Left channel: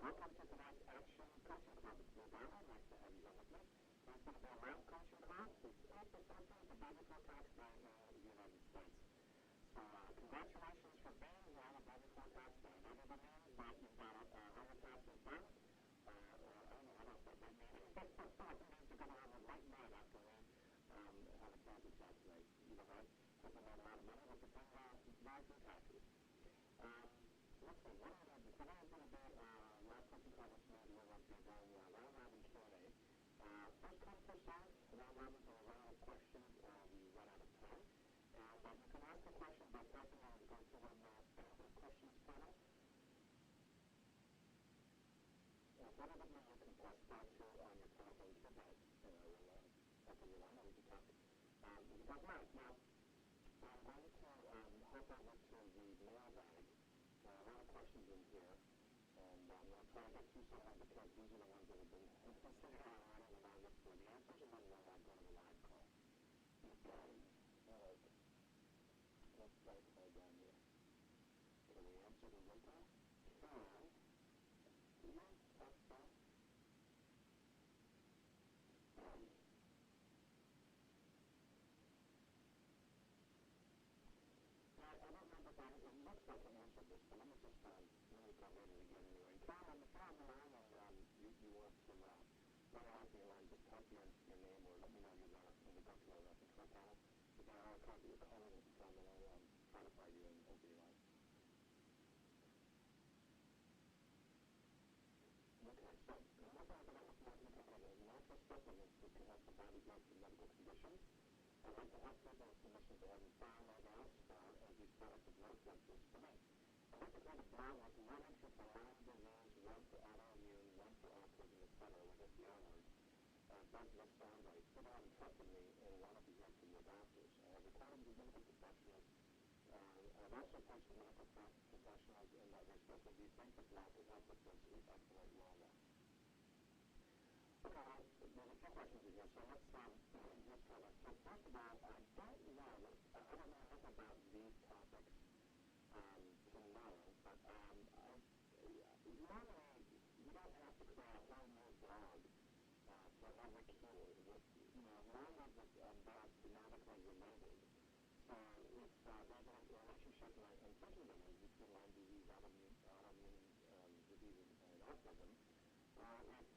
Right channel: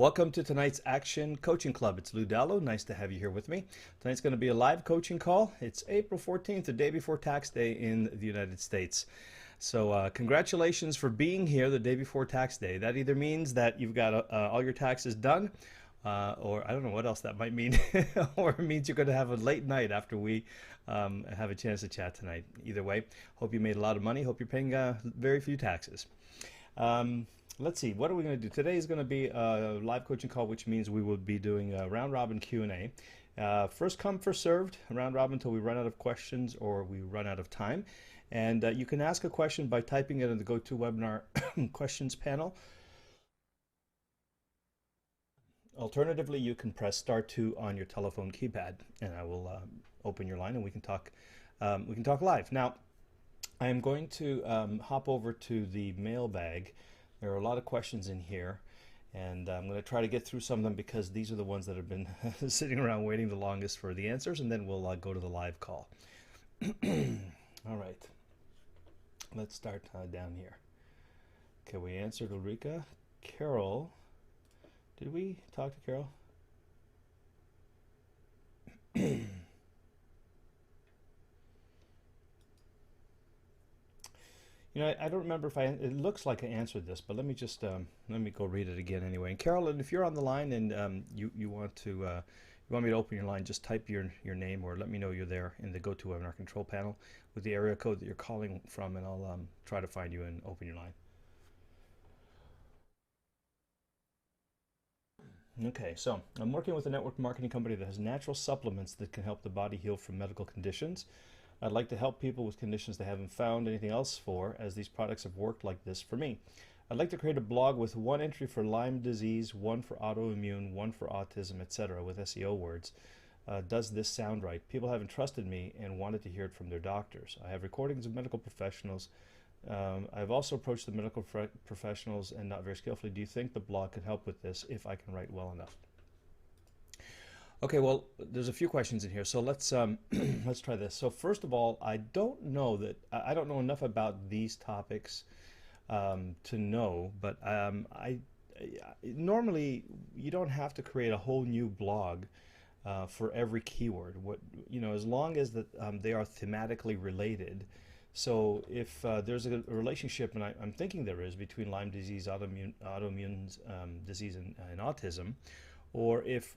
Welcome to tonight's Action Coaching Club. It's Lou Dallo. Nice to have you here with me. Tonight's going to be a live coaching call. It's April 14th, the day before tax day in the United States. So congratulations for being here the day before tax day. That either means that you've got all your taxes done, or I don't know what else that might mean, or it means you're going to have a late night after we have a chance to chat tonight. Either way, hope you made a lot of money. Hope you're paying very few taxes. Let's see, what are we going to do? Today is going to be a live coaching call, which means we will be doing a round robin Q&A. First come, first served, round robin until we run out of questions or we run out of time. And you can ask a question by typing it in the GoToWebinar questions panel. Alternatively, you can press *2 on your telephone keypad, and I will open your line and we can talk live. Now, I am going to hop over to the mailbag. There are a lot of questions in here, and I'm going to try to get through some of them because these are the ones that have been sitting around waiting the longest for the answers, and then we'll go to the live call. All right, let's start down here. Okay, we answered Ulrika. Carol, did we talk to Carol? You know, I don't remember if it looks like I answered this, but let me just, let me go read it again anyway. And Carolyn, if you're on the line and you want me to open your line, just type your name or let me know you're there in the GoToWebinar control panel with the area code that you're calling from, and I'll try to find you and open your line. Okay, so I'm working with a network marketing company that has natural supplements that can help the body heal from medical conditions. I'd like to help people with conditions they haven't found anything else for, as these products have worked like this for me. I'd like to create a blog with one entry for Lyme disease, one for autoimmune, one for autism, etc. with SEO words. Does this sound right? People haven't trusted me and wanted to hear it from their doctors. I have recordings of medical professionals. I've also approached the medical professionals and not very skillfully. Do you think the blog could help with this if I can write well enough? Okay, well, there's a few questions in here, so let's let's try this. So first of all, I don't know enough about these topics to know, but normally you don't have to create a whole new blog for every keyword. As long as that they are thematically related. So if there's a relationship, and I'm thinking there is, between Lyme disease, autoimmune disease, and autism, or if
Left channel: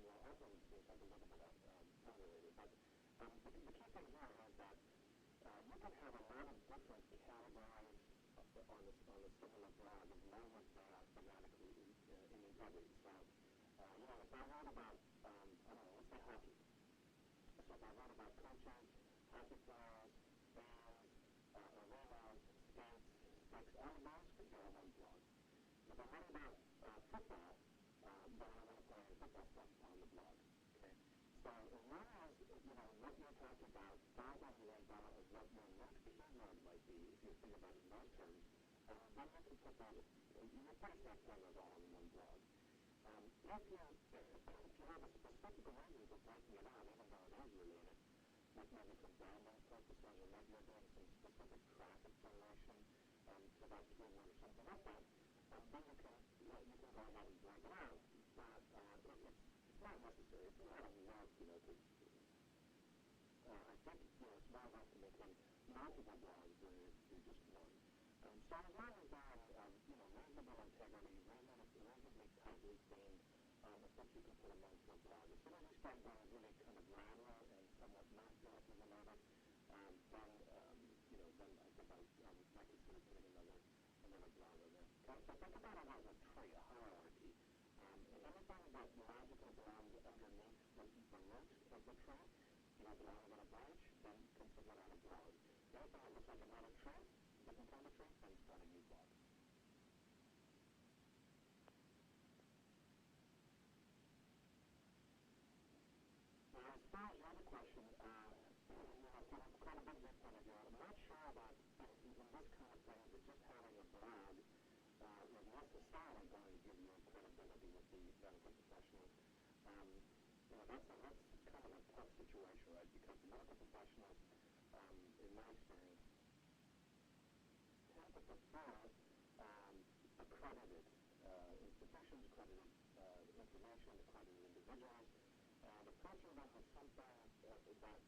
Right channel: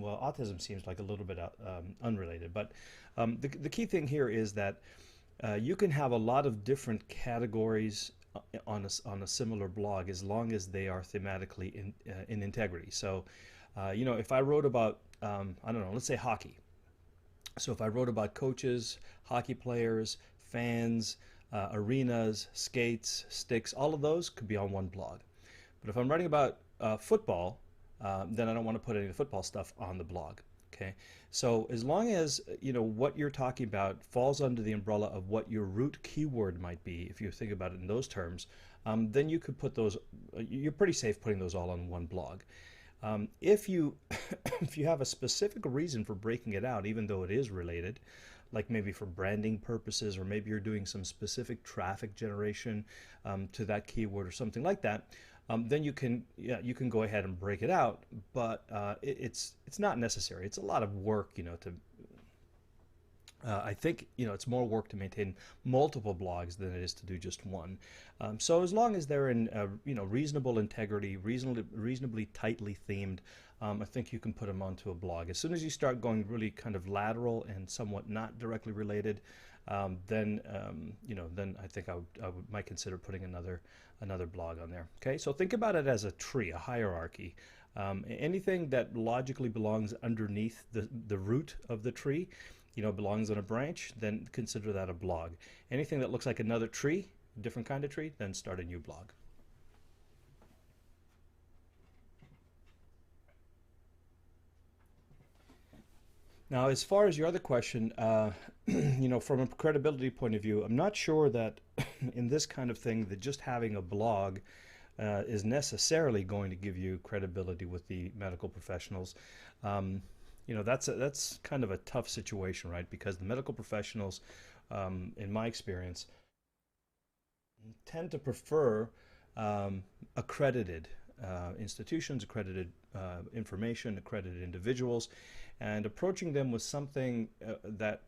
well, autism seems like a little bit unrelated, but the key thing here is that you can have a lot of different categories on a similar blog as long as they are thematically in integrity. So, if I wrote about, I don't know, let's say hockey. So if I wrote about coaches, hockey players, fans, arenas, skates, sticks, all of those could be on one blog. But if I'm writing about football, then I don't want to put any of the football stuff on the blog. Okay, so as long as what you're talking about falls under the umbrella of what your root keyword might be, if you think about it in those terms, then you could put those. You're pretty safe putting those all on one blog. If you if you have a specific reason for breaking it out, even though it is related, like maybe for branding purposes, or maybe you're doing some specific traffic generation to that keyword or something like that, then you can go ahead and break it out. But it's not necessary. It's a lot of work, to. I think it's more work to maintain multiple blogs than it is to do just one. So as long as they're in reasonable integrity, reasonably tightly themed, I think you can put them onto a blog. As soon as you start going really kind of lateral and somewhat not directly related, then I think I might consider putting another blog on there. Okay, so think about it as a tree, a hierarchy. Anything that logically belongs underneath the root of the tree, belongs on a branch, then consider that a blog. Anything that looks like another tree, different kind of tree, then start a new blog. Now, as far as your other question, from a credibility point of view, I'm not sure that in this kind of thing that just having a blog is necessarily going to give you credibility with the medical professionals. That's kind of a tough situation, right? Because the medical professionals, in my experience, tend to prefer accredited institutions, accredited information, accredited individuals, and approaching them with something that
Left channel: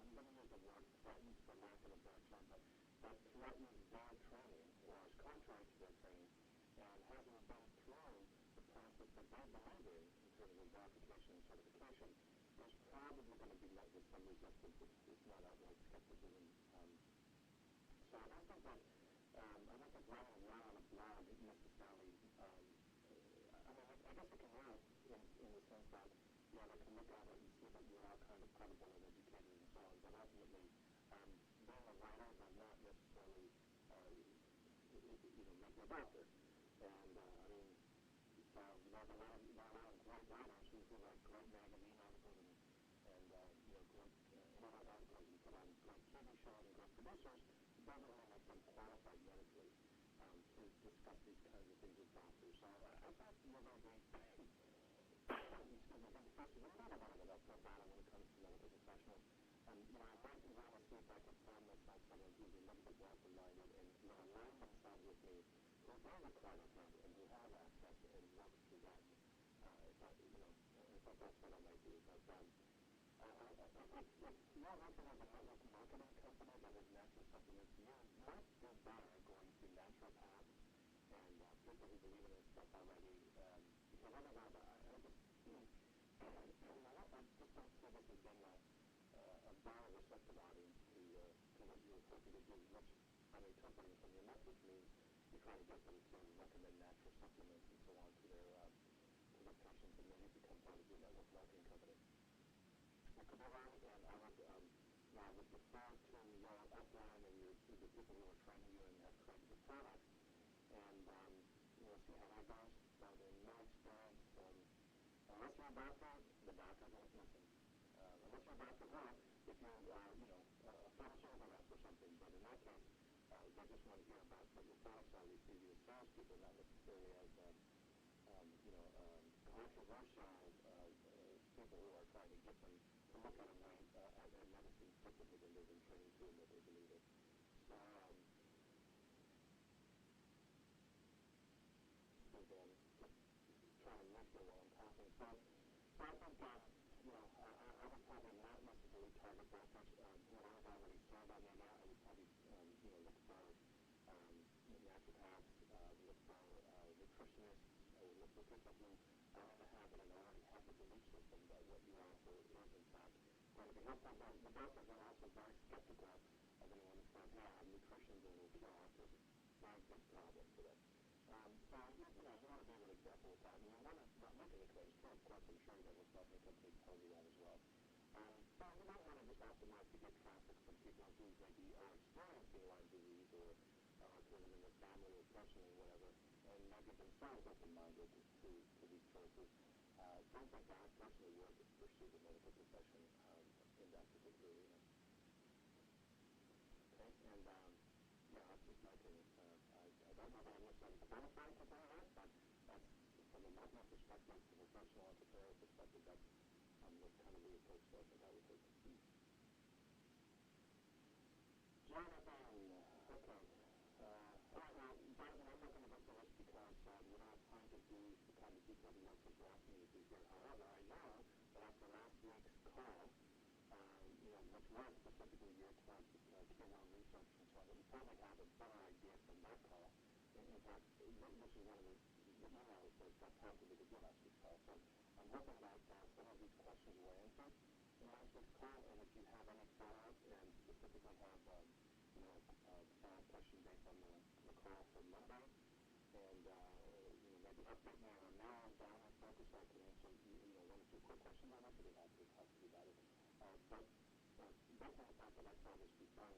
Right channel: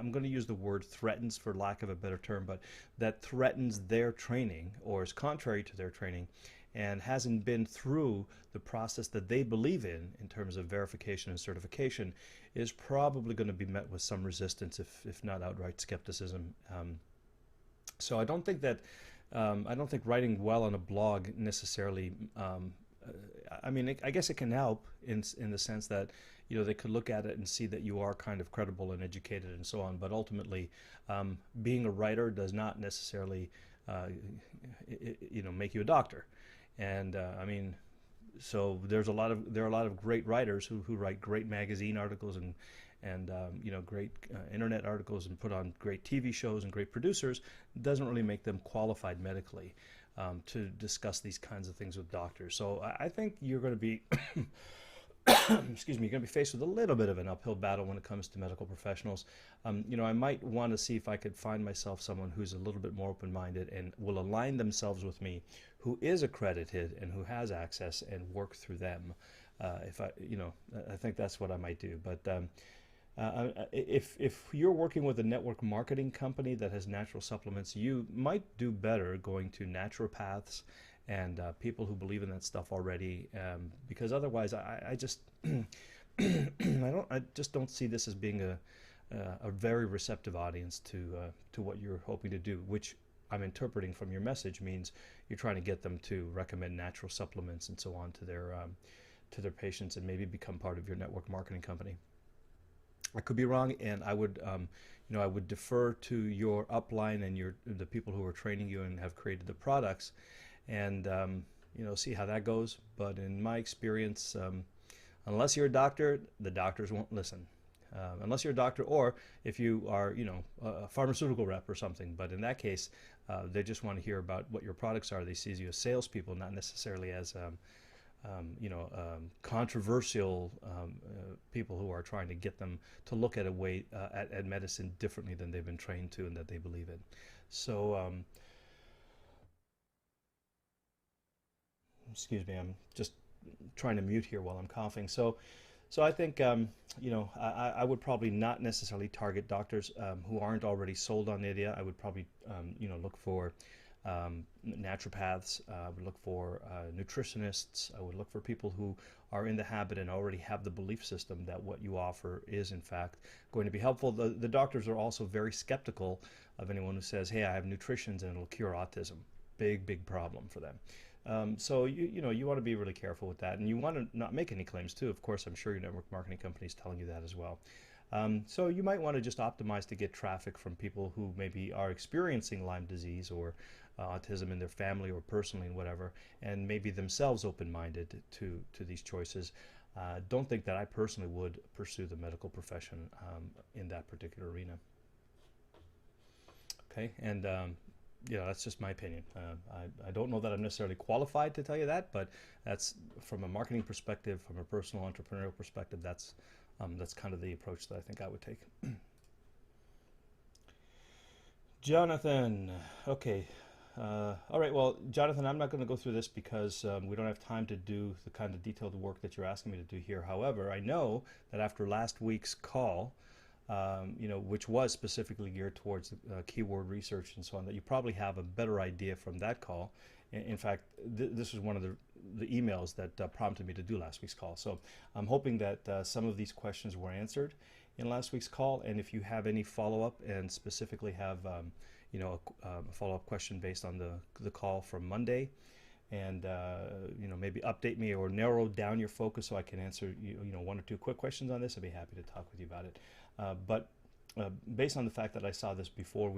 I'm going to use the word threatens for lack of a better term, but that threatens their training or is contrary to their training and hasn't been through the process that they believe in terms of verification and certification, is probably going to be met with some resistance, if not outright skepticism. So I don't think writing well on a blog necessarily. I mean, I guess it can help in the sense that they could look at it and see that you are kind of credible and educated and so on. But ultimately, being a writer does not necessarily make you a doctor. And I mean, so there are a lot of great writers who write great magazine articles and great internet articles and put on great TV shows and great producers. Doesn't really make them qualified medically to discuss these kinds of things with doctors. So I think you're going to be excuse me, you're going to be faced with a little bit of an uphill battle when it comes to medical professionals. I might want to see if I could find myself someone who's a little bit more open-minded and will align themselves with me, who is accredited and who has access, and work through them. I think that's what I might do. But if you're working with a network marketing company that has natural supplements, you might do better going to naturopaths and people who believe in that stuff already, because otherwise, I just I just don't see this as being a very receptive audience to what you're hoping to do, which I'm interpreting from your message means you're trying to get them to recommend natural supplements and so on to their patients and maybe become part of your network marketing company. I could be wrong, and I would I would defer to your upline and the people who are training you and have created the products, and see how that goes. But in my experience, unless you're a doctor, the doctors won't listen. Unless you're a doctor, or if you are, a pharmaceutical rep or something. But in that case, they just want to hear about what your products are. They see you as salespeople, not necessarily as controversial people who are trying to get them to look at at medicine differently than they've been trained to and that they believe in. So, excuse me, I'm just trying to mute here while I'm coughing. So I think I would probably not necessarily target doctors who aren't already sold on the idea. I would probably look for naturopaths. I would look for nutritionists. I would look for people who are in the habit and already have the belief system that what you offer is in fact going to be helpful. The doctors are also very skeptical of anyone who says, "Hey, I have nutritions and it'll cure autism." Big problem for them. So you want to be really careful with that, and you want to not make any claims too. Of course, I'm sure your network marketing company is telling you that as well. So you might want to just optimize to get traffic from people who maybe are experiencing Lyme disease or autism in their family or personally and whatever, and maybe themselves open-minded to these choices. Don't think that I personally would pursue the medical profession in that particular arena. Okay, and that's just my opinion. I don't know that I'm necessarily qualified to tell you that, but that's from a marketing perspective, from a personal entrepreneurial perspective, that's kind of the approach that I think I would take. Jonathan, okay. All right, well, Jonathan, I'm not going to go through this because we don't have time to do the kind of detailed work that you're asking me to do here. However, I know that after last week's call, which was specifically geared towards keyword research and so on, that you probably have a better idea from that call. In fact, this was one of the emails that prompted me to do last week's call. So I'm hoping that some of these questions were answered in last week's call. And if you have any follow-up and specifically have a follow-up question based on the call from Monday, and maybe update me or narrow down your focus so I can answer one or two quick questions on this, I'd be happy to talk with you about it. But based on the fact that I saw this before,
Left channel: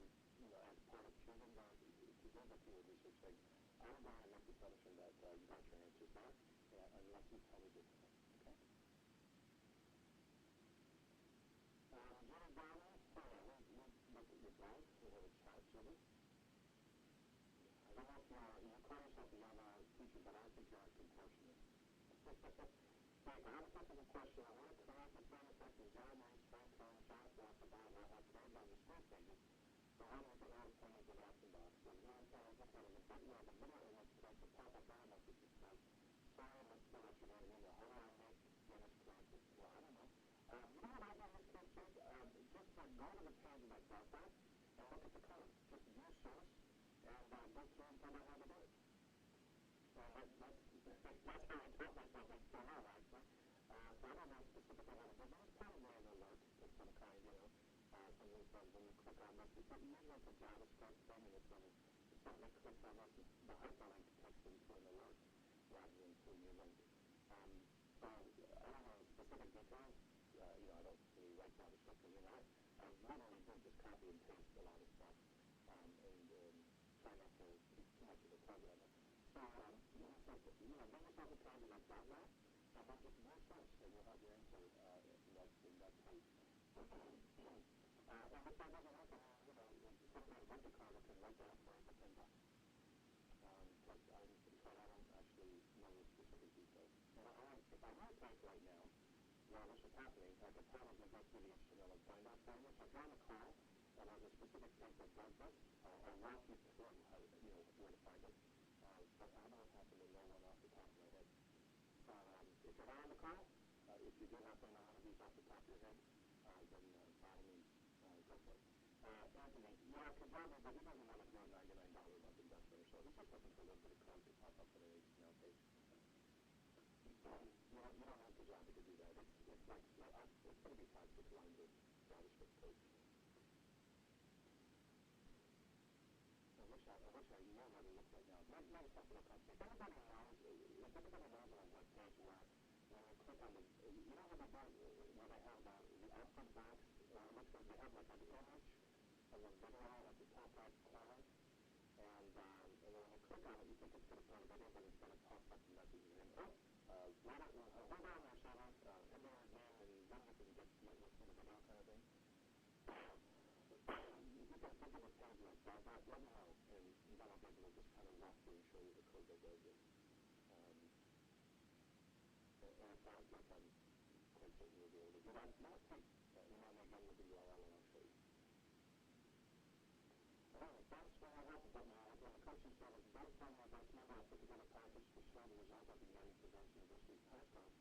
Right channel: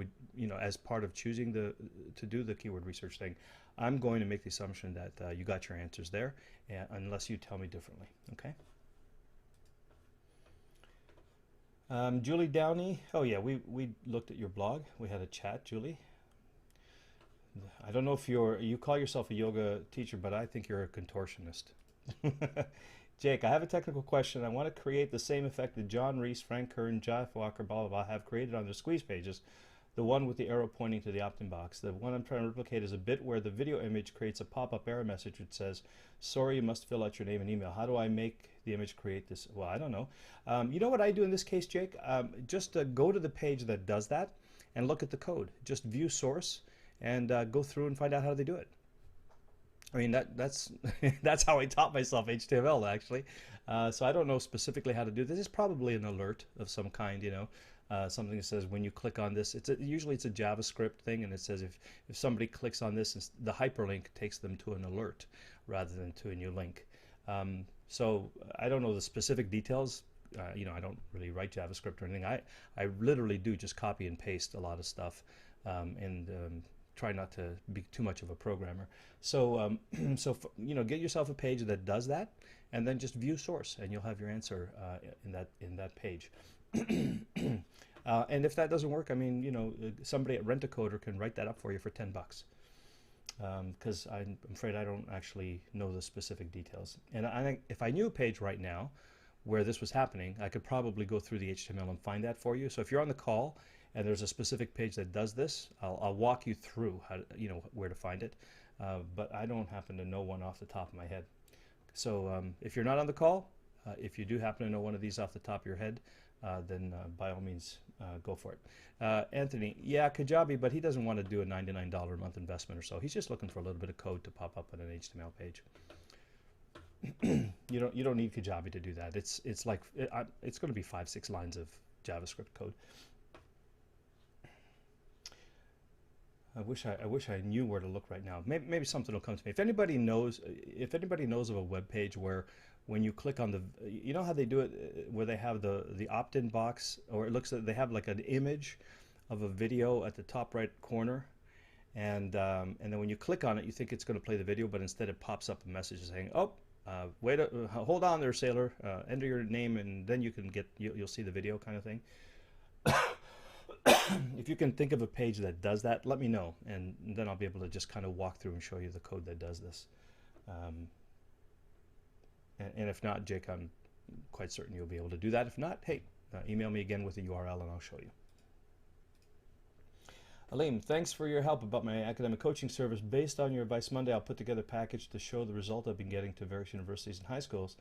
as part of choosing to do the keyword research thing, I'm going to make the assumption that you got your answers there, unless you tell me differently. Okay. Julie Downey. Oh yeah, we looked at your blog. We had a chat, Julie. I don't know if you call yourself a yoga teacher, but I think you're a contortionist. Jake, I have a technical question. I want to create the same effect that John Reese, Frank Kern, Jeff Walker, blah, blah, blah, have created on their squeeze pages, The one with the arrow pointing to the opt-in box. The one I'm trying to replicate is a bit where the video image creates a pop-up error message which says, sorry, you must fill out your name and email. How do I make the image create this? Well, I don't know. You know what I do in this case, Jake? Just go to the page that does that and look at the code. Just view source and go through and find out how they do it. I mean, that's that's how I taught myself HTML, actually. So I don't know specifically how to do this. It's probably an alert of some kind, you know. Something that says when you click on this, usually it's a JavaScript thing, and it says if somebody clicks on this, the hyperlink takes them to an alert rather than to a new link. So I don't know the specific details. You know, I don't really write JavaScript or anything. I literally do just copy and paste a lot of stuff, and try not to be too much of a programmer. So you know, get yourself a page that does that, and then just view source, and you'll have your answer in that page. And if that doesn't work, I mean, you know, somebody at Rent-A-Coder can write that up for you for $10. Because I'm afraid I don't actually know the specific details. And I think if I knew a page right now where this was happening, I could probably go through the HTML and find that for you. So if you're on the call and there's a specific page that does this, I'll walk you through how to, you know, where to find it. But I don't happen to know one off the top of my head. So if you're not on the call, if you do happen to know one of these off the top of your head, then by all means, go for it. Anthony, yeah, Kajabi, but he doesn't want to do a $99 a month investment or so. He's just looking for a little bit of code to pop up on an HTML page. You don't need Kajabi to do that. It's like it's going to be 5-6 lines of JavaScript code. I wish I knew where to look right now. Maybe something will come to me. If anybody knows of a web page where when you click on the, you know how they do it, where they have the opt-in box, or it looks like they have like an image of a video at the top right corner, and then when you click on it, you think it's going to play the video, but instead it pops up a message saying, "Oh, wait, hold on there, sailor. Enter your name, and then you can you'll see the video," kind of thing. If you can think of a page that does that, let me know, and then I'll be able to just kind of walk through and show you the code that does this. And if not, Jake, I'm quite certain you'll be able to do that. If not, hey, email me again with the URL and I'll show you. Aleem, thanks for your help about my academic coaching service. Based on your advice Monday, I'll put together a package to show the result I've been getting to various universities and high schools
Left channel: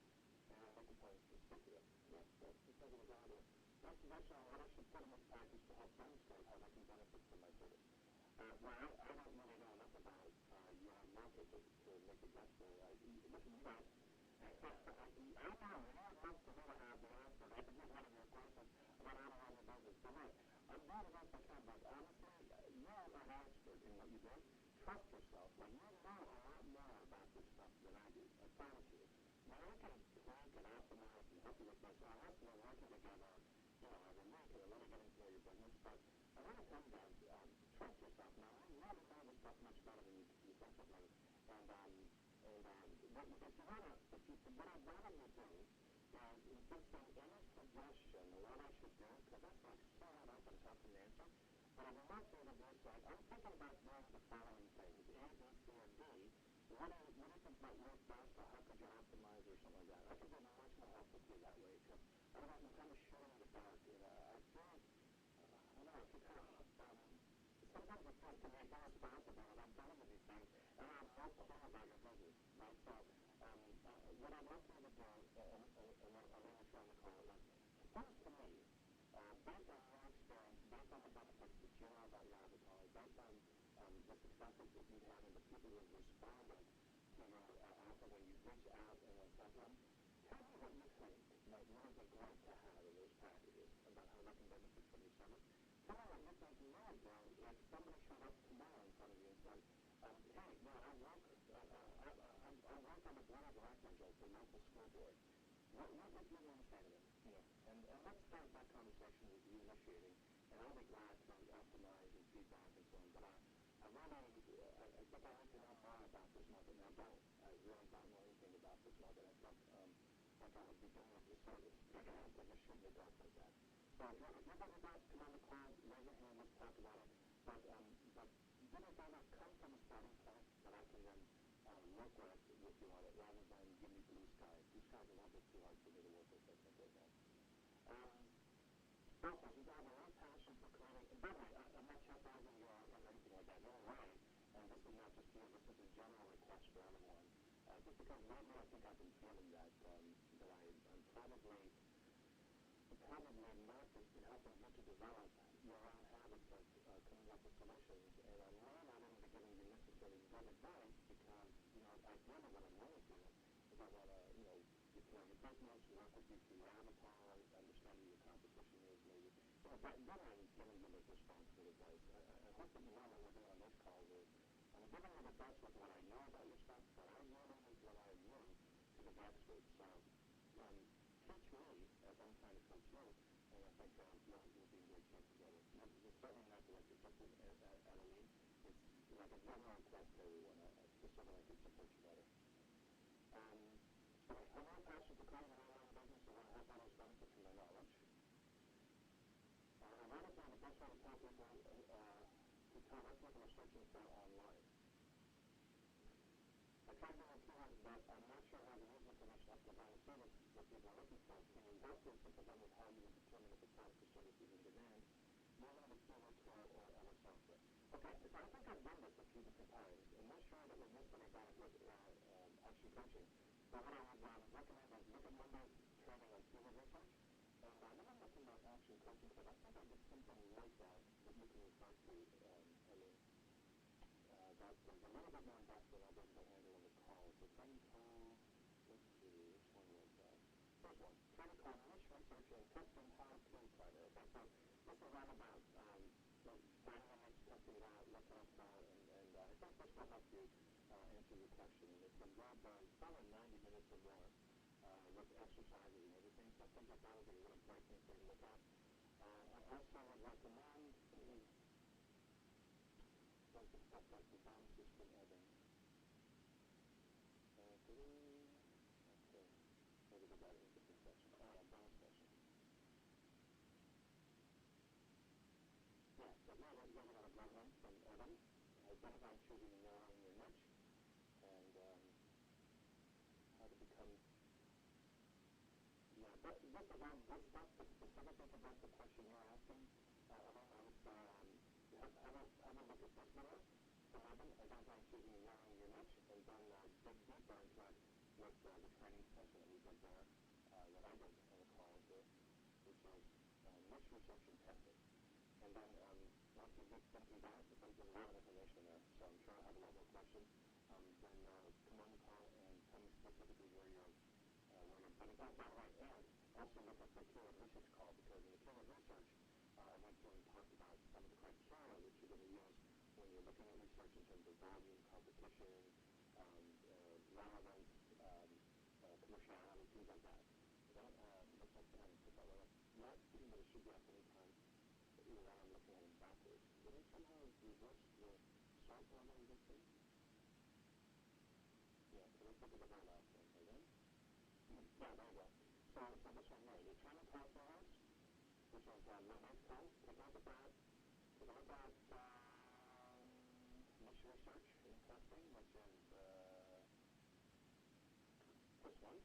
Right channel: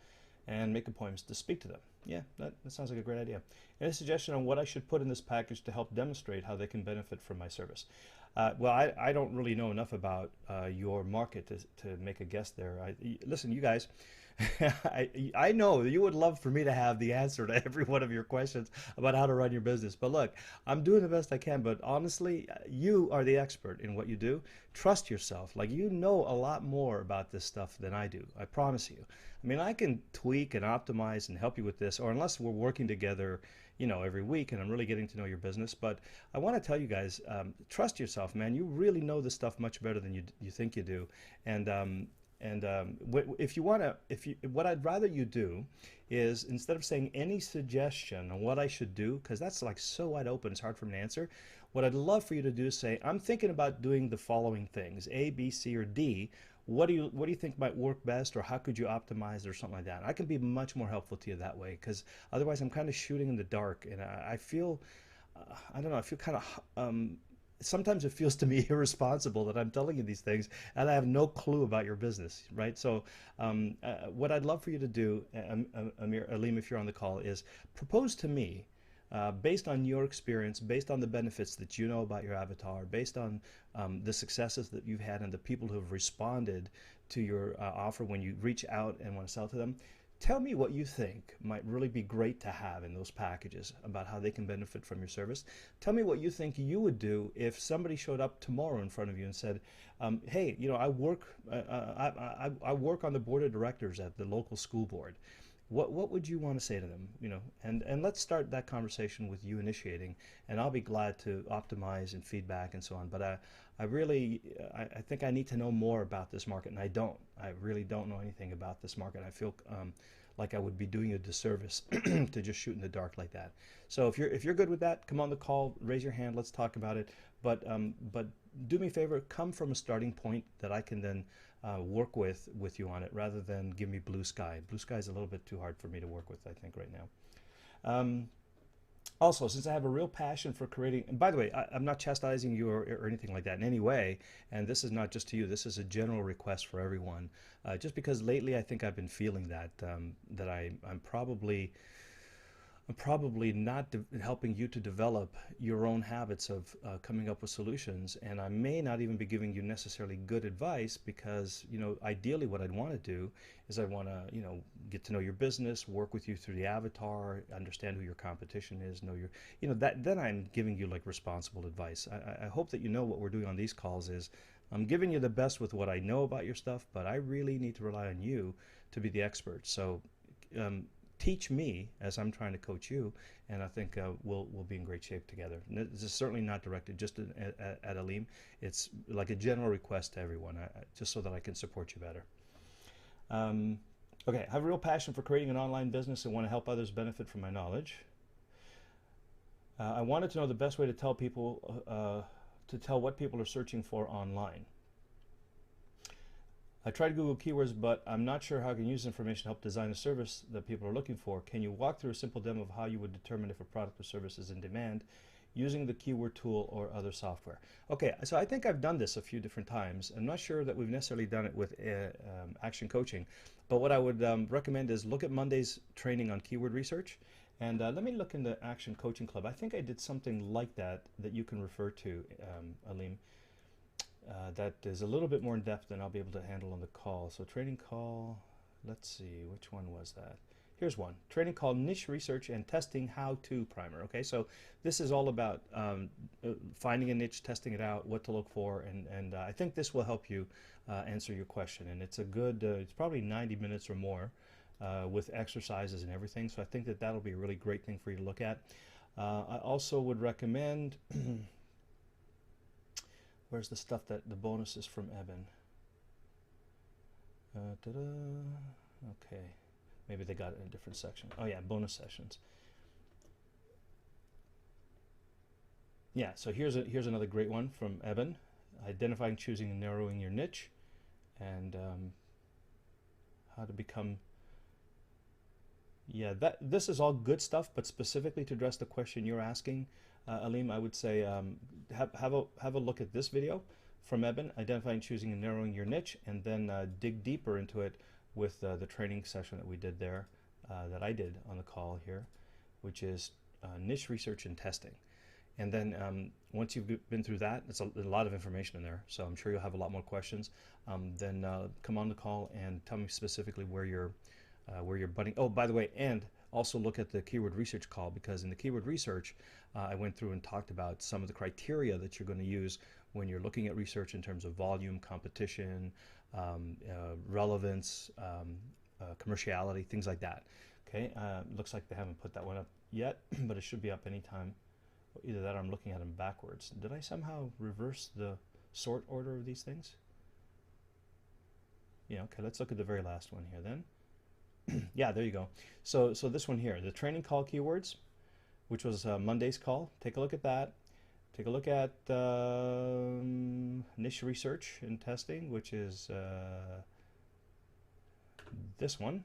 and make appointments to speak to them. Yeah, that sounds like a great idea. Any suggestion on what I should put in this package to help demonstrate how they can benefit from my service? Well, I don't really know enough about your market to make a guess there. Listen, you guys, I know you would love for me to have the answer to every one of your questions about how to run your business. But look, I'm doing the best I can. But honestly, you are the expert in what you do. Trust yourself. Like, you know a lot more about this stuff than I do. I promise you. I mean, I can tweak and optimize and help you with this, or unless we're working together, you know, every week and I'm really getting to know your business. But I want to tell you guys, trust yourself, man. You really know this stuff much better than you think you do. And if you want to, what I'd rather you do is, instead of saying any suggestion on what I should do, because that's like so wide open, it's hard for me to answer. What I'd love for you to do is say, I'm thinking about doing the following things, A, B, C, or D. What do you think might work best, or how could you optimize, or something like that? I can be much more helpful to you that way, because otherwise I'm kind of shooting in the dark, and I feel, I don't know, I feel kind of, sometimes it feels to me irresponsible that I'm telling you these things and I have no clue about your business, right? So what I'd love for you to do, Aleem, if you're on the call, is propose to me, based on your experience, based on the benefits that you know about your avatar, based on the successes that you've had and the people who have responded to your offer when you reach out and want to sell to them. Tell me what you think might really be great to have in those packages about how they can benefit from your service. Tell me what you think you would do if somebody showed up tomorrow in front of you and said, hey, you know, I work on the board of directors at the local school board. What would you want to say to them? You know, and let's start that conversation with you initiating, and I'll be glad to optimize and feedback and so on. But I really think I need to know more about this market, and I don't. I really don't know anything about this market. I feel like I would be doing a disservice to just shoot in the dark like that. So if you're good with that, come on the call, raise your hand, let's talk about it. But do me a favor, come from a starting point that I can then work with you on it, rather than give me blue sky. Blue sky is a little bit too hard for me to work with, I think, right now. Also, since I have a real passion for creating, and by the way, I'm not chastising you or anything like that in any way, and this is not just to you, this is a general request for everyone. Just because lately I think I've been feeling that, that I'm probably not helping you to develop your own habits of coming up with solutions, and I may not even be giving you necessarily good advice because, ideally what I'd want to do is I want to, get to know your business, work with you through the avatar, understand who your competition is, know your, that then I'm giving you like responsible advice. I hope that you know what we're doing on these calls is I'm giving you the best with what I know about your stuff, but I really need to rely on you to be the expert. So um, teach me as I'm trying to coach you, and I think we'll be in great shape together. This is certainly not directed just at Aleem. It's like a general request to everyone, just so that I can support you better. Um, okay, I have a real passion for creating an online business and want to help others benefit from my knowledge. I wanted to know the best way to tell people to tell what people are searching for online. I tried Google Keywords, but I'm not sure how I can use information to help design a service that people are looking for. Can you walk through a simple demo of how you would determine if a product or service is in demand using the keyword tool or other software? Okay, so I think I've done this a few different times. I'm not sure that we've necessarily done it with Action Coaching, but what I would recommend is look at Monday's training on keyword research, and let me look in the Action Coaching Club. I think I did something like that that you can refer to, Aleem. That is a little bit more in depth than I'll be able to handle on the call. So training call, let's see, which one was that? Here's one, training call niche research and testing how-to primer. Okay, so this is all about finding a niche, testing it out, what to look for, and I think this will help you answer your question. And it's a good, it's probably 90 minutes or more with exercises and everything. So I think that that'll be a really great thing for you to look at. I also would recommend where's the stuff that the bonuses from Eben? Okay, maybe they got it in a different section. Oh yeah, bonus sessions. Yeah, so here's another great one from Eben. Identifying, choosing, and narrowing your niche, and how to become. Yeah, this is all good stuff, but specifically to address the question you're asking, Aleem, I would say have a look at this video from Eben, identifying, choosing, and narrowing your niche, and then dig deeper into it with the training session that we did there, that I did on the call here, which is niche research and testing. And then once you've been through that, there's a lot of information in there, so I'm sure you'll have a lot more questions. Then come on the call and tell me specifically where you're butting. Oh, by the way, and also look at the keyword research call, because in the keyword research, I went through and talked about some of the criteria that you're going to use when you're looking at research in terms of volume, competition, relevance, commerciality, things like that. Okay, looks like they haven't put that one up yet, but it should be up anytime. Either that or I'm looking at them backwards. Did I somehow reverse the sort order of these things? Yeah, okay, let's look at the very last one here then. Yeah, there you go. So this one here, the training call keywords, which was Monday's call. Take a look at that. Take a look at niche research and testing, which is this one.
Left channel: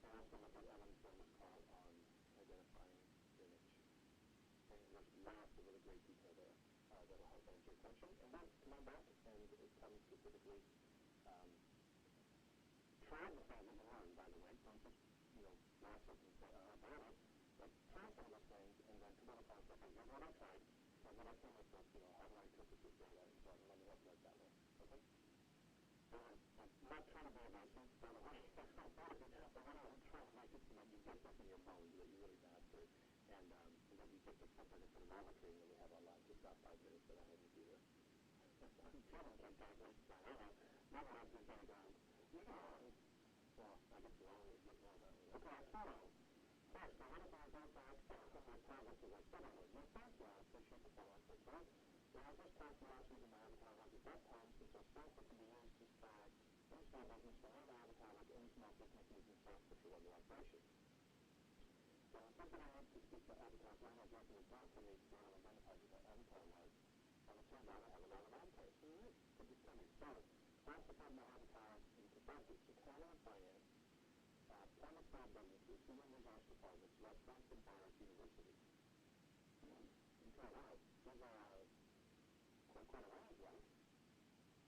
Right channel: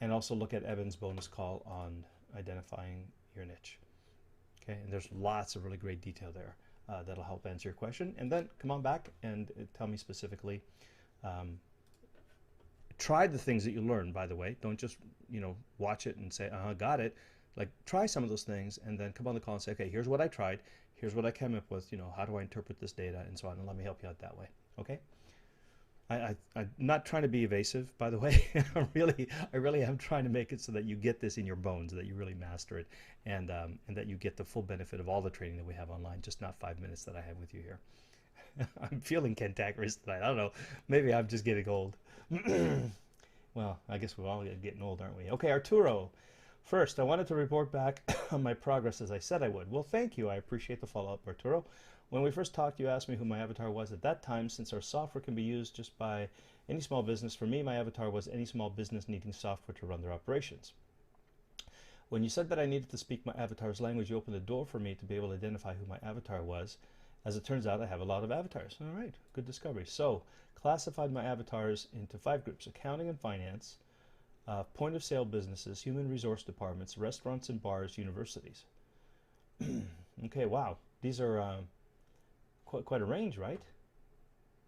And also look at Evan's bonus call on identifying your niche. Okay, and there's lots of really great detail there that'll help answer your question. And then come on back and tell me specifically. Try the things that you learn, by the way. Don't just watch it and say, got it. Like, try some of those things and then come on the call and say, okay, here's what I tried, here's what I came up with, how do I interpret this data, and so on, and let me help you out that way. Okay, I'm not trying to be evasive, by the way. I really am trying to make it so that you get this in your bones, that you really master it, and that you get the full benefit of all the training that we have online, just not 5 minutes that I have with you here. I'm feeling cantankerous tonight. I don't know, maybe I'm just getting old. Well, I guess we're all getting old, aren't we? Okay, Arturo. First, I wanted to report back on my progress as I said I would. Well, thank you. I appreciate the follow-up, Arturo. When we first talked, you asked me who my avatar was at that time. Since our software can be used just by any small business, for me, my avatar was any small business needing software to run their operations. When you said that I needed to speak my avatar's language, you opened the door for me to be able to identify who my avatar was. As it turns out, I have a lot of avatars. All right, good discovery. So, classified my avatars into 5 groups: accounting and finance, point of sale businesses, human resource departments, restaurants and bars, universities. Okay, wow. These are quite a range, right?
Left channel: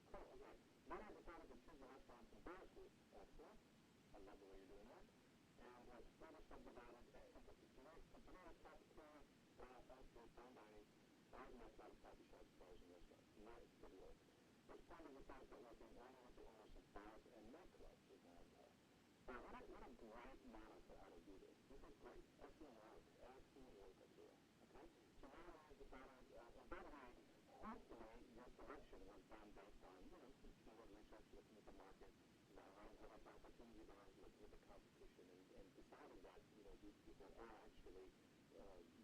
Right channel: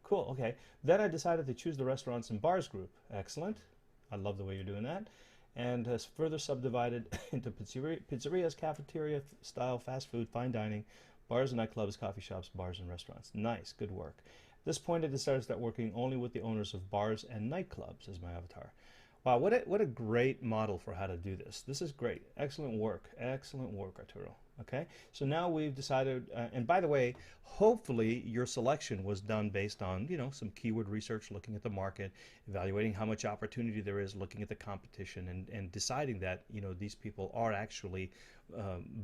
Cool, okay. Then I decided to choose the restaurants and bars group. Excellent. I love the way you're doing that. And further subdivided into pizzerias, cafeteria style, fast food, fine dining, bars and nightclubs, coffee shops, bars and restaurants. Nice, good work. At this point, I decided to start working only with the owners of bars and nightclubs as my avatar. Wow, what a great model for how to do this. This is great. Excellent work, Arturo. Okay, so now we've decided, and by the way, hopefully your selection was done based on, you know, some keyword research, looking at the market, evaluating how much opportunity there is, looking at the competition, and deciding that, you know, these people are actually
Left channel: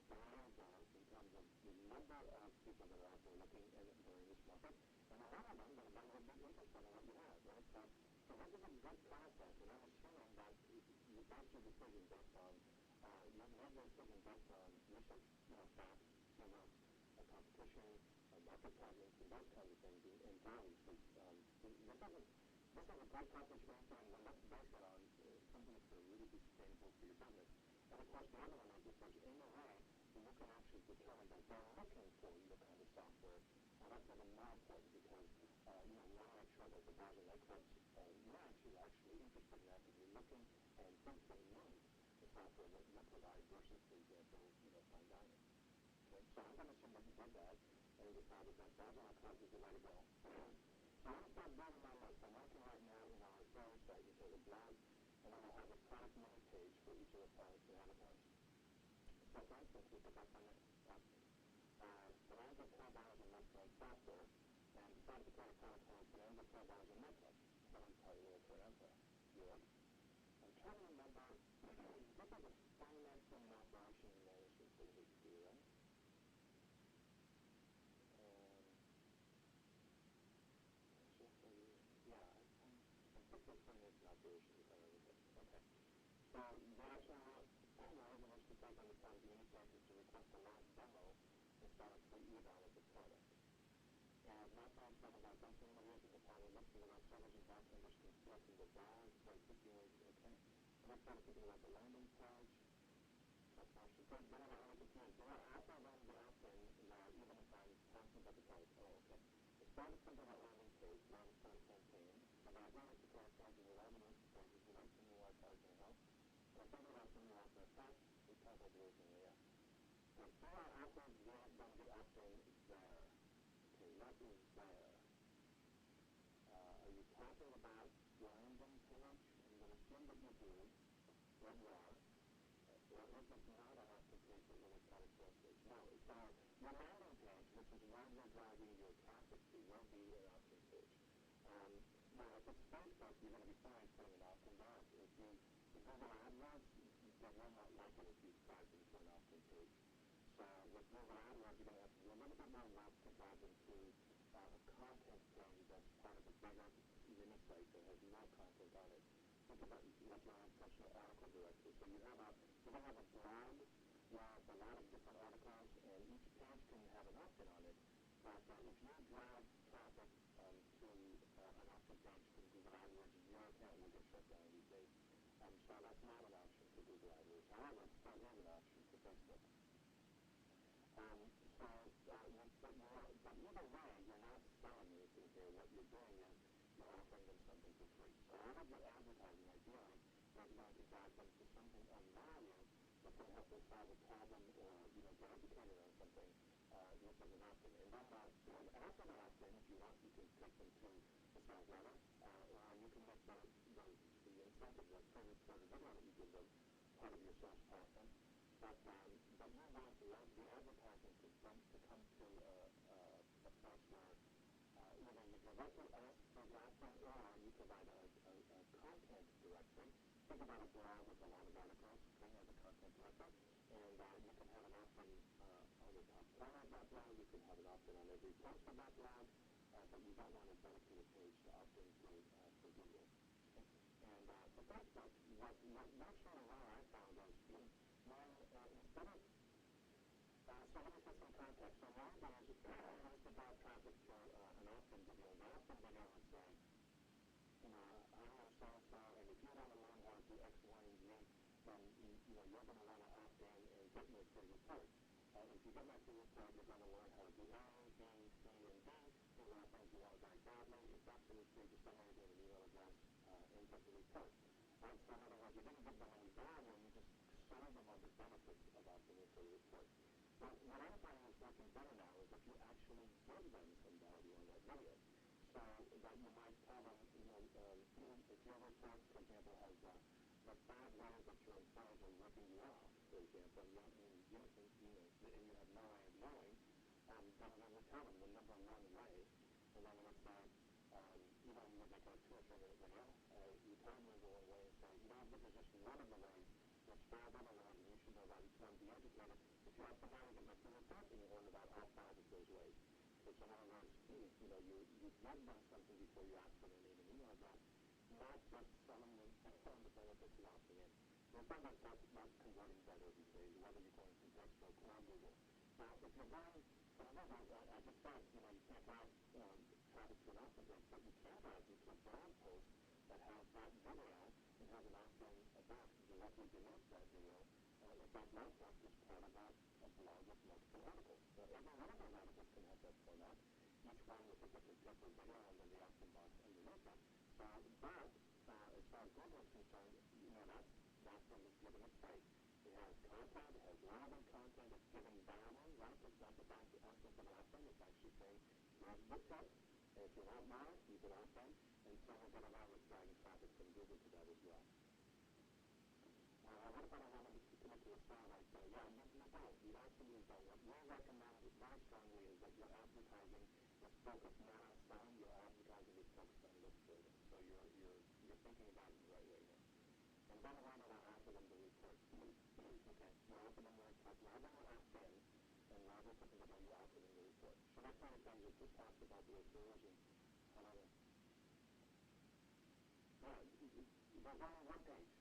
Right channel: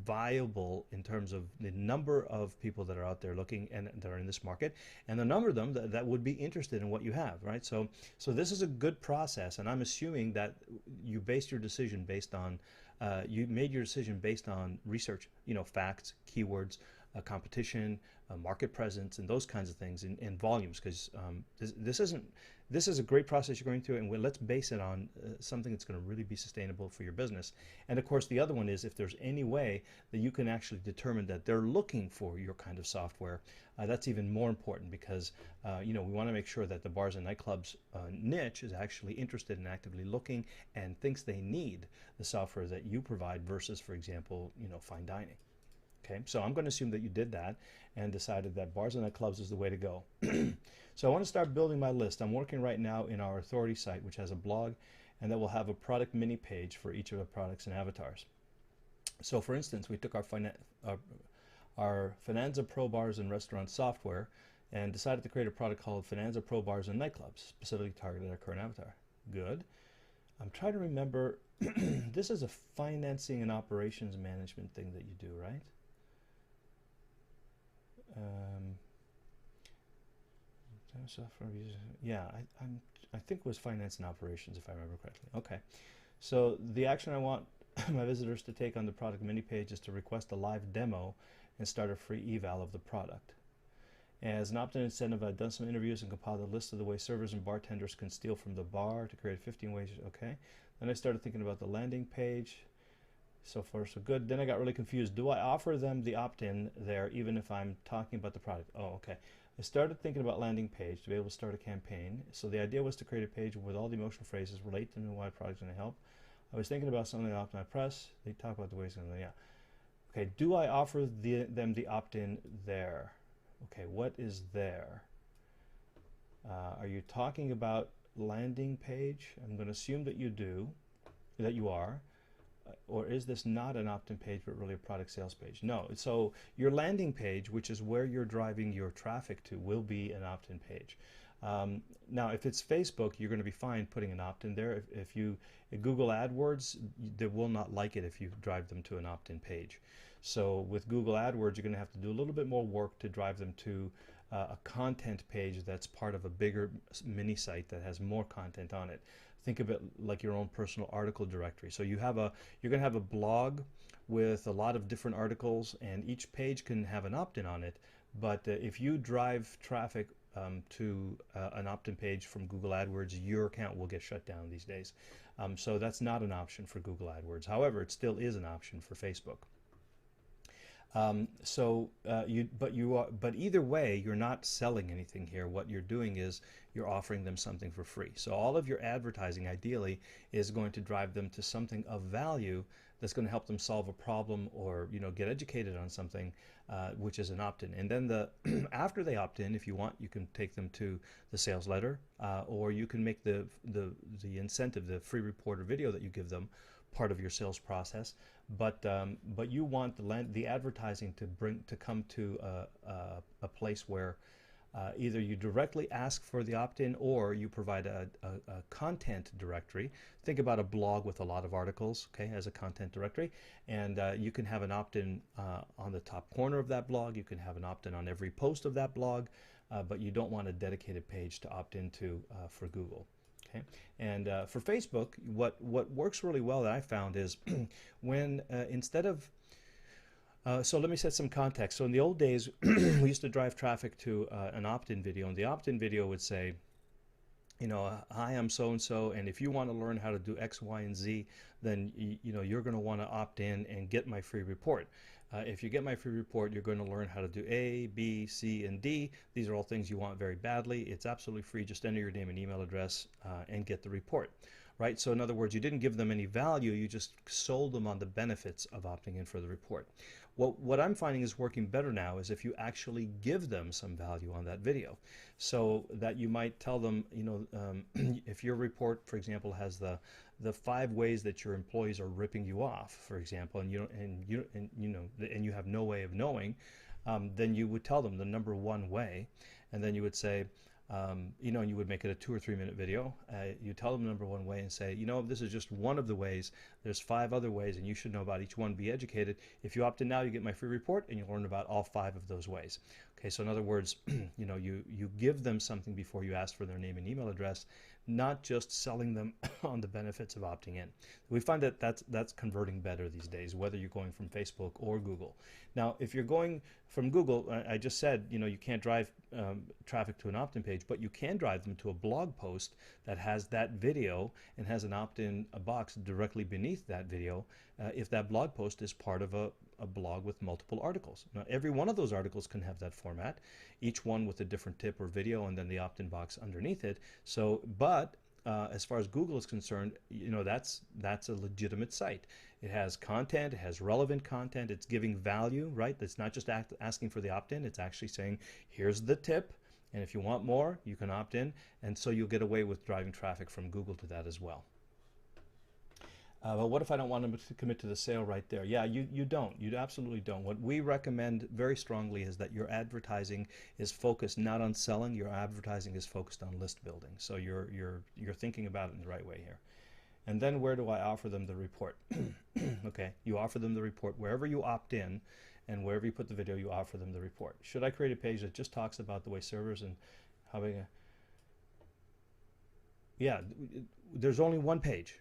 viable in terms of the number of people that are out there looking and that are in this market, and the number of them that would be interested in what you have, right? So this is a good process, and I'm assuming that you based your decision based on you made your decision based on research, you know, facts, keywords, competition, market presence, and those kinds of things, in volumes, because this is a great process you're going through, and let's base it on something that's going to really be sustainable for your business. And of course, the other one is if there's any way that you can actually determine that they're looking for your kind of software, that's even more important, because you know, we want to make sure that the bars and nightclubs niche is actually interested and actively looking and thinks they need the software that you provide versus, for example, you know, fine dining. Okay, so I'm going to assume that you did that and decided that bars and nightclubs is the way to go. So I want to start building my list. I'm working right now in our authority site, which has a blog, and that will have a product mini page for each of the products and avatars. So for instance, we took our Finanza Pro Bars and Restaurant software and decided to create a product called Finanza Pro Bars and Nightclubs, specifically targeted at our current avatar. Good. I'm trying to remember, this is a financing and operations management thing that you do, right? Software user, yeah, I think it was finance and operations, if I remember correctly. Okay, so the action I want my visitors to take on the product mini page is to request a live demo and start a free eval of the product. As an opt-in incentive, I've done some interviews and compiled a list of the ways servers and bartenders can steal from the bar to create 15 ways. Okay, then I started thinking about the landing page. So far so good. Then I got really confused. Do I offer them the opt-in there even if I'm talking about the product? Oh, okay. I started thinking about landing page to be able to start a campaign. So the idea was to create a page with all the emotional phrases, relate to why product's going to help. I was thinking about something off my press. They talk about the ways, yeah. Okay, do I offer them the opt-in there? Okay, what is there? Are you talking about landing page? I'm going to assume that you do, that you are. Or is this not an opt-in page but really a product sales page? No. So your landing page, which is where you're driving your traffic to, will be an opt-in page. Now, if it's Facebook, you're going to be fine putting an opt-in there. If you Google AdWords, they will not like it if you drive them to an opt-in page. So with Google AdWords, you're going to have to do a little bit more work to drive them to a content page that's part of a bigger mini site that has more content on it. Think of it like your own personal article directory. So you're going to have a blog with a lot of different articles, and each page can have an opt-in on it. But if you drive traffic to an opt-in page from Google AdWords, your account will get shut down these days. So that's not an option for Google AdWords. However, it still is an option for Facebook. But either way, you're not selling anything here. What you're doing is you're offering them something for free. So all of your advertising, ideally, is going to drive them to something of value that's going to help them solve a problem or, you know, get educated on something, which is an opt-in. And then after they opt in, if you want, you can take them to the sales letter, or you can make the incentive, the free report or video that you give them, part of your sales process. But you want the advertising to come to a place where either you directly ask for the opt-in or you provide a content directory. Think about a blog with a lot of articles, okay, as a content directory, and you can have an opt-in on the top corner of that blog. You can have an opt-in on every post of that blog, but you don't want a dedicated page to opt into for Google. Okay. And for Facebook, what works really well that I found is when instead of so let me set some context. So in the old days, we used to drive traffic to an opt-in video, and the opt-in video would say, you know, hi, I'm so and so, and if you want to learn how to do X, Y, and Z, then you know you're going to want to opt in and get my free report. If you get my free report, you're going to learn how to do A, B, C, and D. These are all things you want very badly. It's absolutely free. Just enter your name and email address and get the report. Right? So in other words, you didn't give them any value, you just sold them on the benefits of opting in for the report. What I'm finding is working better now is if you actually give them some value on that video. So that you might tell them, you know, if your report, for example, has the 5 ways that your employees are ripping you off, for example, and you have no way of knowing, then you would tell them the number one way, and then you would say, you know, and you would make it a 2 or 3 minute video. You tell them the number one way and say, you know, this is just one of the ways. There's 5 other ways, and you should know about each one. Be educated. If you opt in now, you get my free report, and you'll learn about all 5 of those ways. Okay, so in other words, you know, you give them something before you ask for their name and email address, not just selling them on the benefits of opting in. We find that that's converting better these days, whether you're going from Facebook or Google. Now, if you're going from Google, I just said, you know, you can't drive traffic to an opt-in page, but you can drive them to a blog post that has that video and has an opt-in box directly beneath that video if that blog post is part of a blog with multiple articles. Now, every one of those articles can have that format, each one with a different tip or video and then the opt-in box underneath it. So, but as far as Google is concerned, you know, that's a legitimate site. It has content, it has relevant content, it's giving value, right? It's not just asking for the opt-in, it's actually saying, here's the tip, and if you want more, you can opt in, and so you'll get away with driving traffic from Google to that as well. But what if I don't want them to commit to the sale right there? Yeah, you don't. You absolutely don't. What we recommend very strongly is that your advertising is focused not on selling. Your advertising is focused on list building. So you're thinking about it in the right way here. And then where do I offer them the report? Okay, you offer them the report wherever you opt in, and wherever you put the video, you offer them the report. Should I create a page that just talks about the way servers and how they? Yeah, there's only one page,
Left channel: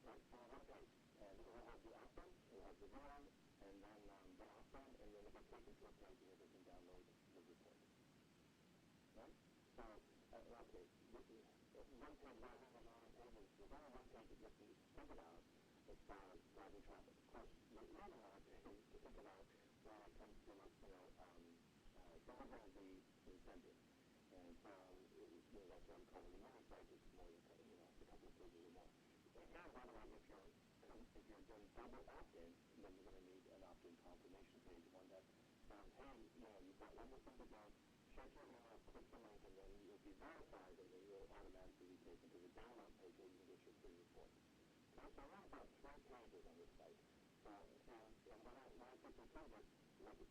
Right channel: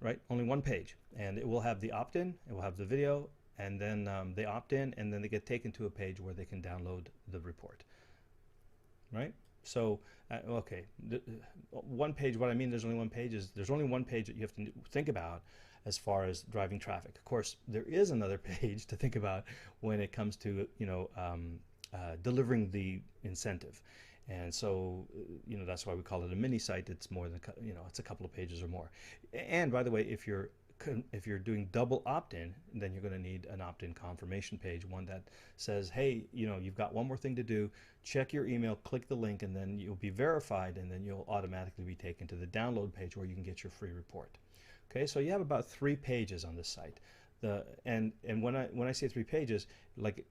right? Only one page, and it will have the opt-in, it will have the video, and then they opt in, and then they get taken to a page where they can download the report, right? So, okay, one page, what I mean there's only one page is there's only one page that you have to think about as far as driving traffic. Of course, there is another page to think about when it comes to, you know, delivering the incentive. And so, you know, that's why we call it a mini site. It's more than, you know, it's a couple of pages or more. And by the way, if you're doing double opt-in, then you're going to need an opt-in confirmation page, one that says, hey, you know, you've got one more thing to do. Check your email, click the link, and then you'll be verified, and then you'll automatically be taken to the download page where you can get your free report. Okay, so you have about 3 pages on this site. And when I say 3 pages, like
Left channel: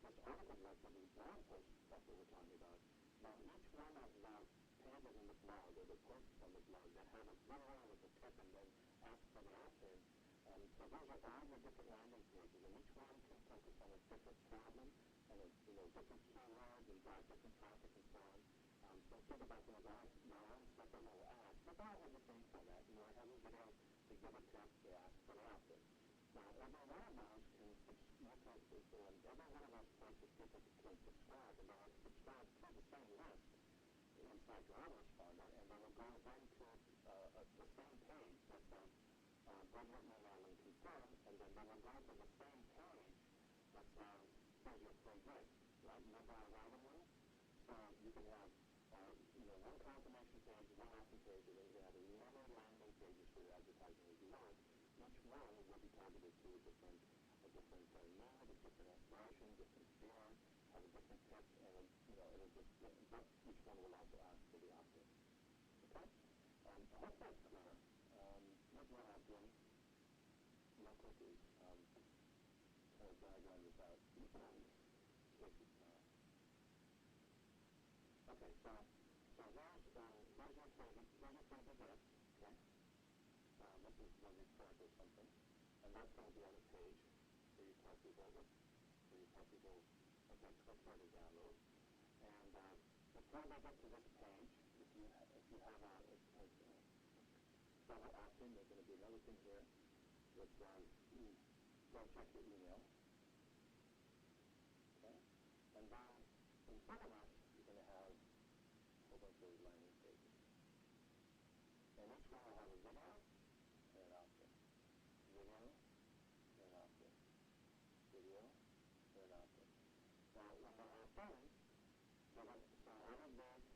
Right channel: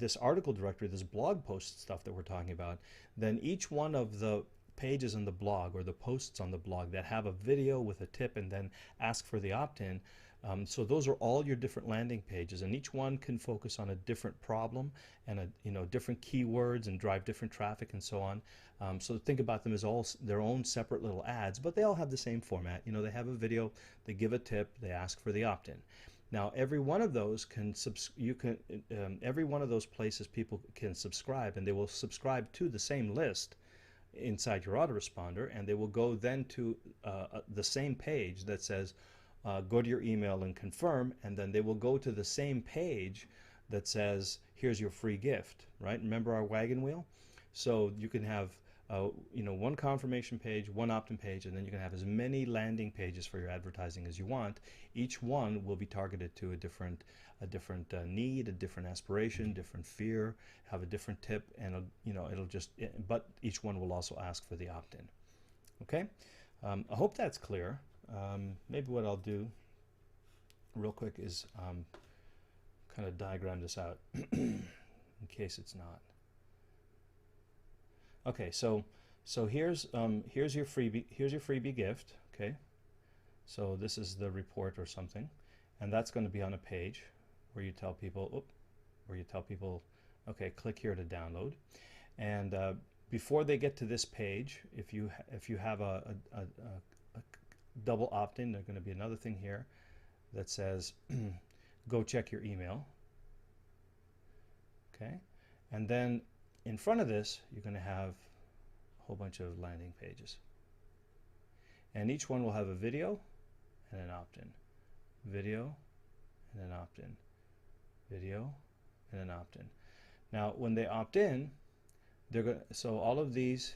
this article directory, this blog post stuff that we're talking about, then each one of the pages in the blog or the posts on the blog that have a video with a tip and then ask for the opt-in, so those are all your different landing pages, and each one can focus on a different problem and different keywords and drive different traffic and so on. So think about them as all their own separate little ads, but they all have the same format. You know, they have a video, they give a tip, they ask for the opt-in. Now, every one of those every one of those places people can subscribe, and they will subscribe to the same list inside your autoresponder, and they will go then to the same page that says go to your email and confirm, and then they will go to the same page that says here's your free gift, right? Remember our wagon wheel? So you can have one confirmation page, one opt-in page, and then you can have as many landing pages for your advertising as you want. Each one will be targeted to a different need, a different aspiration, different fear, have a different tip, and but each one will also ask for the opt-in. Okay, I hope that's clear. Maybe what I'll do real quick is kind of diagram this out in case it's not. Okay, so here's your freebie gift. Okay, so this is the report or something, and that's going to be on a page where you tell people, okay, click here to download. And before they get to this page, if you have a double opt-in, there's going to be another thing here that says go check your email. Okay, and then in front of this, you're going to have a whole bunch of landing pages. and each one will have a video and an opt-in, video and an opt-in, video and an opt-in. Now, when they opt in, they're going. So all of these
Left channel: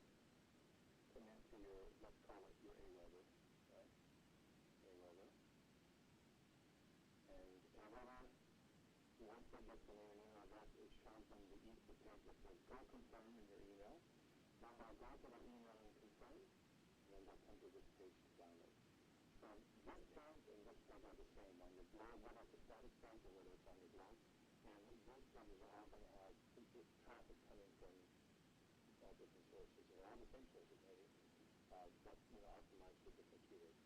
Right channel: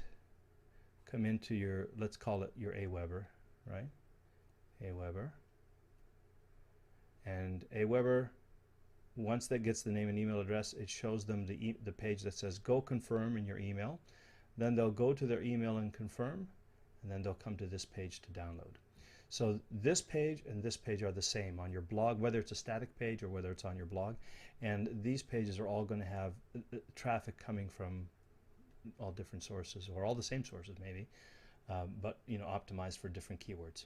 come into your, let's call it your Aweber, right? Aweber, and Aweber. Once that gets the name and email address, it shows them the page that says "Go confirm" in your email. Then they'll go to their email and confirm, and then they'll come to this page to download. So this page and this page are the same on your blog, whether it's a static page or whether it's on your blog. And these pages are all going to have traffic coming from all different sources, or all the same sources maybe, but optimized for different keywords.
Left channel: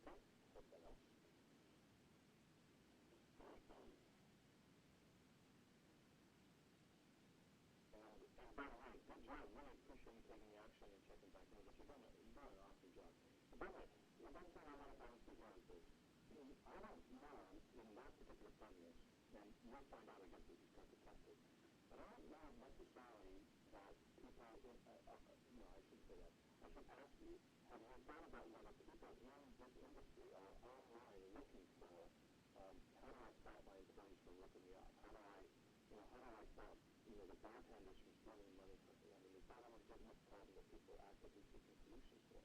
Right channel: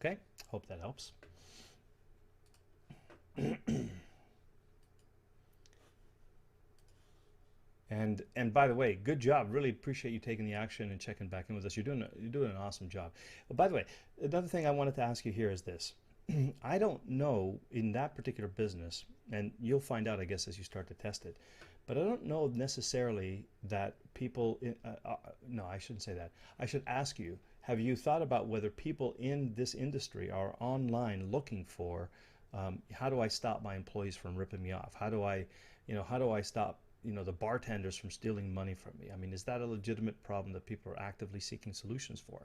Okay, hope that helps. And by the way, good job. Really appreciate you taking the action and checking back in with us. You're doing an awesome job. But by the way, another thing I wanted to ask you here is this. I don't know in that particular business, and you'll find out, I guess, as you start to test it, but I don't know necessarily that people, no, I shouldn't say that. I should ask you, have you thought about whether people in this industry are online looking for, how do I stop my employees from ripping me off? How do I stop the bartenders from stealing money from me? I mean, is that a legitimate problem that people are actively seeking solutions for?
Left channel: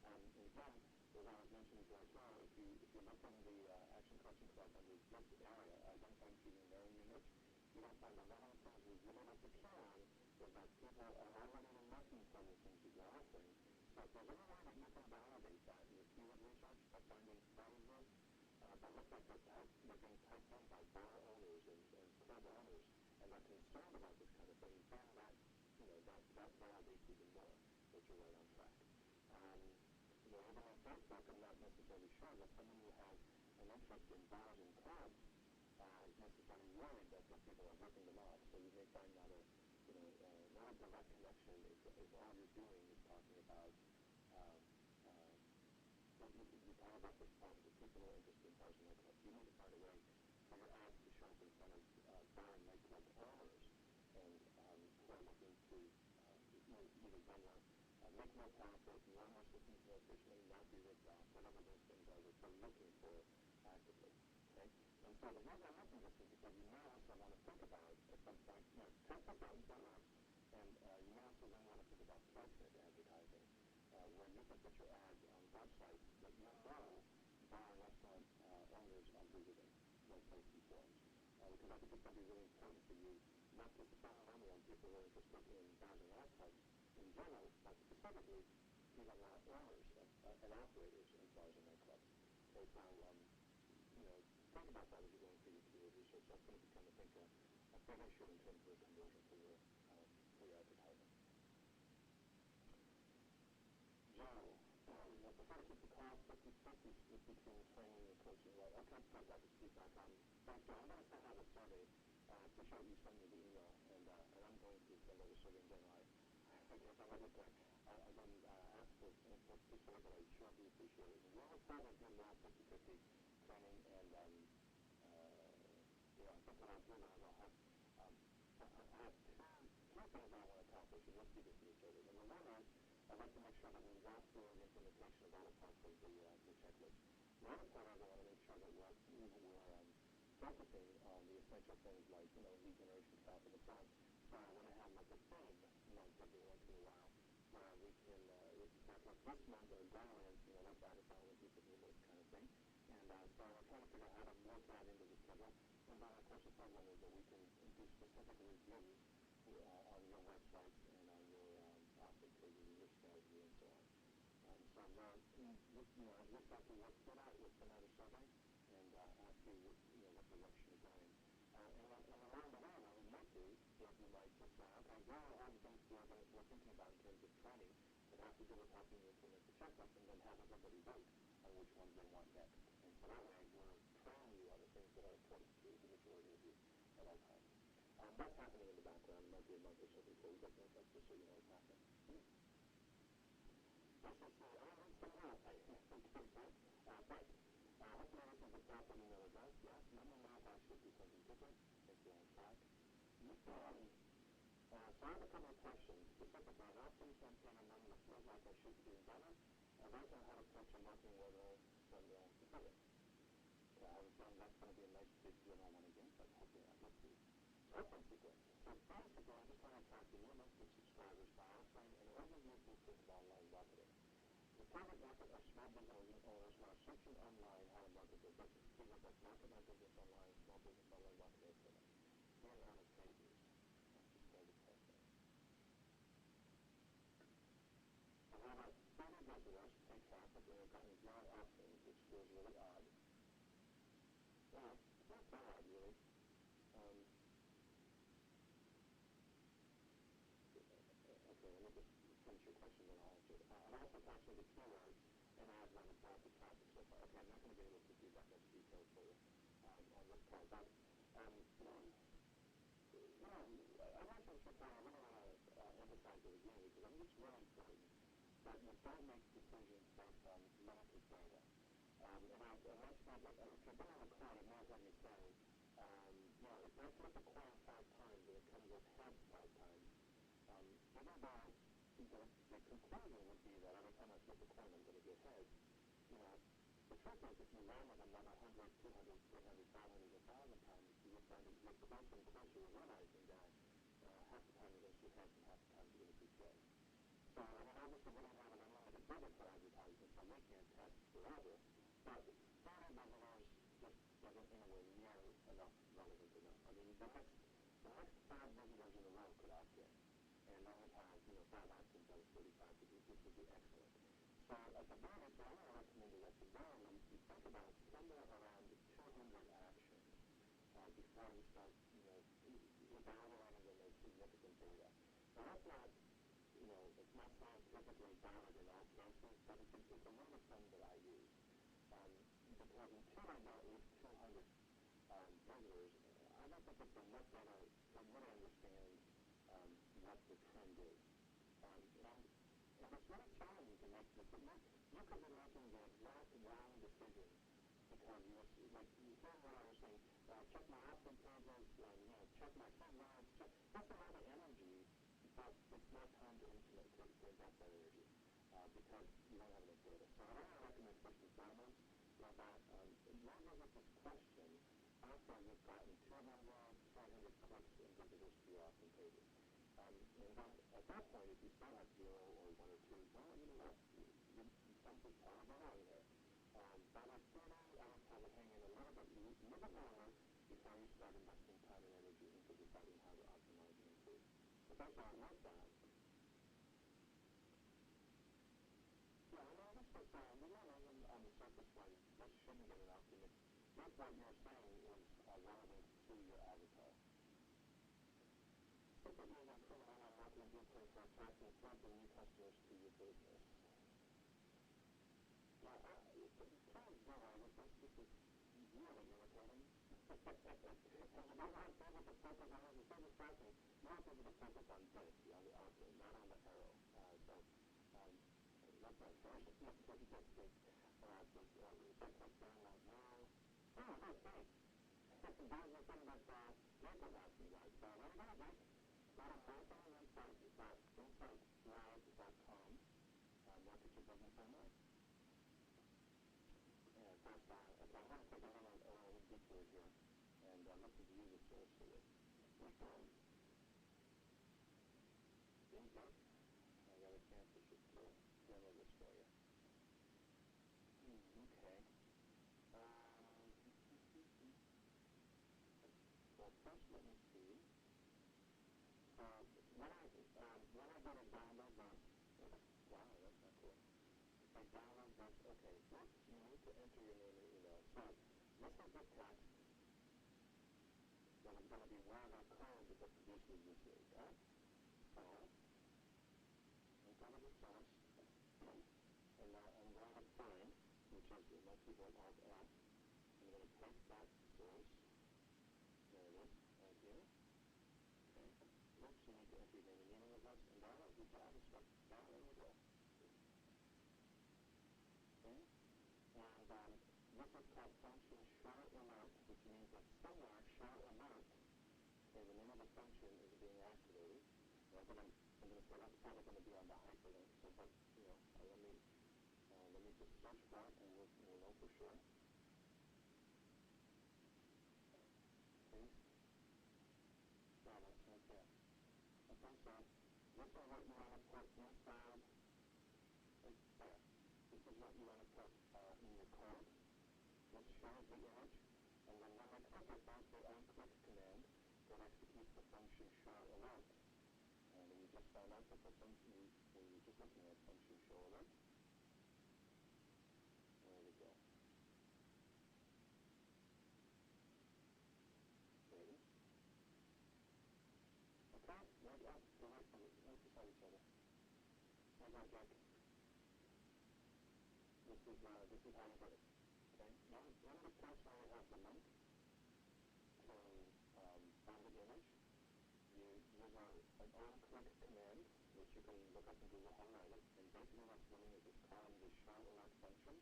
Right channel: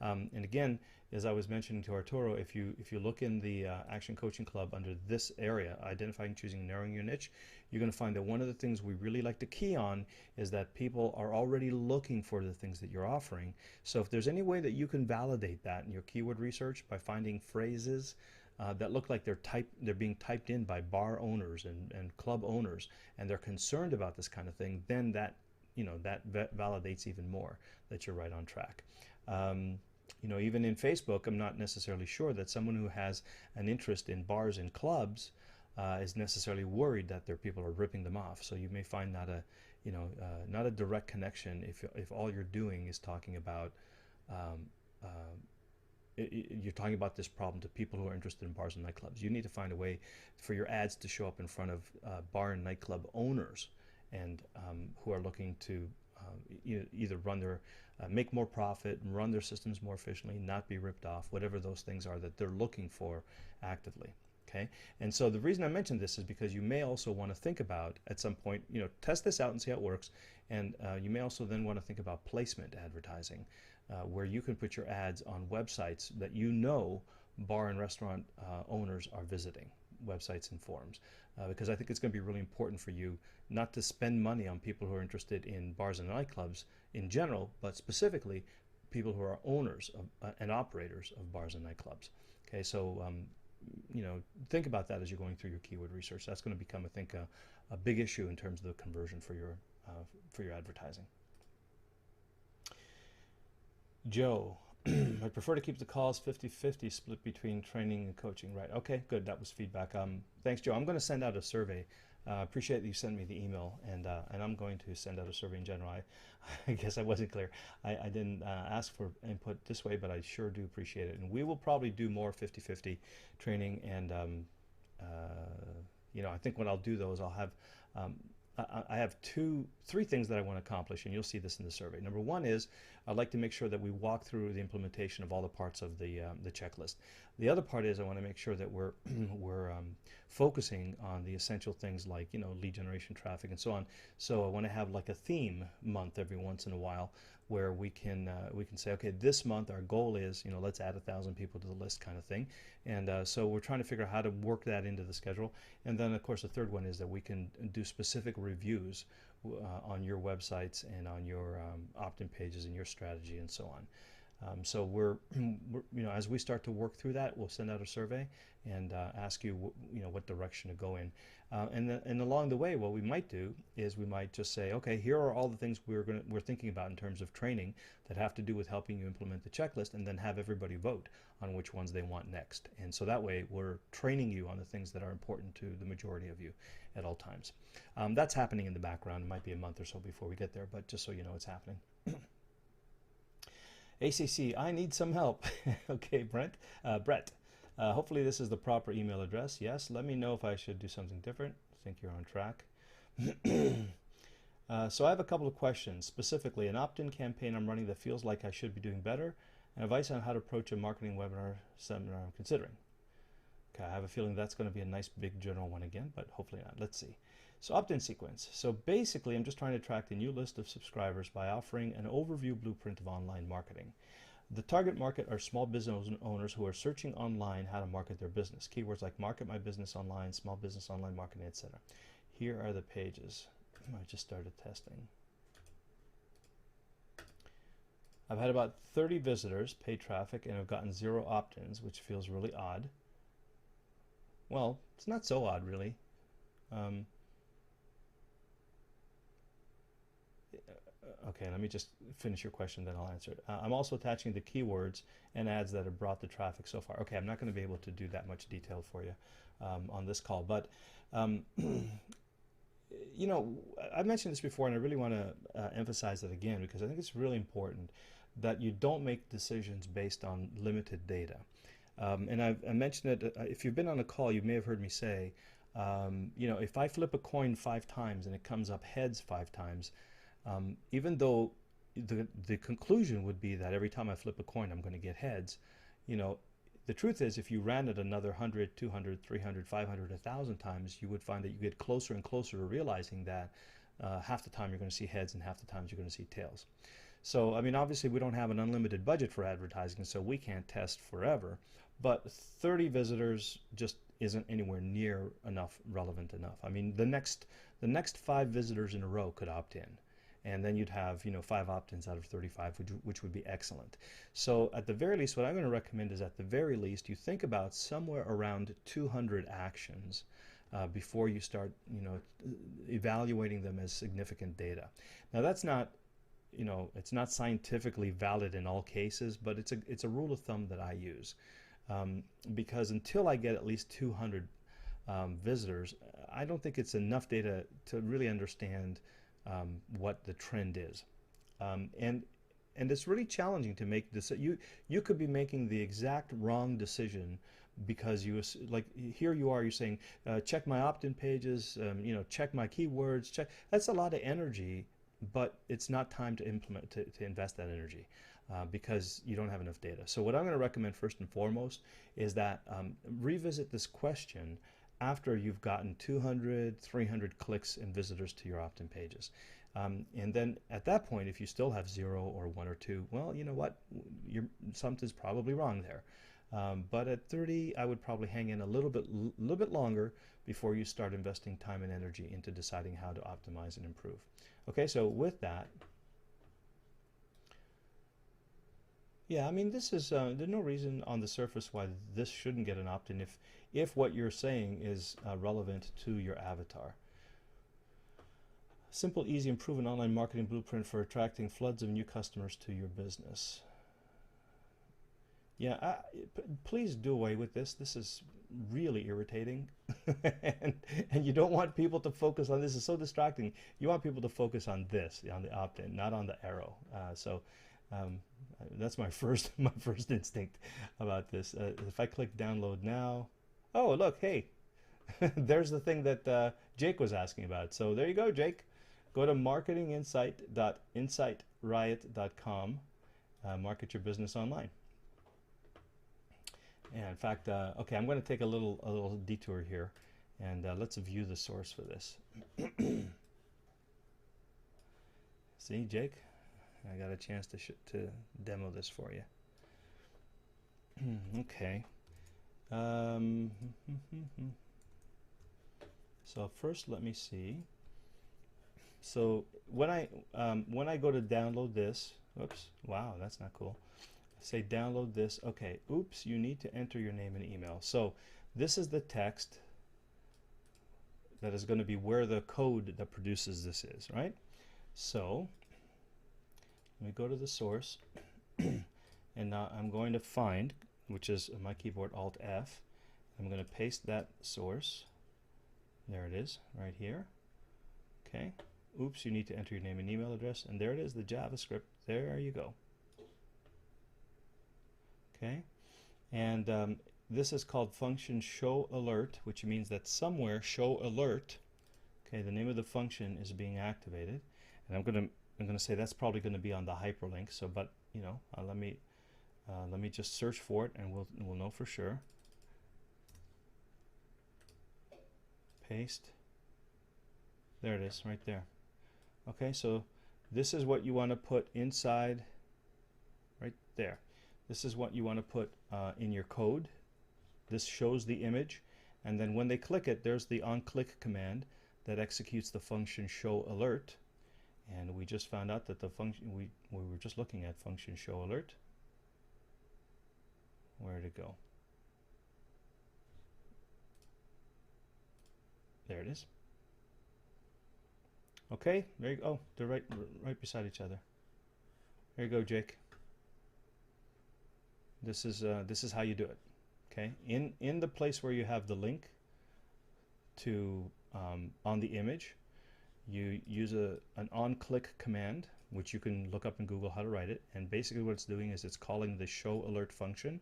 And again, as I was mentioning to Arturo, if you look in the Action Coaching Club under this area, identifying, choosing, narrowing your niche, you're going to find that one of the things we really like to key on is that people are already looking for the things that you're offering. So if there's any way that you can validate that in your keyword research by finding phrases that look like they're being typed in by bar owners and club owners, and they're concerned about this kind of thing, then that validates even more that you're right on track. Even in Facebook, I'm not necessarily sure that someone who has an interest in bars and clubs is necessarily worried that their people are ripping them off. So you may find not a direct connection if all you're doing is talking about you're talking about this problem to people who are interested in bars and nightclubs. You need to find a way for your ads to show up in front of bar and nightclub owners and who are looking to either run their make more profit, run their systems more efficiently, not be ripped off, whatever those things are that they're looking for actively. Okay, and so the reason I mentioned this is because you may also want to think about at some point, test this out and see how it works, and you may also then want to think about placement advertising, where you can put your ads on websites that bar and restaurant owners are visiting, websites and forums, because I think it's going to be really important for you not to spend money on people who are interested in bars and nightclubs in general, but specifically people who are owners and operators of bars and nightclubs. Okay, so think about that as you're going through your keyword research. That's going to become, I think, a big issue in terms of the conversion for your advertising. Joe, I prefer to keep the calls 50-50 split between training and coaching. Right. Okay, good. That was feedback. Thanks, Joe. I'm going to send out a survey. Appreciate that you sent me the email, and I'm going to send out a survey in general. I guess I wasn't clear. I didn't ask for input this way, but I sure do appreciate it. And we will probably do more 50-50 training, and I think what I'll do though is I'll have I have three things that I want to accomplish, and you'll see this in the survey. Number one is I'd like to make sure that we walk through the implementation of all the parts of the checklist. The other part is I want to make sure that we're focusing on the essential things like lead generation, traffic, and so on. So I want to have like a theme month every once in a while where we can say, okay, this month our goal is let's add 1,000 people to the list, kind of thing. And so we're trying to figure out how to work that into the schedule. And then of course the third one is that we can do specific reviews on your websites and on your opt-in pages and your strategy and so on. So we're as we start to work through that, we'll send out a survey and ask you what direction to go in. And along the way, what we might do is we might just say, okay, here are all the things we're thinking about in terms of training that have to do with helping you implement the checklist, and then have everybody vote on which ones they want next. And so that way, we're training you on the things that are important to the majority of you at all times. That's happening in the background. It might be a month or so before we get there, but just so you know, it's happening. ACC, I need some help. Okay, Brett. Hopefully this is the proper email address. Yes, let me know if I should do something different. I think you're on track. So I have a couple of questions. Specifically, an opt-in campaign I'm running that feels like I should be doing better, and advice on how to approach a marketing webinar seminar I'm considering. Okay, I have a feeling that's going to be a nice big general one again, but hopefully not. Let's see. So opt-in sequence. So basically, I'm just trying to attract a new list of subscribers by offering an overview blueprint of online marketing. The target market are small business owners who are searching online how to market their business. Keywords like market my business online, small business online marketing, etc. Here are the pages. I just started testing. I've had about 30 visitors, paid traffic, and I've gotten 0 opt-ins, which feels really odd. Well, it's not so odd, really. Okay, let me just finish your question, then I'll answer it. I'm also attaching the keywords and ads that have brought the traffic so far. Okay, I'm not going to be able to do that much detail for you on this call, but you know, I mentioned this before, and I really want to emphasize it again because I think it's really important that you don't make decisions based on limited data. And I mentioned it, if you've been on a call, you may have heard me say, you know, if I flip a coin 5 times and it comes up heads 5 times, even though the conclusion would be that every time I flip a coin I'm going to get heads, you know, the truth is if you ran it another 100, 200, 300, 500, 1,000 times, you would find that you get closer and closer to realizing that half the time you're going to see heads and half the times you're going to see tails. So, I mean, obviously we don't have an unlimited budget for advertising, so we can't test forever, but 30 visitors just isn't anywhere near enough, relevant enough. I mean, the next 5 visitors in a row could opt in. And then you'd have, you know, 5 opt-ins out of 35, which would be excellent. So at the very least, what I'm going to recommend is at the very least you think about somewhere around 200 actions before you start, you know, evaluating them as significant data. Now that's not, you know, it's not scientifically valid in all cases, but it's a rule of thumb that I use because until I get at least 200 visitors, I don't think it's enough data to really understand what the trend is, and it's really challenging to make this. You could be making the exact wrong decision because you, like, here you are, you're saying check my opt-in pages, you know, check my keywords, check. That's a lot of energy, but it's not time to implement to invest that energy because you don't have enough data. So what I'm going to recommend first and foremost is that revisit this question after you've gotten 200, 300 clicks and visitors to your opt-in pages. And then at that point, if you still have 0 or 1 or 2, well, you know what, something's probably wrong there. But at 30, I would probably hang in a little bit longer before you start investing time and energy into deciding how to optimize and improve. Okay, so with that, yeah, I mean, this is, there's no reason on the surface why this shouldn't get an opt-in if what you're saying is relevant to your avatar. Simple, easy, and proven online marketing blueprint for attracting floods of new customers to your business. Yeah, please do away with this. This is really irritating. and you don't want people to focus on this. It's so distracting. You want people to focus on this, on the opt-in, not on the arrow. That's my first instinct about this. If I click download now, oh look, hey, there's the thing that Jake was asking about. So there you go, Jake. Go to marketinginsight.insightriot.com. Market your business online. And in fact, okay, I'm going to take a little detour here, and let's view the source for this. See, Jake, I got a chance to demo this for you. Okay. So first, let me see. So when I go to download this, oops, wow, that's not cool. Say download this. Okay, oops, you need to enter your name and email. So this is the text that is going to be where the code that produces this is, right? So let me go to the source, and now I'm going to find, which is my keyboard Alt F. I'm going to paste that source. There it is, right here. Okay. Oops, you need to enter your name and email address, and there it is, the JavaScript. There you go. Okay, and this is called function show alert, which means that somewhere show alert, okay, the name of the function is being activated, And I'm gonna say that's probably gonna be on the hyperlink. So, but you know, let me just search for it, and we'll know for sure. Paste. There it is, right there. Okay, so this is what you want to put inside, right there. This is what you want to put in your code. This shows the image, and then when they click it, there's the onClick command that executes the function show alert. And we just found out that the function we were just looking at, function show alert. Where'd it go? There it is. Okay, there you go. Oh, they're right beside each other. There you go, Jake. This is how you do it. Okay, in the place where you have the link to on the image, you use an onClick command, which you can look up in Google how to write it. And basically what it's doing is it's calling the show alert function,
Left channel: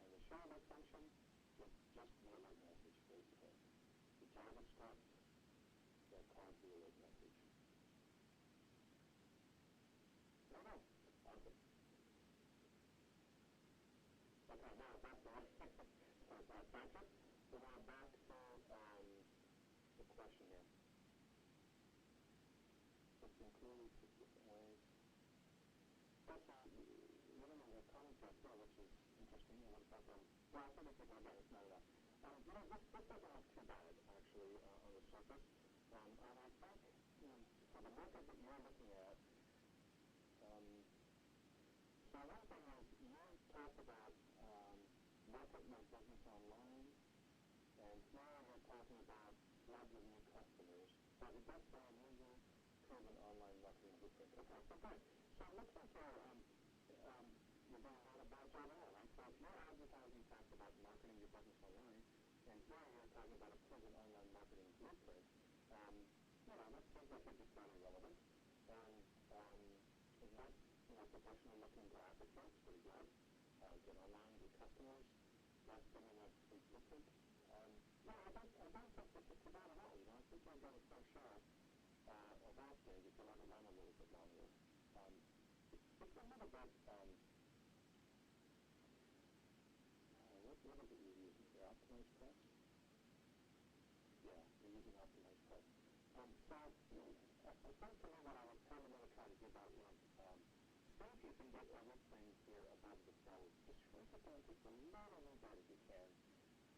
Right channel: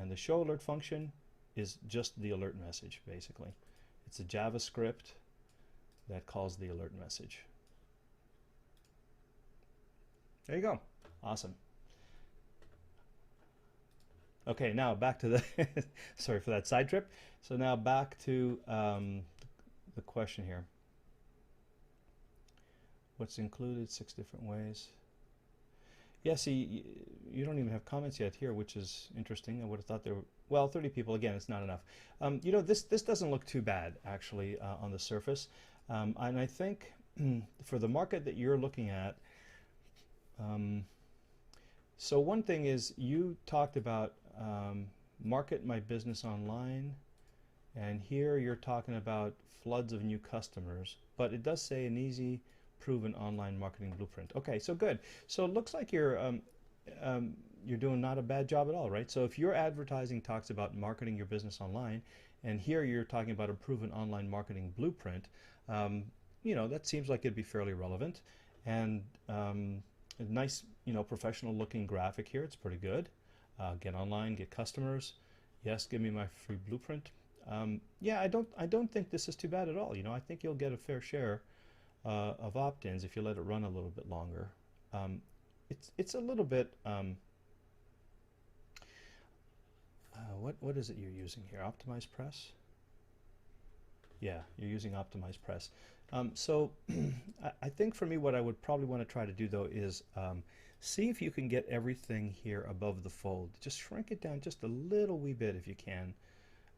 and the show alert function is just the alert message. Basically, it's a JavaScript that calls the alert message. There you go. Awesome. Okay, now back to the sorry for that side trip. So now back to the question here. What's included? 6 different ways. Yeah, see, you don't even have comments yet here, which is interesting. I would have thought there were, well, 30 people. Again, it's not enough. You know, this doesn't look too bad, actually, on the surface. And I think for the market that you're looking at, so one thing is you talked about market my business online, and here you're talking about floods of new customers, but it does say an easy proven online marketing blueprint. Okay, so good. So it looks like you're doing not a bad job at all, right? So if your advertising talks about marketing your business online, and here you're talking about a proven online marketing blueprint, you know, that seems like it'd be fairly relevant. And a nice, you know, professional looking graphic here. It's pretty good. Get online, get customers. Yes, give me my free blueprint. Yeah, I don't think this is too bad at all. You know, I think you'll get a fair share of opt-ins if you let it run a little bit longer. It's a little bit. What is it you're using here? Optimize Press. Yeah, you're using Optimize Press. So I think for me, what I would probably want to try to do though is see if you can get everything here above the fold. Just shrink it down just a little wee bit if you can.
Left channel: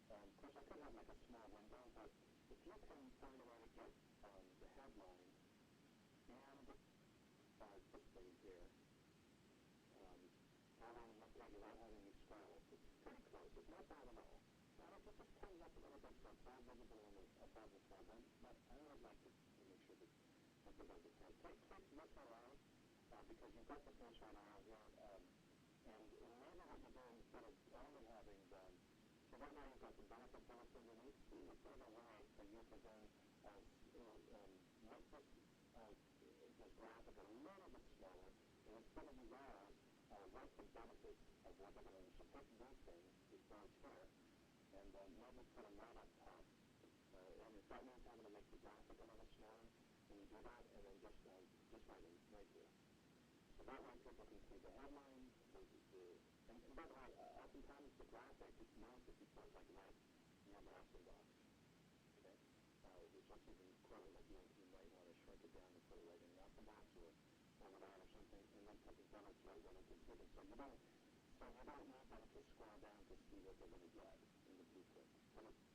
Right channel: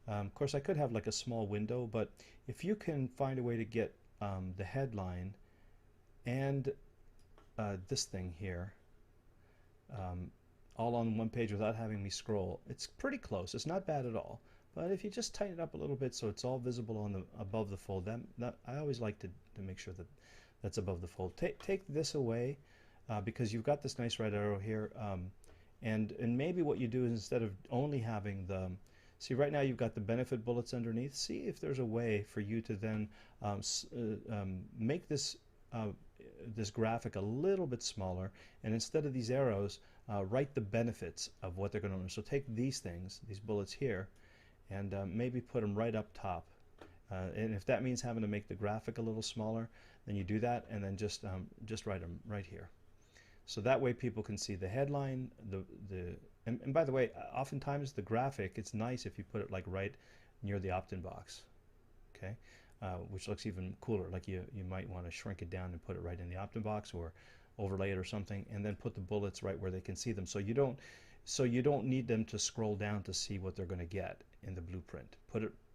Of course, I could have like a small window, but if you can find a way to get the headline and this thing here all on one page without having me scroll, it's pretty close. It's not bad at all. But if you just tighten it up a little bit so it's all visible on the above the fold, that I always like to make sure that that's above the fold. Take this away because you've got this nice red arrow here, and maybe what you do is instead of only having the see right now you've got the benefit bullets underneath. See if there's a way for you to then make this this graphic a little bit smaller, and instead of these arrows, write the benefits of what they're going to learn. So take these things, these bullets here, and maybe put them right up top. And if that means having to make the graphic a little smaller, then you do that, and then just write them right here. So that way people can see the headline, and by the way, oftentimes the graphic, it's nice if you put it like right near the opt-in box, okay, which looks even cooler. Like you might want to shrink it down and put it right in the opt-in box or overlay it or something, and then put the bullets right where they can see them. So you don't need them to scroll down to see what they're going to get in the blueprint.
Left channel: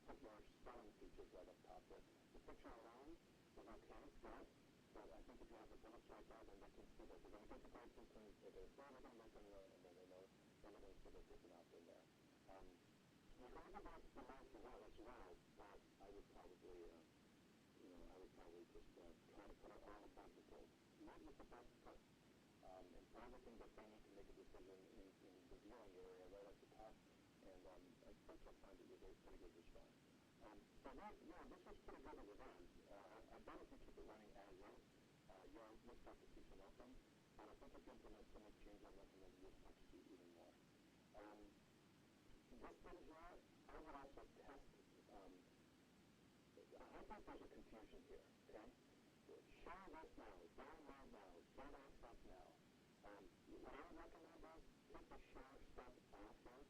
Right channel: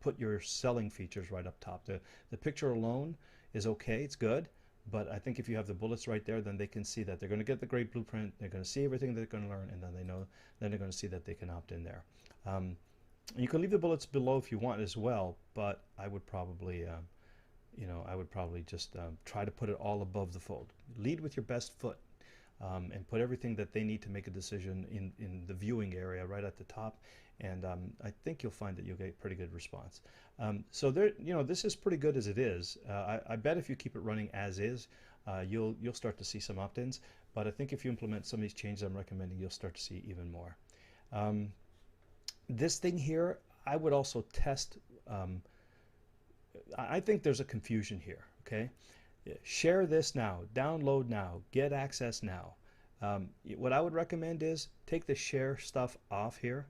Put your selling features right up top. The picture alone is okay, it's good, but I think if you have the bullets right there, then they can see that they're going to get the great blueprint, they're going to see everything they're going to learn, and then they're going to see that they can opt in there. You can leave the bullets below if you want as well, but I would probably just try to put it all above the fold. Lead with your best foot, and put everything that they need to make a decision in the viewing area right at the top, and I think you'll find that you'll get pretty good response. So there, this is pretty good as it is. I bet if you keep it running as is, you'll start to see some opt-ins, but I think if you implement some of these changes I'm recommending, you'll start to see even more. This thing here, I would also test. I think there's a confusion here, okay? Share this now, download now, get access now. What I would recommend is take the share stuff off here,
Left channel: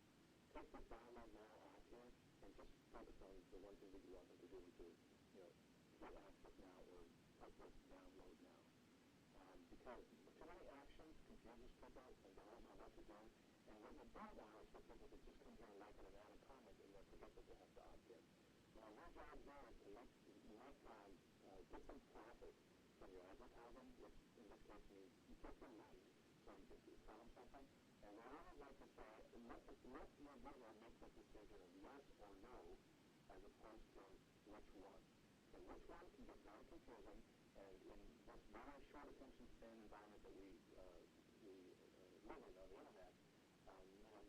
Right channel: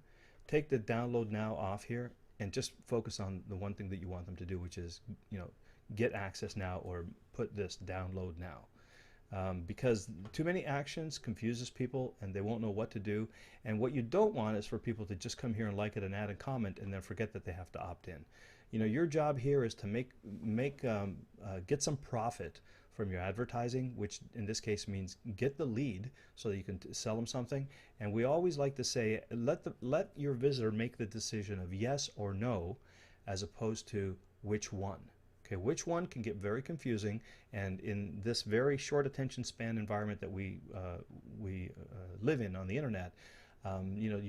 take the download now off here, and just focus on the one thing that you want them to do, which is, you know, get access now or put this download now. Because too many actions confuses people and they won't know what to do. And what you don't want is for people to just come here and like it and add a comment and then forget that they have to opt in. You know, your job here is to get some profit from your advertising, which in this case means get the lead so that you can sell them something. And we always like to say, let your visitor make the decision of yes or no, as opposed to which one. Okay, which one can get very confusing, and in this very short attention span environment that we live in on the internet, you know,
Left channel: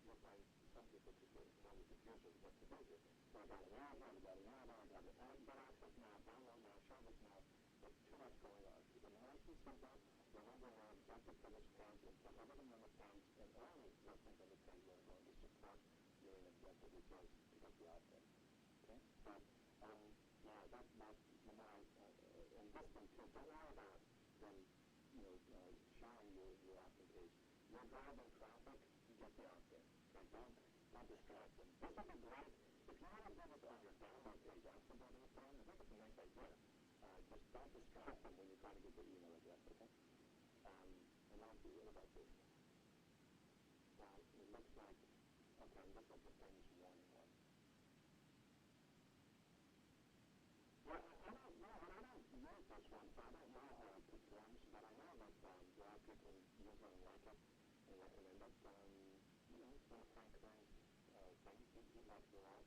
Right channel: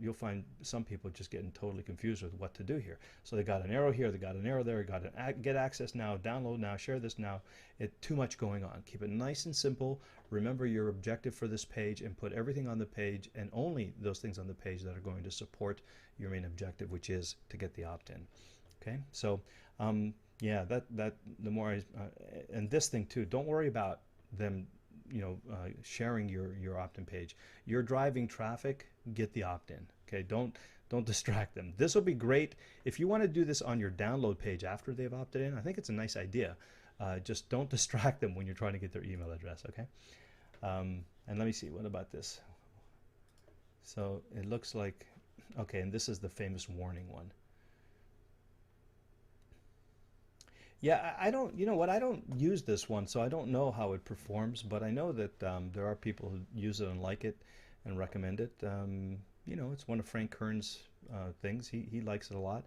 you'll find some people just getting totally confused with what to do here. So they got an arrow here, they got an arrow there, got an get access now, download now, share this now. Too much going on. Keep it nice and simple. Remember your objective for this page and put everything on the page and only those things on the page that are going to support your main objective, which is to get the opt-in. Okay, so yeah, that the more and this thing too. Don't worry about them, you know, sharing your opt-in page. You're driving traffic. Get the opt-in. Okay, don't distract them. This will be great if you want to do this on your download page after they've opted in. I think it's a nice idea. Just don't distract them when you're trying to get their email address. Okay, and let me see. What about this? So it looks like okay, and this is the famous warning one. Yeah, I don't, you know what, I don't use this one, so I don't know how it performs, but I know that there are people who use it and like it and recommend it. You know, it's one of Frank Kern's things. He likes it a lot.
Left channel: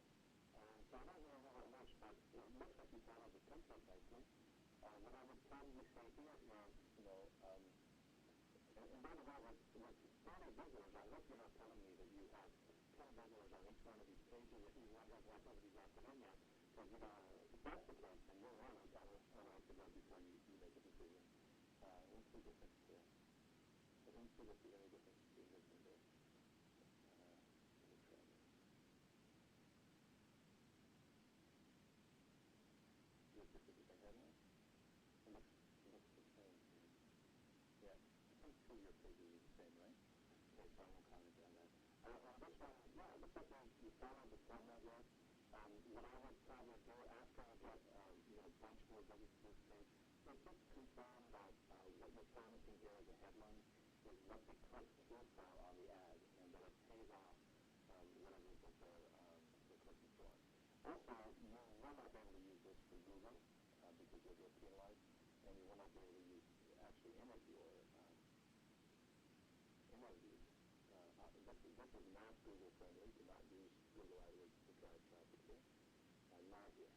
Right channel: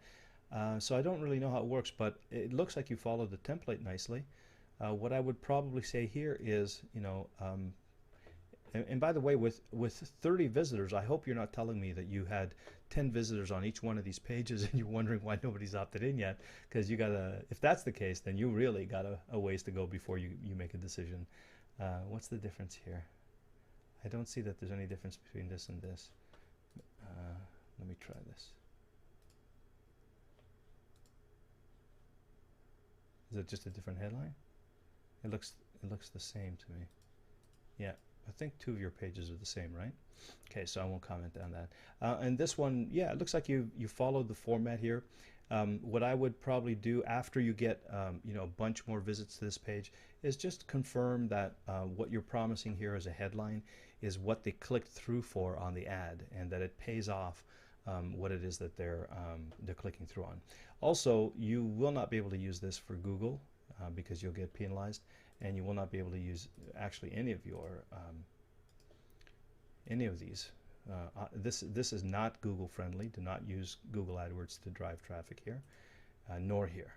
So I don't really know how it works, but it looks like you follow the template nicely. What I would probably say here is, you know, and by the way, with 30 visitors, I hope you're not telling me that you had 10 visitors on each one of these pages and you're wondering why nobody's opted in yet, because you gotta, if that's the case, then you really got a ways to go before you make a decision. What's the difference here? I don't see that there's any difference between this and this. Let me try this. Is it just a different headline? It looks the same to me. Yeah, I think two of your pages are the same, right? Okay, so I won't comment on that. And this one, yeah, it looks like you followed the format here. What I would probably do after you get you know, a bunch more visits to this page is just confirm that what you're promising here as a headline is what they clicked through for on the ad, and that it pays off what it is that they're clicking through on. Also, you will not be able to use this for Google because you'll get penalized, and you will not be able to use actually any of these. This is not Google friendly. Do not use Google AdWords to drive traffic here, nor here,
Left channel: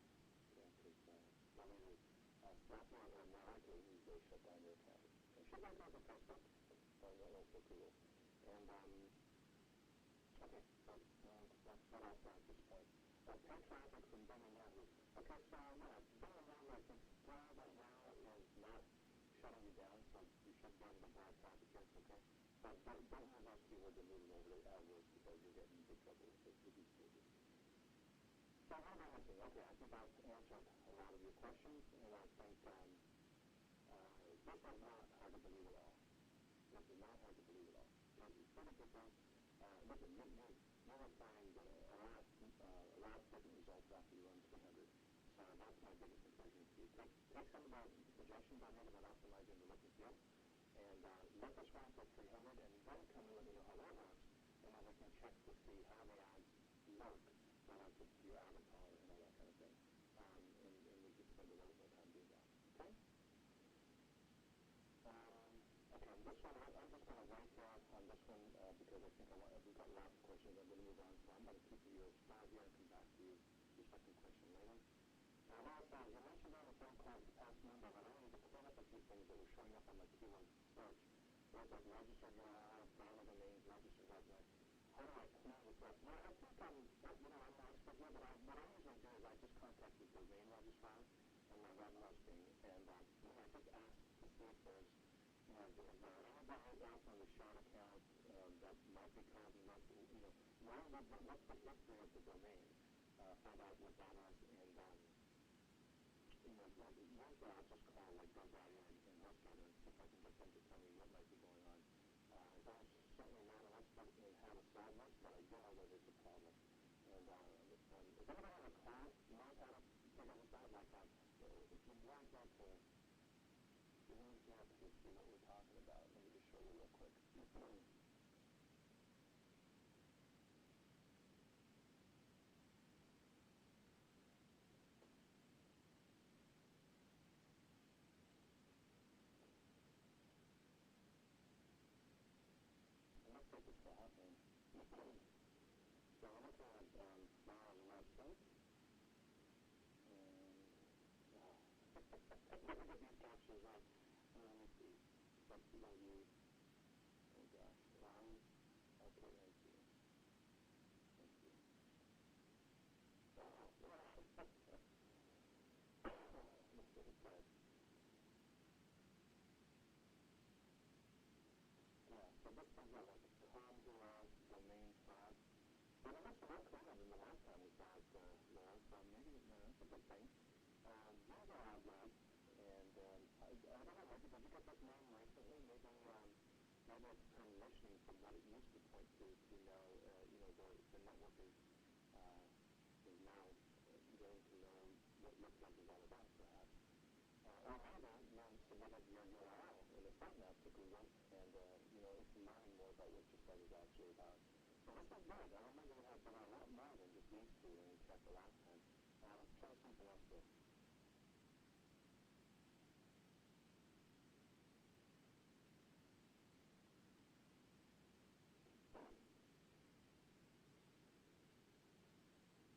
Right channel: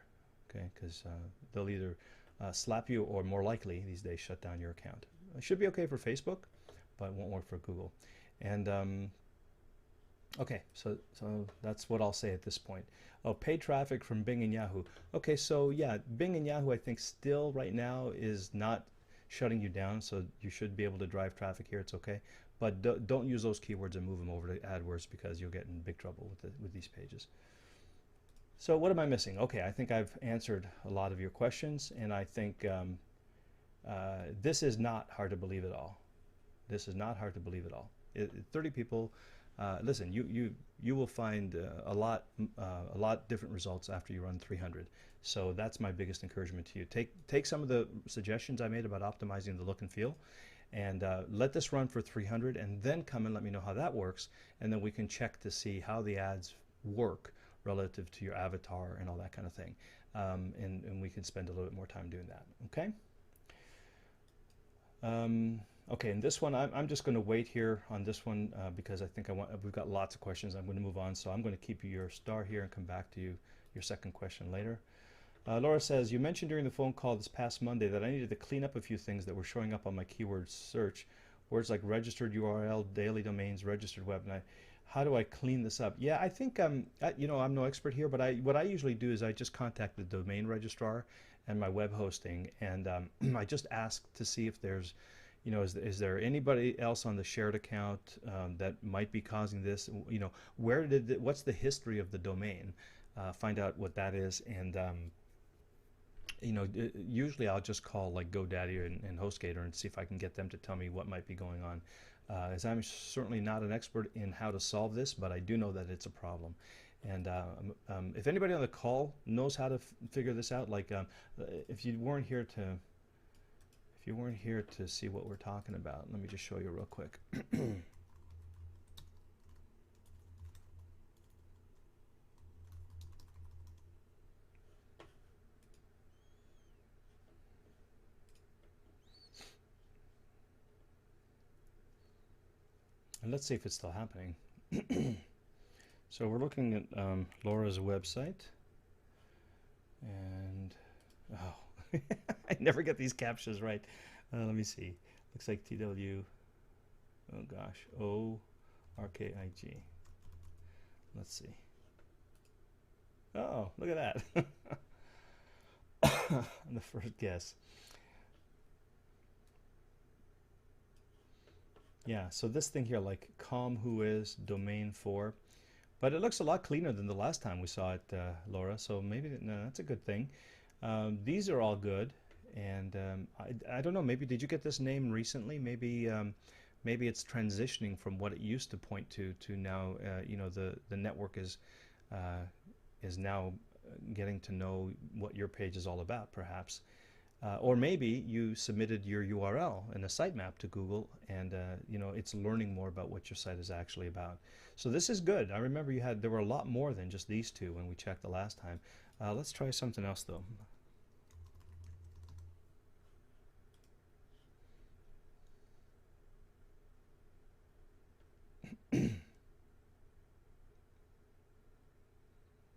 okay? Because they'll either slap you or, more likely these days, shut down your account. It should be okay for Facebook, but it won't work for Google. And okay, so that's what I'll say at this point. Oh, paid traffic from Bing and Yahoo. Okay, so yeah, Bing and Yahoo I think still right now is not shutting you down, so you should be able to drive traffic here. It's okay, but don't use those keywords and move them over to AdWords, because you'll get in big trouble with these pages. So what am I missing? Okay, I think I've answered a lot of your questions, and I think this is not hard to believe at all. This is not hard to believe at all. 30 people. Listen, you will find a lot different results after you run 300. So that's my biggest encouragement to you. Take some of the suggestions I made about optimizing the look and feel, and let this run for 300, and then come and let me know how that works, and then we can check to see how the ads work relative to your avatar and all that kind of thing. And we can spend a little bit more time doing that. Okay. Okay, and this one, I'm just going to wait here on this one because I think we've got lots of questions. I'm going to move on, so I'm going to keep you your star here and come back to you, your second question later. Laura says, you mentioned during the phone call this past Monday that I needed to clean up a few things that were showing up on my keyword search. Words like registered URL, daily domains, registered web. How do I clean this up? Yeah, I think you know, I'm no expert here, but what I usually do is I just contact the domain registrar and my web hosting, and I just ask to see if there's, you know, is there anybody else on the shared account that might be causing this? You know, what's the history of the domain? Find out what that is, and Usually I'll just call like GoDaddy and HostGator and see if I can get them to tell me what might be going on. As I'm certainly not an expert in how to solve this, but I do know that it's a problem. And if anybody on the call knows how to figure this out, like if you weren't here to see what we're talking about, let me just show you real quick. And let's see if it's still happening. So we're looking at Laura's website, and oh, I never get these captures right. Let me see. Looks like TW. Oh gosh, ORKIG. Let's see. Oh, look at that. The first guess. Yeah, so this thing here, like com who is domain 4, but it looks a lot cleaner than the last time we saw it, Laura. So maybe no, that's a good thing. These are all good, and I don't know. Maybe did you get this name recently? Maybe it's transitioning from what it used to point to now. The network is now getting to know what your page is all about, perhaps. Or maybe you submitted your URL and a sitemap to Google, and it's learning more about what your site is actually about. So this is good. I remember there were a lot more than just these two when we checked the last time. Let's try something else though.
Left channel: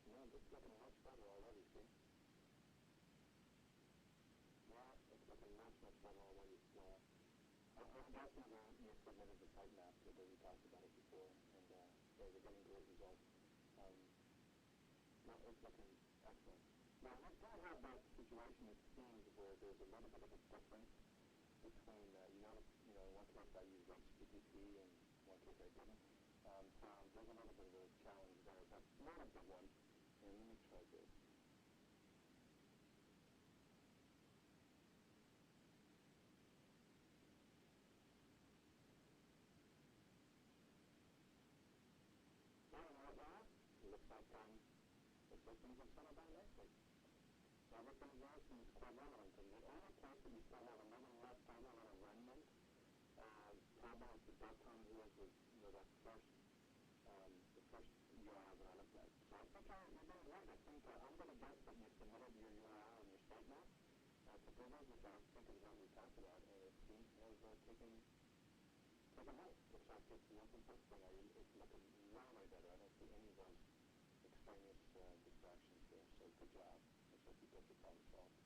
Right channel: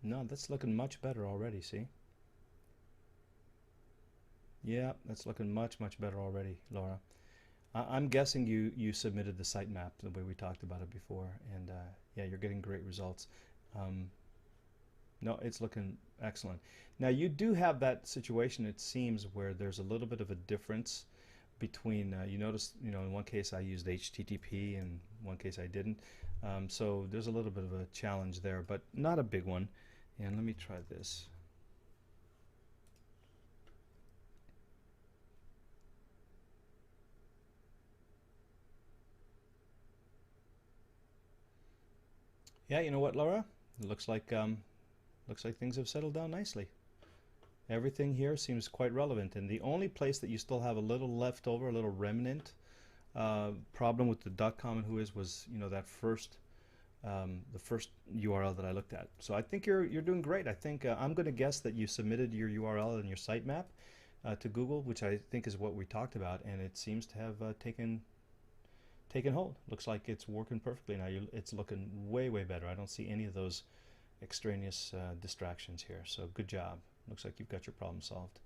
No, that's looking much better already, see? Yeah, that's looking much better already, Laura. I'm guessing you submitted the sitemap the way we talked about it before, and yeah, you're getting great results. Um, no, it's looking excellent. Now you do have that situation, it seems, where there's a little bit of a difference between, you notice, in one case I used HTTP and one case I didn't. So there's a little bit of a challenge there, but not a big one. And let me try this. Yeah, you know what, Laura? It looks like things have settled down nicely. Everything here seems quite relevant, and the only place that you still have a little left over, a little remnant problem with the .com and who is was that the first URL that I looked at. So I think you're doing great. I think I'm going to guess that you submitted your URL and your sitemap to Google, which I think is what we talked about, and it seems to have taken hold. Looks like it's working perfectly now. It's looking way better. I don't see any of those extraneous distractions here. So good job. Looks like you've got your problem solved.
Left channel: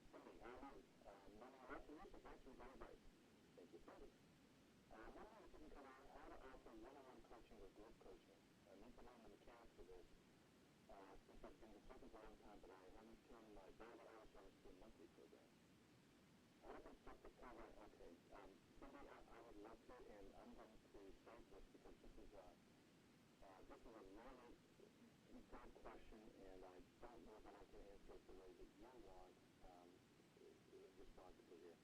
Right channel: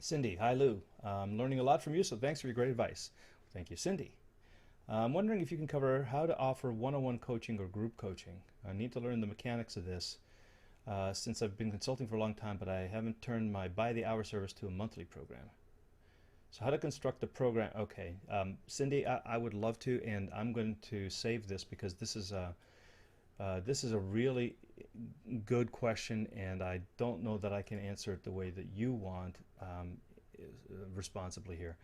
Cindy, hi Lou. I'm learning a lot from you, so thanks for your great advice. Thank you, Cindy. I'm wondering if you can cover how to offer one-on-one coaching or group coaching. I need to learn the mechanics of this since I've been consulting for a long time, but I haven't turned my by-the-hour service to a monthly program. So how to construct a program? Okay, Cindy, I would love to, and I'm going to save this because this is a really good question, and I don't know that I can answer it the way that you want responsibly here.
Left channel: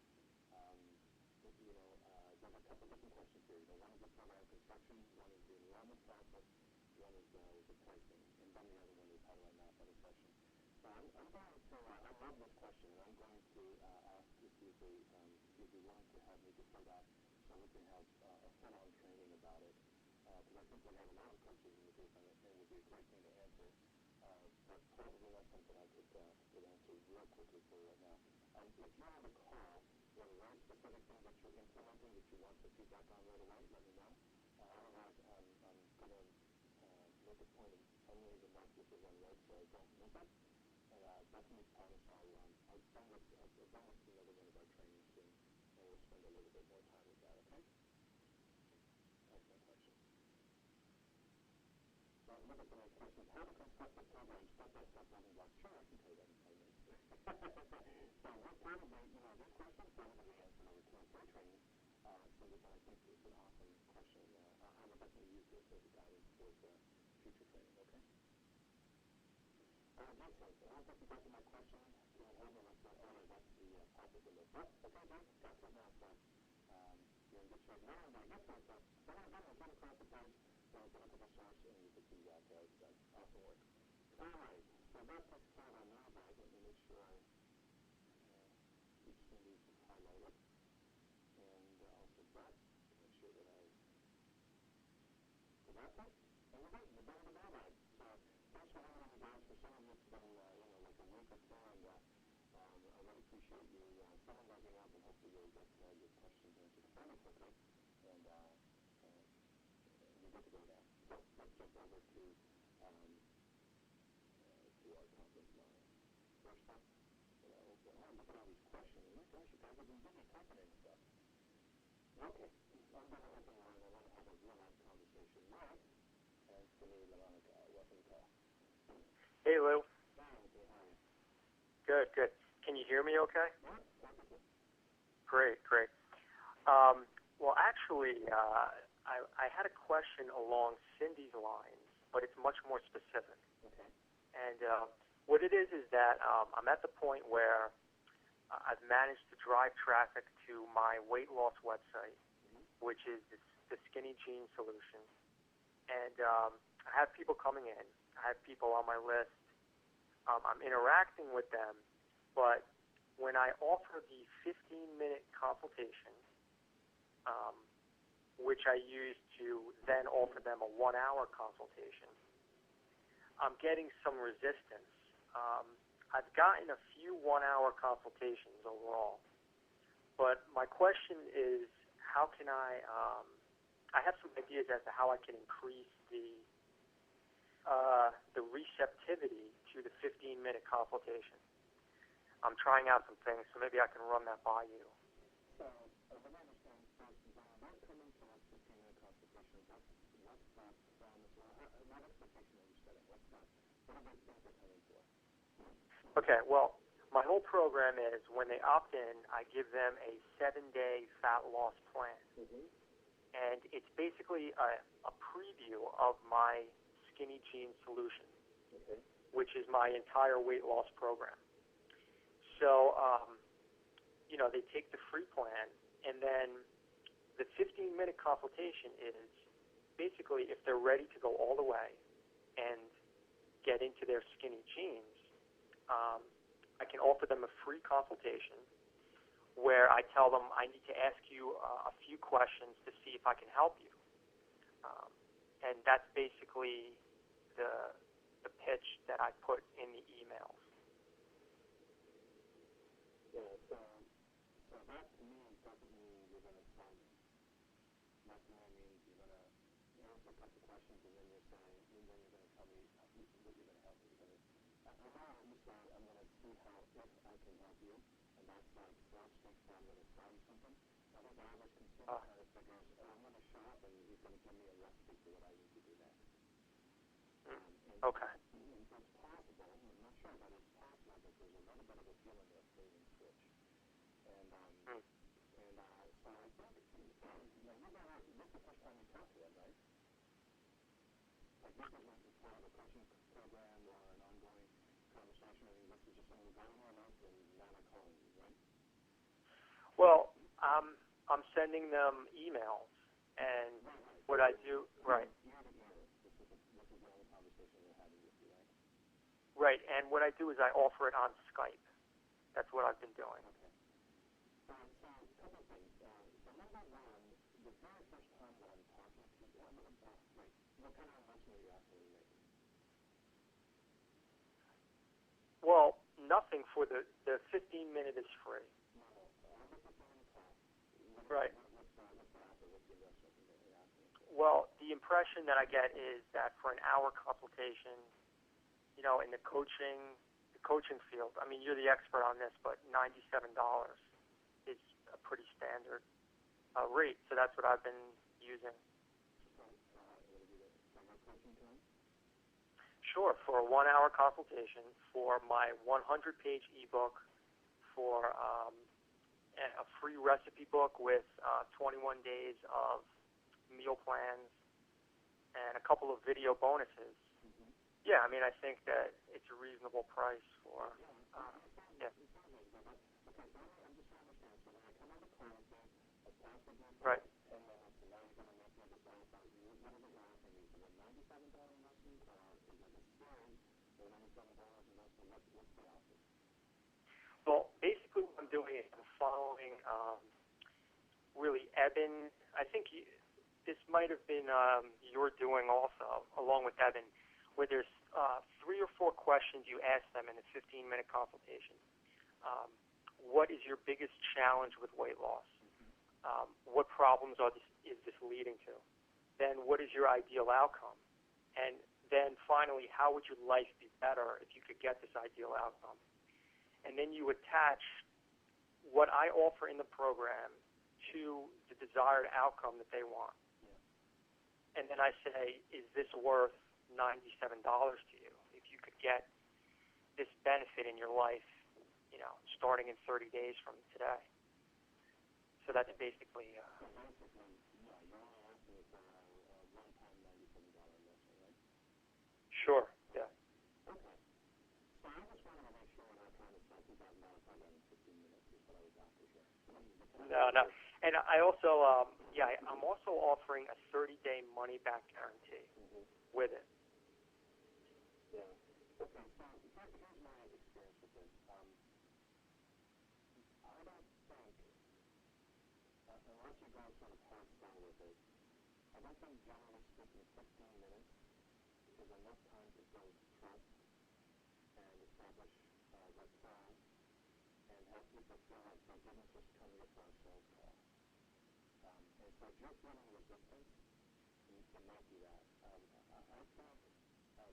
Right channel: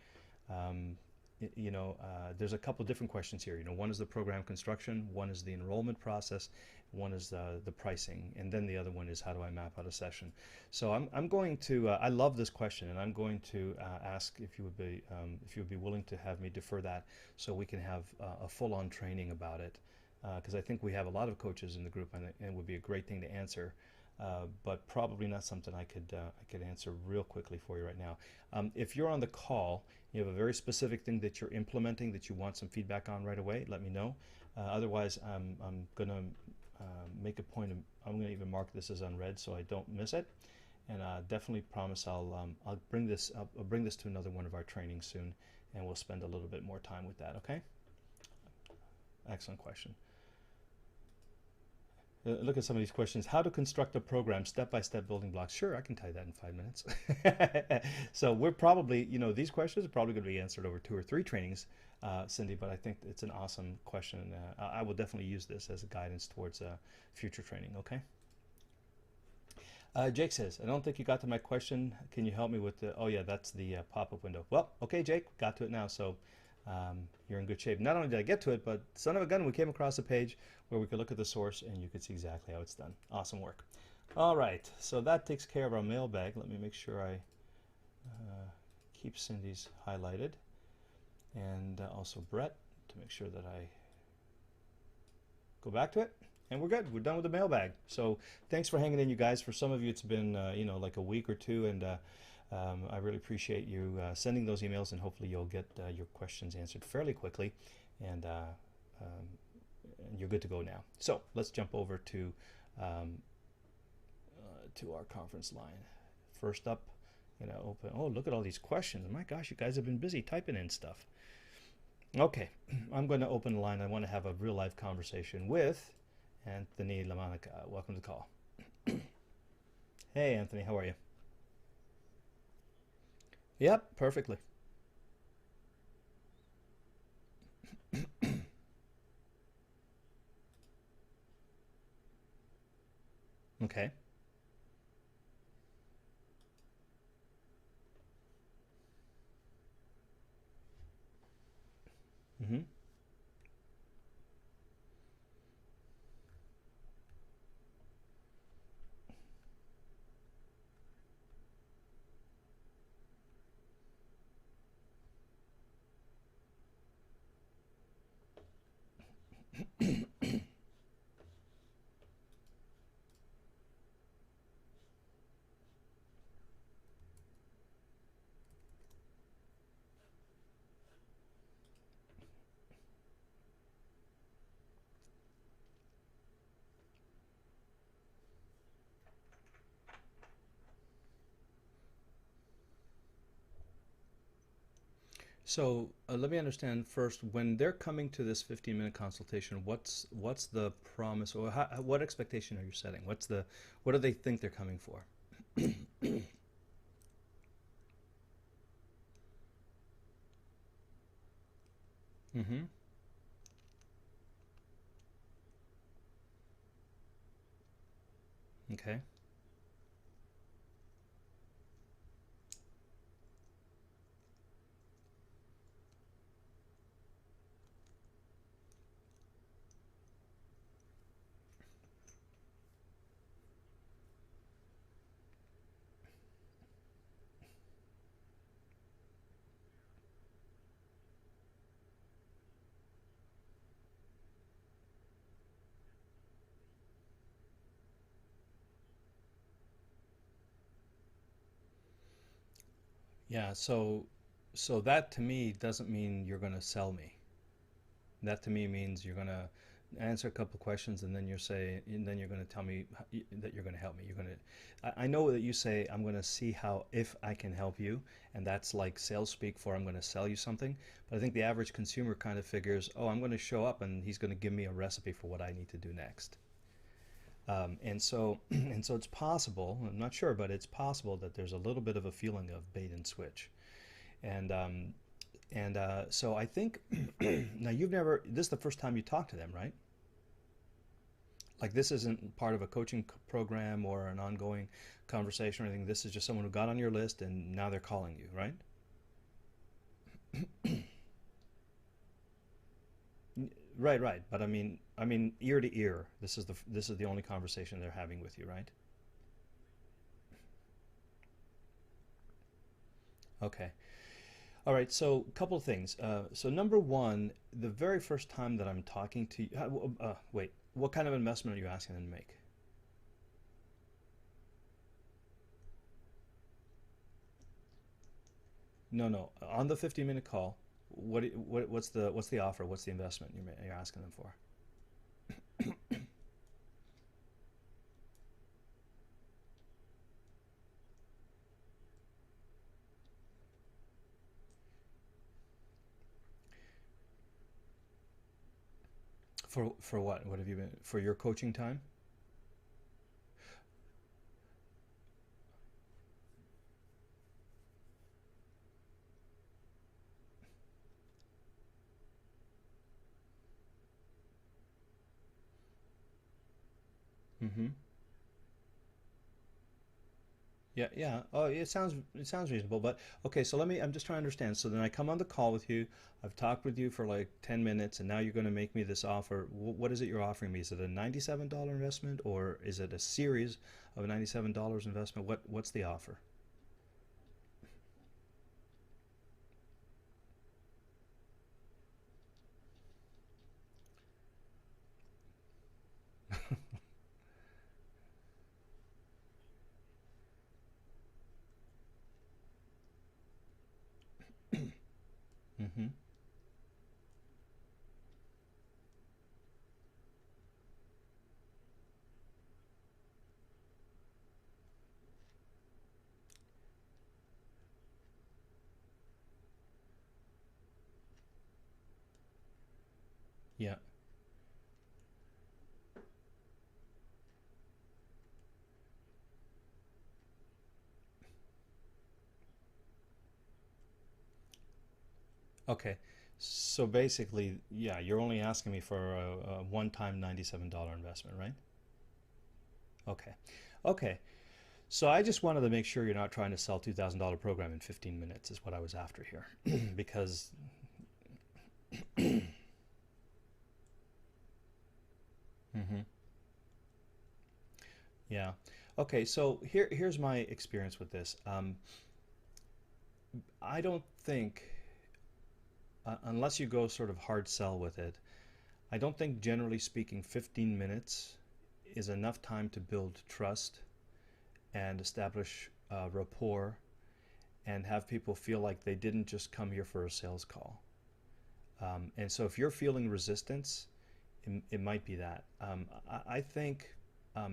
Um, there's a couple of different questions here. One is the program construction, one is the enrollment process, one is the pricing, and then the other one is how do I map out a session. So I'm going to I love this question, and I'm going to ask if you would be willing to have me defer that so we can have a full-on training about it, because I think we have a lot of coaches in the group, and it would be a great thing to answer. But probably not something I could answer real quickly for you right now. If you're on the call, you have a very specific thing that you're implementing that you want some feedback on right away, let me know. Otherwise, I'm going to make a point of, I'm going to even mark this as unread so I don't miss it. And definitely promise I'll bring this up, I'll bring this to another one of our trainings soon, and we'll spend a little bit more time with that. Okay? Excellent question. Look at some of these questions. How to construct a program, step-by-step building blocks. Sure, I can tell you that in 5 minutes. So we're probably, these questions are probably going to be answered over 2 or 3 trainings, Cindy, but I think it's an awesome question. I will definitely use this as a guidance towards future training, okay? Jake says, I don't think you got to my question. Can you help me with the? Oh yeah, that's the pop-up window. Well, okay, Jake, got to it now. So you're in good shape. Not only did I get to it, but son of a gun, we came across a page where we could look at the source and you could see exactly how it's done. Awesome work. All right, so that takes care of our mailbag. Let me make sure I keep Cindy's highlighted, and also Brett, to make sure that I go back to it. And we're good. We're done with the mailbag. So thanks for hanging in, you guys. For some of you, it's been like a week or two, and I really appreciate you sending those emails, and hopefully you'll get your questions answered fairly quickly, and you're good to go now. So let's jump over to our conference line. First up, open. Oh, look at all these questions. My gosh, you guys have been busy typing in stuff. Okay, I'm going to open the line. I want to have a real life conversation with Anthony LaMonica. Welcome to the call. Hey, Lou. Hey, Anthony. How are you? Good, good. Can you hear me okay? Yep, perfectly. Great, great. Well, actually, I had a question along Cindy's lines, but it's much more specific. Okay. And what it is that I'm at the point where I've managed to drive traffic to my weight loss website, which is the Skinny Jean Solution. And I have people coming in. I have people on my list. I'm interacting with them. But when I offer the 15-minute consultation, which I use to then offer them a 1-hour consultation, I'm getting some resistance. I've gotten a few 1-hour consultations overall. But my question is, how can I have some ideas as to how I can increase the receptivity to the 15-minute consultation. I'm trying out some things, so maybe I can run that by you. So let me understand first, when they're coming to this 15-minute consultation, what's the promise, or what expectation are you setting? What do they think they're coming for? Okay, well, my whole program is when they opt in, I give them a 7-day fat loss plan. And it's basically a preview of my Skinny Jean Solution, okay, which is my entire weight loss program. So, they take the free plan, and then the 15-minute consultation is basically if they're ready to go all the way and get into their skinny jeans, I can offer them a free consultation where I tell them I need to ask you a few questions to see if I can help you. And that's basically the pitch that I put in the emails. Yeah, so that to me doesn't mean you're going to sell me. That to me means you're going to answer a couple of questions, and then you're going to tell me that you're going to help me. I know that you say I'm going to see if I can help you, and that's like sales speak for I'm going to sell you something. But I think the average consumer kind of figures, oh, I'm going to show up and he's going to give me a recipe for what I need to do next. And so it's possible. I'm not sure, but it's possible that there's a little bit of a feeling of bait and switch. And so I think now this is the first time you talk to them, right? Like this isn't part of a coaching program or an ongoing conversation or anything. This is just someone who got on your list and now they're calling you, right? Well, I'm sending them emails, and right. What But I mean, right. ear to ear. This is the only conversation they're having with you, right? Right, and what I do is I offer it on Skype. That's what I've been doing. Okay. All right, so a couple of things. So number one, the very first time that I'm talking to you, wait, what kind of investment are you asking them to make? Well, nothing for the 15-minute is free. No. On the 15-minute call, what's the offer? What's the investment you're asking them for? Well, the impression that I get is that for an hour consultation, in the coaching field, I mean, you're the expert on this, but $97 is a pretty standard rate. So that's what I've been using. For what? What have you been for your coaching time? Sure, for a 1-hour consultation, for my 100-page ebook, for a free recipe book with 21 days of meal plans, and a couple of video bonuses. Yeah, I mean, I think that it's a reasonable price Yeah, for. yeah. Oh, it sounds Yeah. it sounds reasonable, but okay. So let me. I'm just trying to understand. So then I come on the call with you. I've talked with you for Right. like 10 minutes, and now you're going to make me this offer. What is it you're offering me? Is it a $97 investment, or is it a series of $97 investment? What's the offer? Well, basically, what I'm doing is I'm following really Eben. I think this might have been your doing also, along with Eben, where there's 3 or 4 questions you ask them in a 15-minute consultation. Um, what is your biggest challenge with weight loss? Mm-hmm. What problems is this leading to? Then what is your ideal outcome? And then finally, how would your life be better if you could get this ideal outcome? And then you attach what I offer in the program to the desired outcome that they want. Yeah. And then I say, is this worth $97 to you? If you could get this benefit in your life, starting in 30 days from today. So that's Okay. basically, So basically, yeah, you're only asking me for a one-time $97 investment, right? sure. Yeah. Okay. Okay. So I just wanted to make sure you're not trying to sell $2,000 program in 15 minutes is what I was after here, because No, no. And I also, I'm also offering a 30-day money-back guarantee hmm with it. yeah. Okay. So here's my experience with this. I don't think, unless you go sort of hard sell with it, I don't think generally speaking 15 minutes is enough time to build trust and establish rapport and have people feel like they didn't just come here for a sales call. And so if you're feeling resistance, it might be that. I think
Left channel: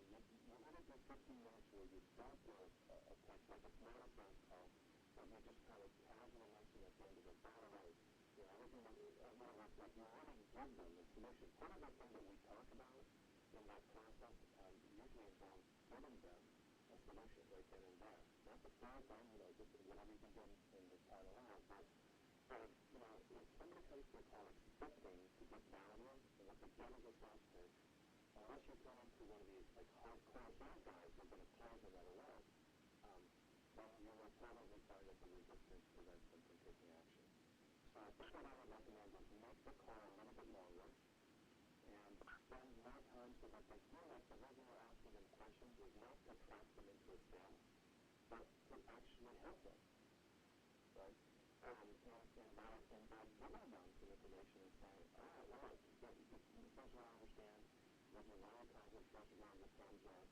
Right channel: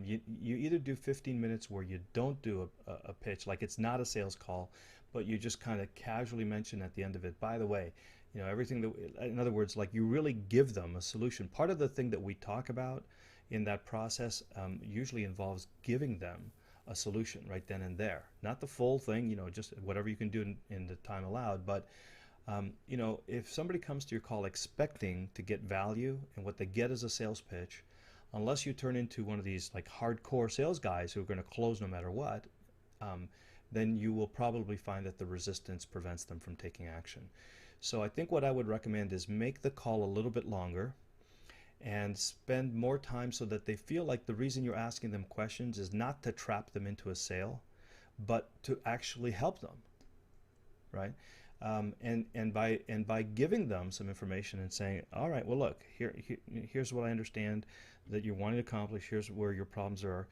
you either do 15 minutes where you don't do a pitch, like it's not a sales call, but you just kind of casually mention at the end of it, by the way, everything that, in other words, like you really give them a solution. Part of the thing that we talk about in that process usually involves giving them a solution right then and there. Not the full thing, just whatever you can do in the time allowed, but if somebody comes to your call expecting to get value and what they get is a sales pitch, unless you turn into one of these like hardcore sales guys who are going to close no matter what, um, then you will probably find that the resistance prevents them from taking action. So I think what I would recommend is make the call a little bit longer and spend more time so that they feel like the reason you're asking them questions is not to trap them into a sale, but to actually help them, right? And by giving them some information and saying, all right, well, look, here's what I understand that you're wanting to accomplish. Here's where your problems are.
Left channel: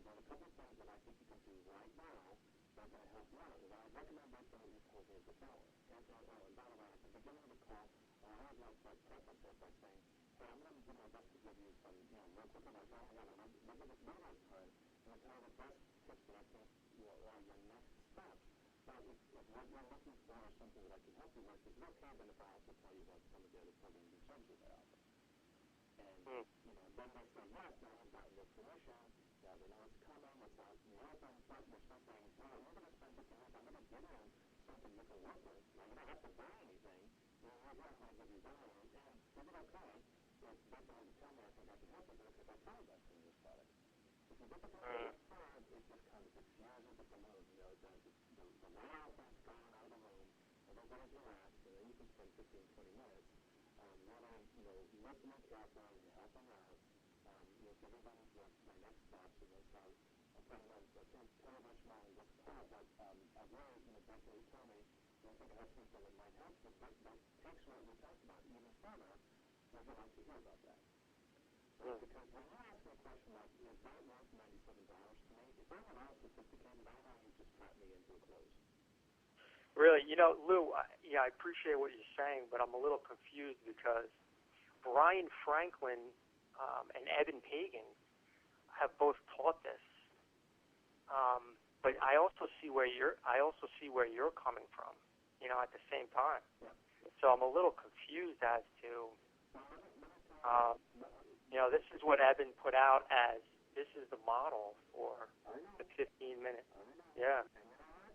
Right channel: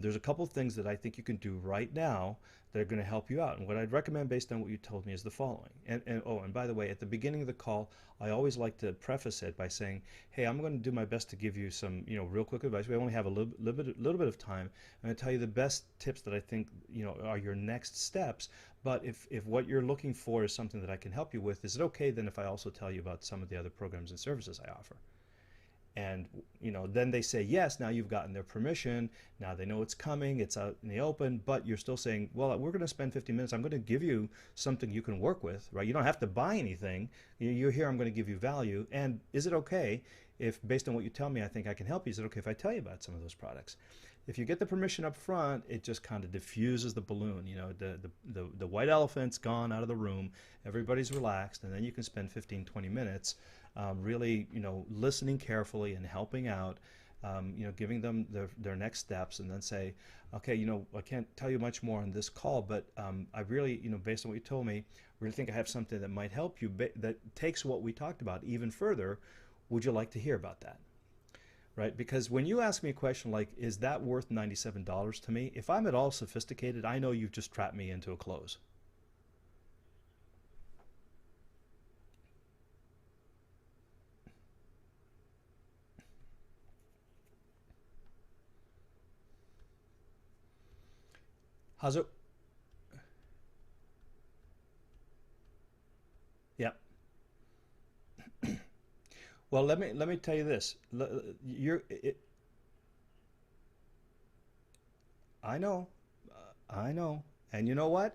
There's a couple of things that I think you can do right now that are going to help you out. And what I'd recommend based on what you told me is the following. And by the way, at the beginning of the call, I always like to preface it by saying, hey, I'm going to do my best to give you some, real quick advice. We only have a little bit of time. I'm going to tell you the best tips that I think, are your next steps. But if what you're looking for is something that I can help you with, is it okay then if I also tell you about some of the other programs and services I offer? And Mm. then they say yes. Now you've gotten their permission. Now they know it's coming. It's out in the open. But you're still saying, well, we're going to spend 15 minutes. I'm going to give you something you can work with, right? You don't have to buy anything. You're here. I'm going to give you value. And is it okay if, based on what you tell me, I think I can help you? Is it okay if I tell you about some of those products? If you get the permission Mm. up front, it just kind of diffuses the balloon. The white elephant's gone out of the room. Everybody's relaxed, and then you can spend 15, 20 minutes really, listening carefully and helping out, giving them their next steps, and then say, okay, I can't tell you much more on this call, but I really, based on what you told me, really think I have something that might help you that takes what we talked about even further. Would you like to hear about that? Right? Mm. Because when you ask me a question like, is that worth $97 to me? If I'm at all sophisticated, I know you've just trapped me into a close. Really, Lou, I appreciate what you're saying, but I'm a little confused because Brian Franklin and Eben Pagan have both taught this. But How's it? I also see where you're coming from, at the same time. Yeah. So I'm a little confused as to, Well, let me tell you this. um, this is what Eben put out as this is the model for I the know. 15 minutes. I know. Yeah. And you know what?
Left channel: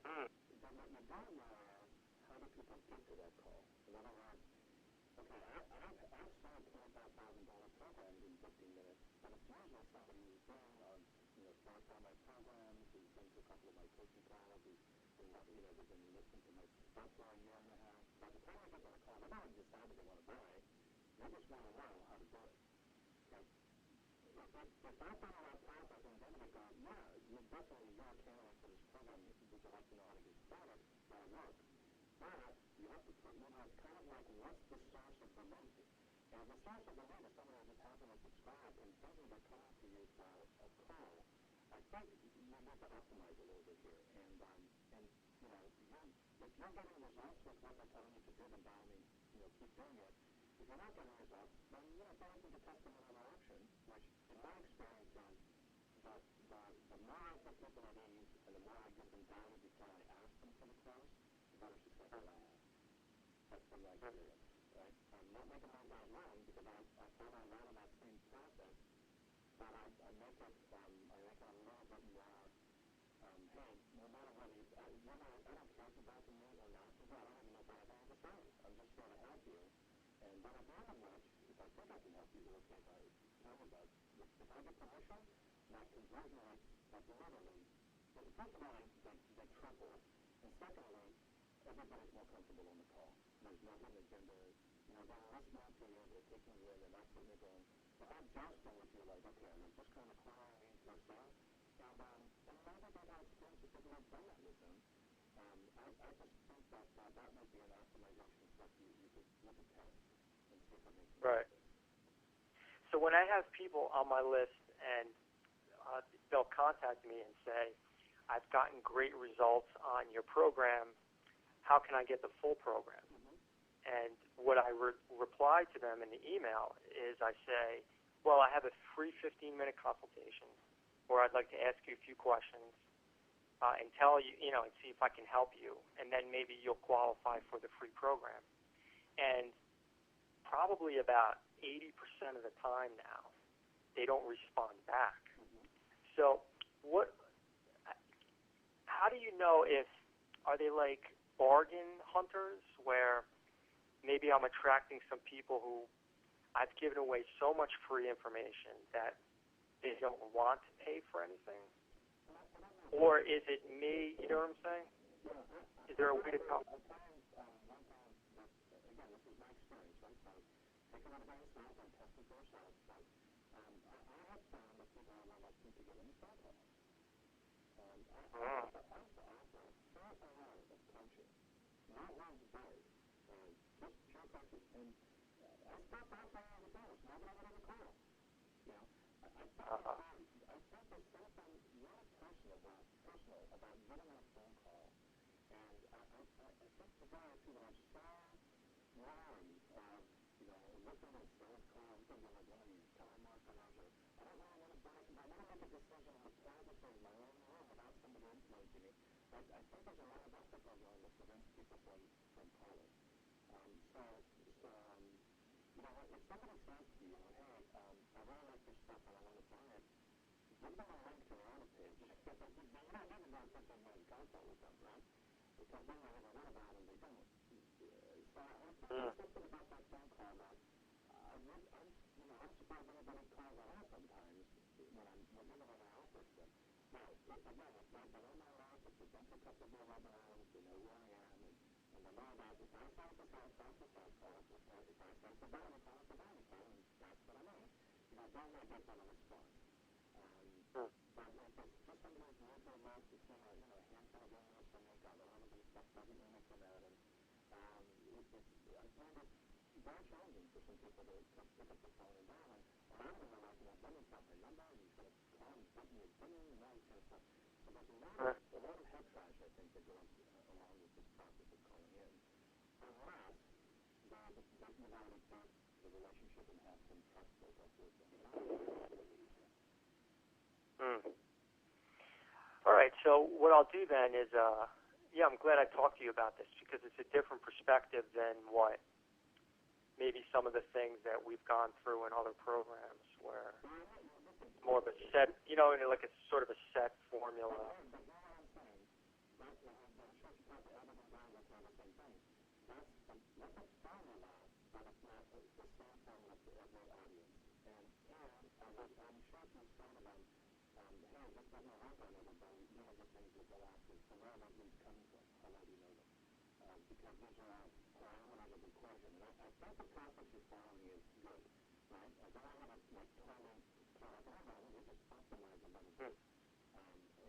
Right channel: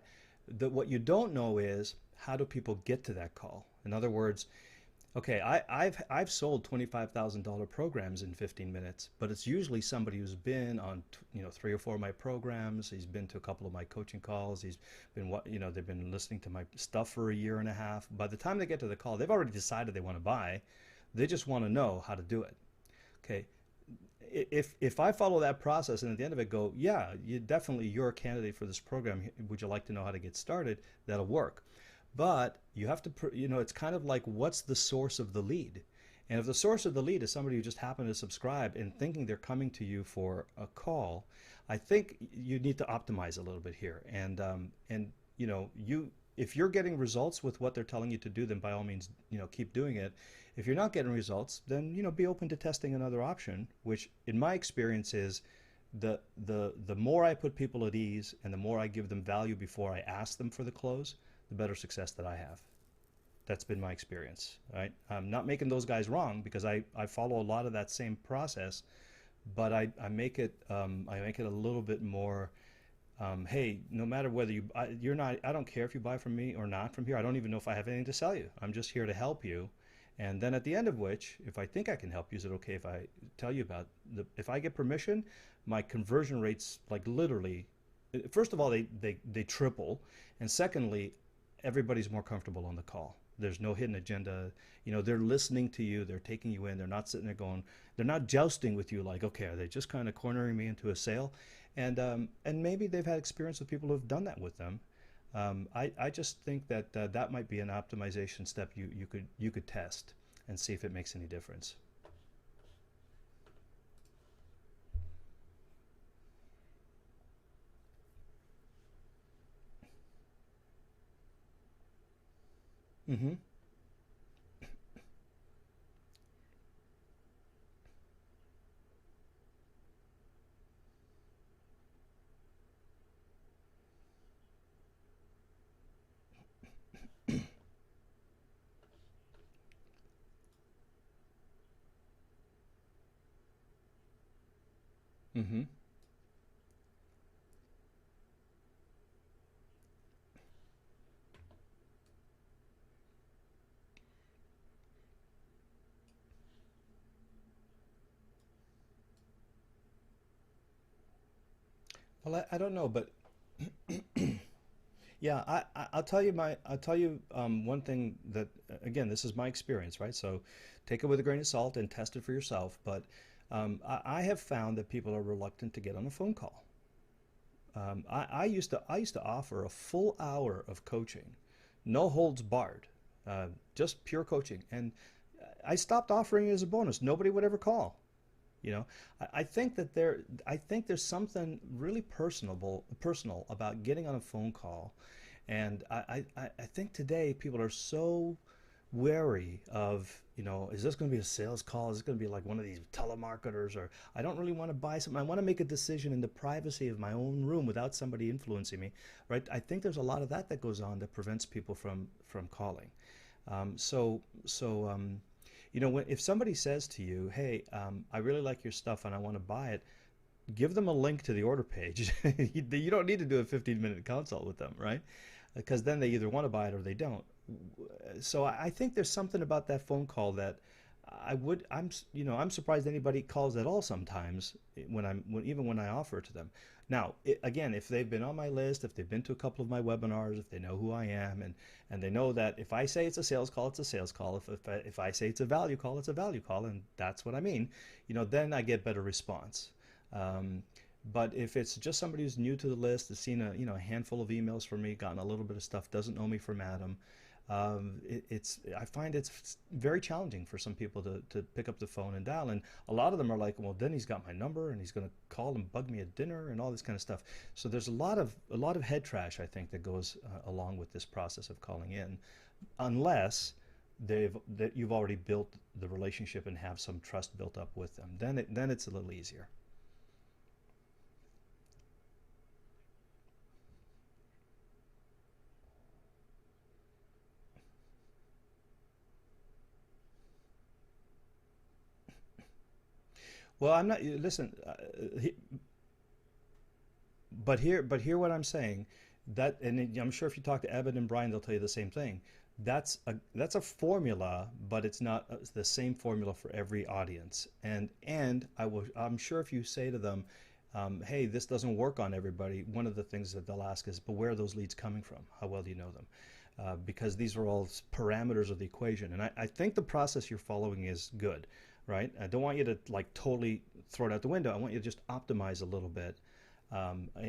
Mm. What you don't know is how do people get to that call? In other words, Okay, I've sold $25,000 programs in 15 minutes, but it's usually somebody who's been on, three or four of my programs. He's been to a couple of my coaching calls. He's been they've been listening to my stuff for a year and a half. By the time they get to the call, they've already decided they want to buy. They just want to know how to do it. Okay, if I follow that process and at the end of it go, yeah, you're a candidate for this program. Would you like to know how to get started? That'll work. But you have to, it's kind of like what's the source of the lead? And if the source of the lead is somebody who just happened to subscribe and thinking they're coming to you for a call, I think you need to optimize a little bit here. And if you're getting results with what they're telling you to do, then by all means, keep doing it. If you're not getting results, then be open to testing another option, which in my experience is the more I put people at ease and the more I give them value before I ask them for the close, the better success that I have. That's been my experience, right? I'm not making those guys wrong because I follow a lot of that same process, but I make it a little bit more. Hey, no matter whether you're not, I don't care if you buy from me or not from here. I don't even know if I have anything to sell you. I'm just here to help you. And then at the end of which, if I think I can help you, is it okay if I tell you about if I get permission, my conversion rates like literally, first of all, they triple. And secondly, everybody's more comfortable on the call. There's no hidden agenda. They're listening to you. They're taking you in. They're not sitting there going, they're not jousting with you like, okay, are they just kind of cornering me into a sale? And maybe they've had experience with people who've done that with them. I just think that that might be an optimization step you could test and see if it makes any Right. difference. So when I have people on my list and they'll contact me and say, I've gotten great results on your program, how can I get the full program? Mm-hmm. And what I reply to them in the email is I say, well, I have a free 15-minute consultation where I'd like to ask you a few questions and tell you, and see if I can help you. And then maybe you'll qualify for the free program. And probably about 80% of the time now, they don't respond back. Mm-hmm. So how do you know are they like bargain hunters where maybe I'm attracting some people who I've given away so much free information that they don't want to pay for anything? Well, I don't know, but Or is it me, you know what I'm saying? yeah, I'll there a tell way you to come? I'll tell you one thing that again, this is my experience, right? So take it with a grain of salt and test it for yourself. But I have found that people are reluctant to get on a phone call. I used to offer a full hour of coaching, no holds barred, just pure coaching, and I stopped offering it as a bonus. Nobody would ever call. You know, I think that I think there's something really personal about getting on a phone call, and I think today people are so wary of, is this going to be a sales call? Is it going to be like one of these telemarketers? Or I don't really want to buy something. I want to make a decision in the privacy of my own room without somebody influencing me, right? I think there's a lot of that goes on that prevents people from calling. If somebody says to you, "Hey, I really like your stuff and I want to buy it," give them a link to the order page. You don't need to do a 15-minute consult with them, right? Because then they either want to buy it or they don't. So I think there's something about that phone call that I'm surprised anybody calls at all sometimes even when I offer it to them. Now, again, if they've been on my list, if they've been to a couple of my webinars, if they know who I am, and they know that if I say it's a sales call, it's a sales call. If I say it's a value call, it's a value call, and that's what I mean. Then I get better response. But if it's just somebody who's new to the list, has seen a handful of emails from me, gotten a little bit of stuff, doesn't know me from Adam, I find it's very challenging for some people to pick up the phone and dial. And a lot of them are like, well, then he's got my number and he's going to call and bug me at dinner and all this kind of stuff. So there's a lot of head trash, I think, that goes along with this process of calling in, unless that you've already built the relationship and have some trust built up with them. Then it's a little easier. All right, so what I'll do then is, I'm glad I talked to you about this because it's a different perspective than what maybe some of the things that we've gone through in other programs. Well, I'm not. Listen, more of a set, like a sort of a set formula. But hear what I'm saying. And I'm sure if you talk to Evan and Brian, they'll tell you the same thing. that's a formula, but it's not the same formula for every audience. And I'm sure if you say to them, hey, this doesn't work on everybody, one of the things that they'll ask is, but where are those leads coming from? How well do you know them? Because these are all parameters of the equation. And I think the process you're following is good, right? I don't want you to like totally throw it out the window. I want you to just optimize a little bit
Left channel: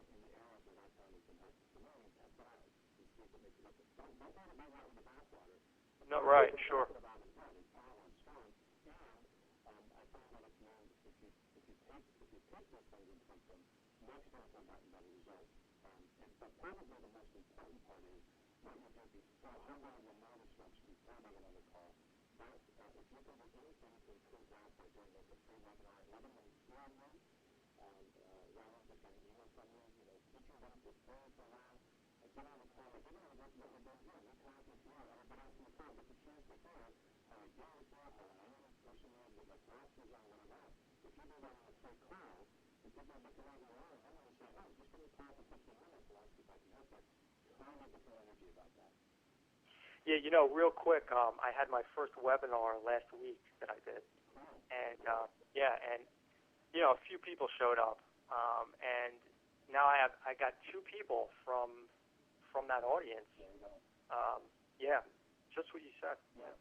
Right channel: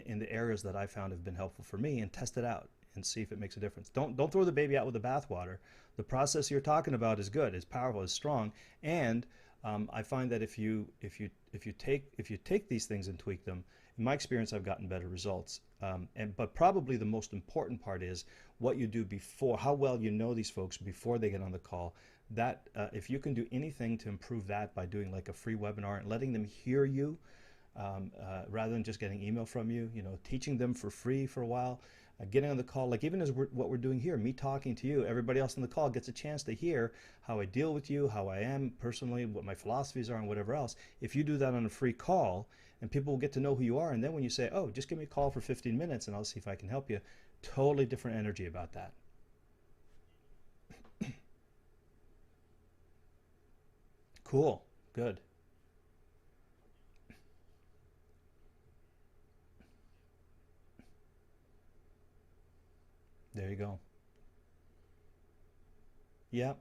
in the areas that I found have been helpful for me and test it out and see if it makes a difference. Don't throw the baby out with the bathwater. The process you're talking about is good, is powerful, is strong, and I find that if you take these things and tweak them, in my experience, I've gotten better results. But probably the most important part is what you do before, how well you know these folks before they get on the call. That if you can do anything to improve that by doing like a free webinar and letting them hear you rather than just getting email from you, teaching them for free for a while, getting on the call, like even as what we're doing here, me talking to you, everybody else on the call gets a chance to hear how I deal with you, how I am personally, what my philosophies are, and whatever else. If you do that on a free call, and people will get to know who you are, and then when you say, oh, just give me a call for 15 minutes and I'll see if I can help you, totally different energy about that. Yeah, real quick, I had my first webinar last week that I did. Cool. And, good. A few people showed up, and now I got 2 people from that audience. There you go. Yeah, just what you said. Yep.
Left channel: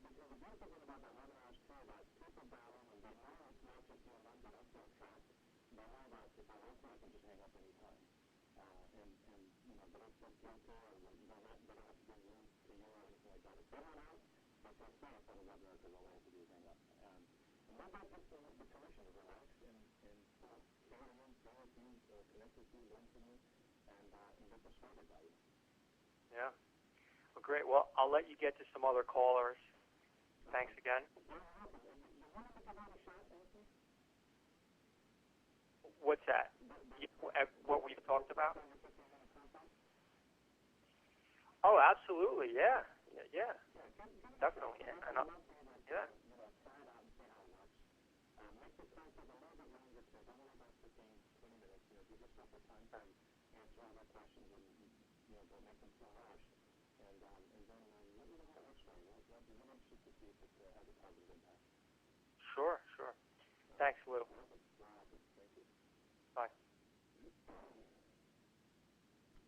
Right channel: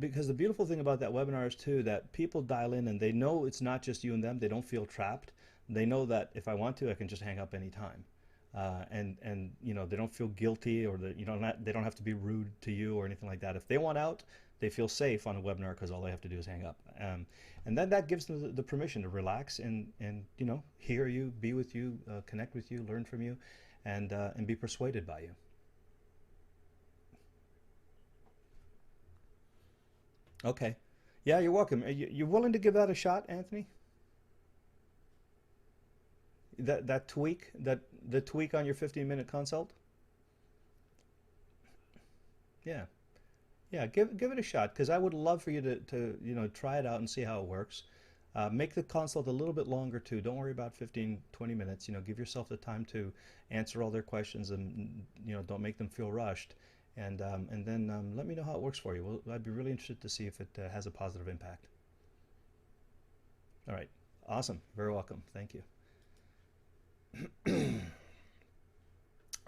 Because the beautiful thing about that webinar is too that people dial in and they know it's not just you and them. They don't feel trapped. They know that if I want to, I can just hang up anytime. And they don't feel guilty, or that they don't have to be rude to you or anything like that. If they want out, they feel safe on a webinar because all they have to do is hang up. And then that gives them the permission to relax and hear you, be with you, connect with you, learn from you, and be persuaded by you. Yeah. Well, great. Well, I'll let you get to some other callers. Okay. Thanks again. Yeah, you're welcome. You willing to give that a shot, Anthony? What's that? That tweak, the tweak on your 15-minute consult? Oh, absolutely. Yeah. Yeah, give it a shot, because I would love for you to try it out and see how it works. Make the consult a little bit longer too. Don't worry about 15, 20 minutes. Give yourself the time to answer all their questions, and don't make them feel rushed. And then let me know how it works for you. Well, I'd be really interested to see if it has a positive impact. Sure. All right. Thanks, Lou. Awesome. Very welcome. Thank you. Bye.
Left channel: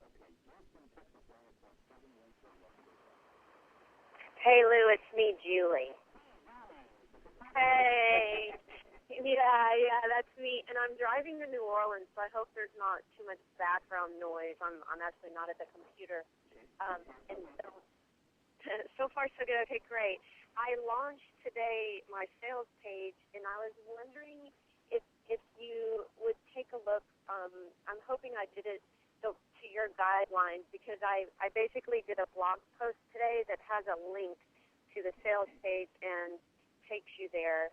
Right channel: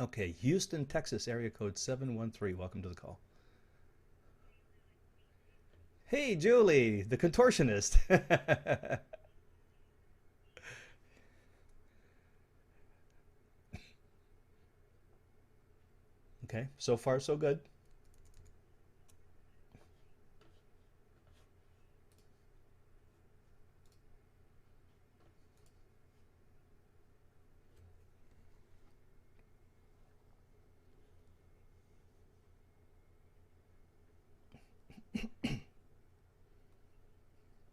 Okay, Houston, Texas, area code 713. Welcome to the call. Hey, Lou, it's me, Julie. Hey, Julie, the contortionist. Hey. yeah, that's me. And I'm driving to New Orleans, so I hope there's not too much background noise. I'm actually not at the computer. Okay, so far so good. So far so good. Okay, great. I launched today my sales page, and I was wondering if you would take a look. I'm hoping I did it to your guidelines, because I basically did a blog post today that has a link to the sales page and takes you there.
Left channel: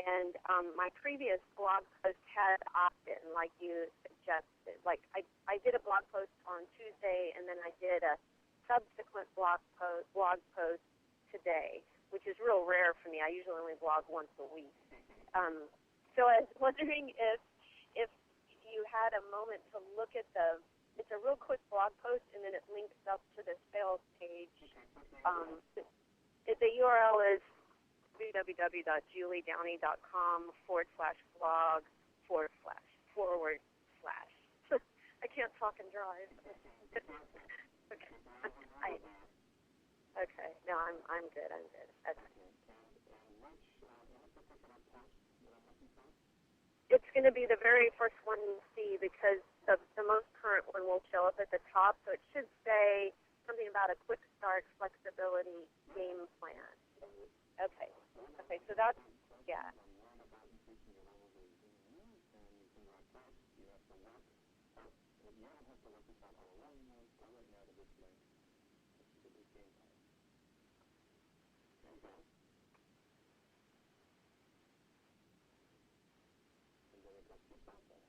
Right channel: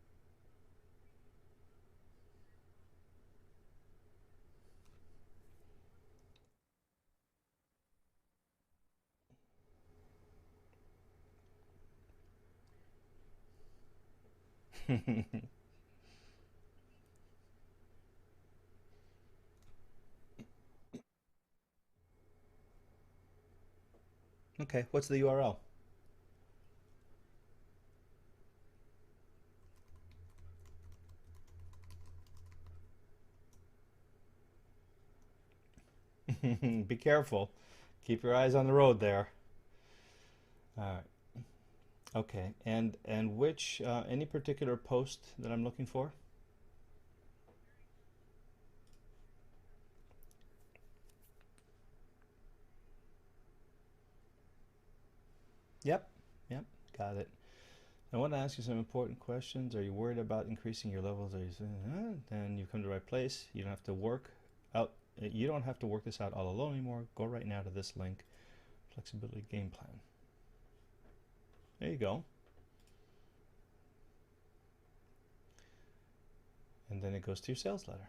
And my previous blog post had opt-in, like you suggested. Like I did a blog post on Tuesday, and then I did a subsequent blog post today, which is real rare for me. I usually only blog once a week. So I was wondering if you had a moment to look at it's a real quick blog post, and then it links up to the sales page. Okay, what's the URL? The URL is www.juliedowney.com/blog// I can't talk and drive. Be careful. Okay. Keep your eyes on the road there. Okay. No, I'm good. Okay. And which any particular post that I'm looking for? It's going to be the very first one you see, because the most current one will show up at the top. So it should say something about a quick start flexibility game plan. Yep. Got it. Okay. I want to ask you some important questions. Yeah. Are you worried about increasing your levels? Are you saying, then you come to the right place. You don't have to work out. You don't have to work this out all alone anymore. Go right now to this link, flexibility game plan. There you go. And then it goes to your sales letter.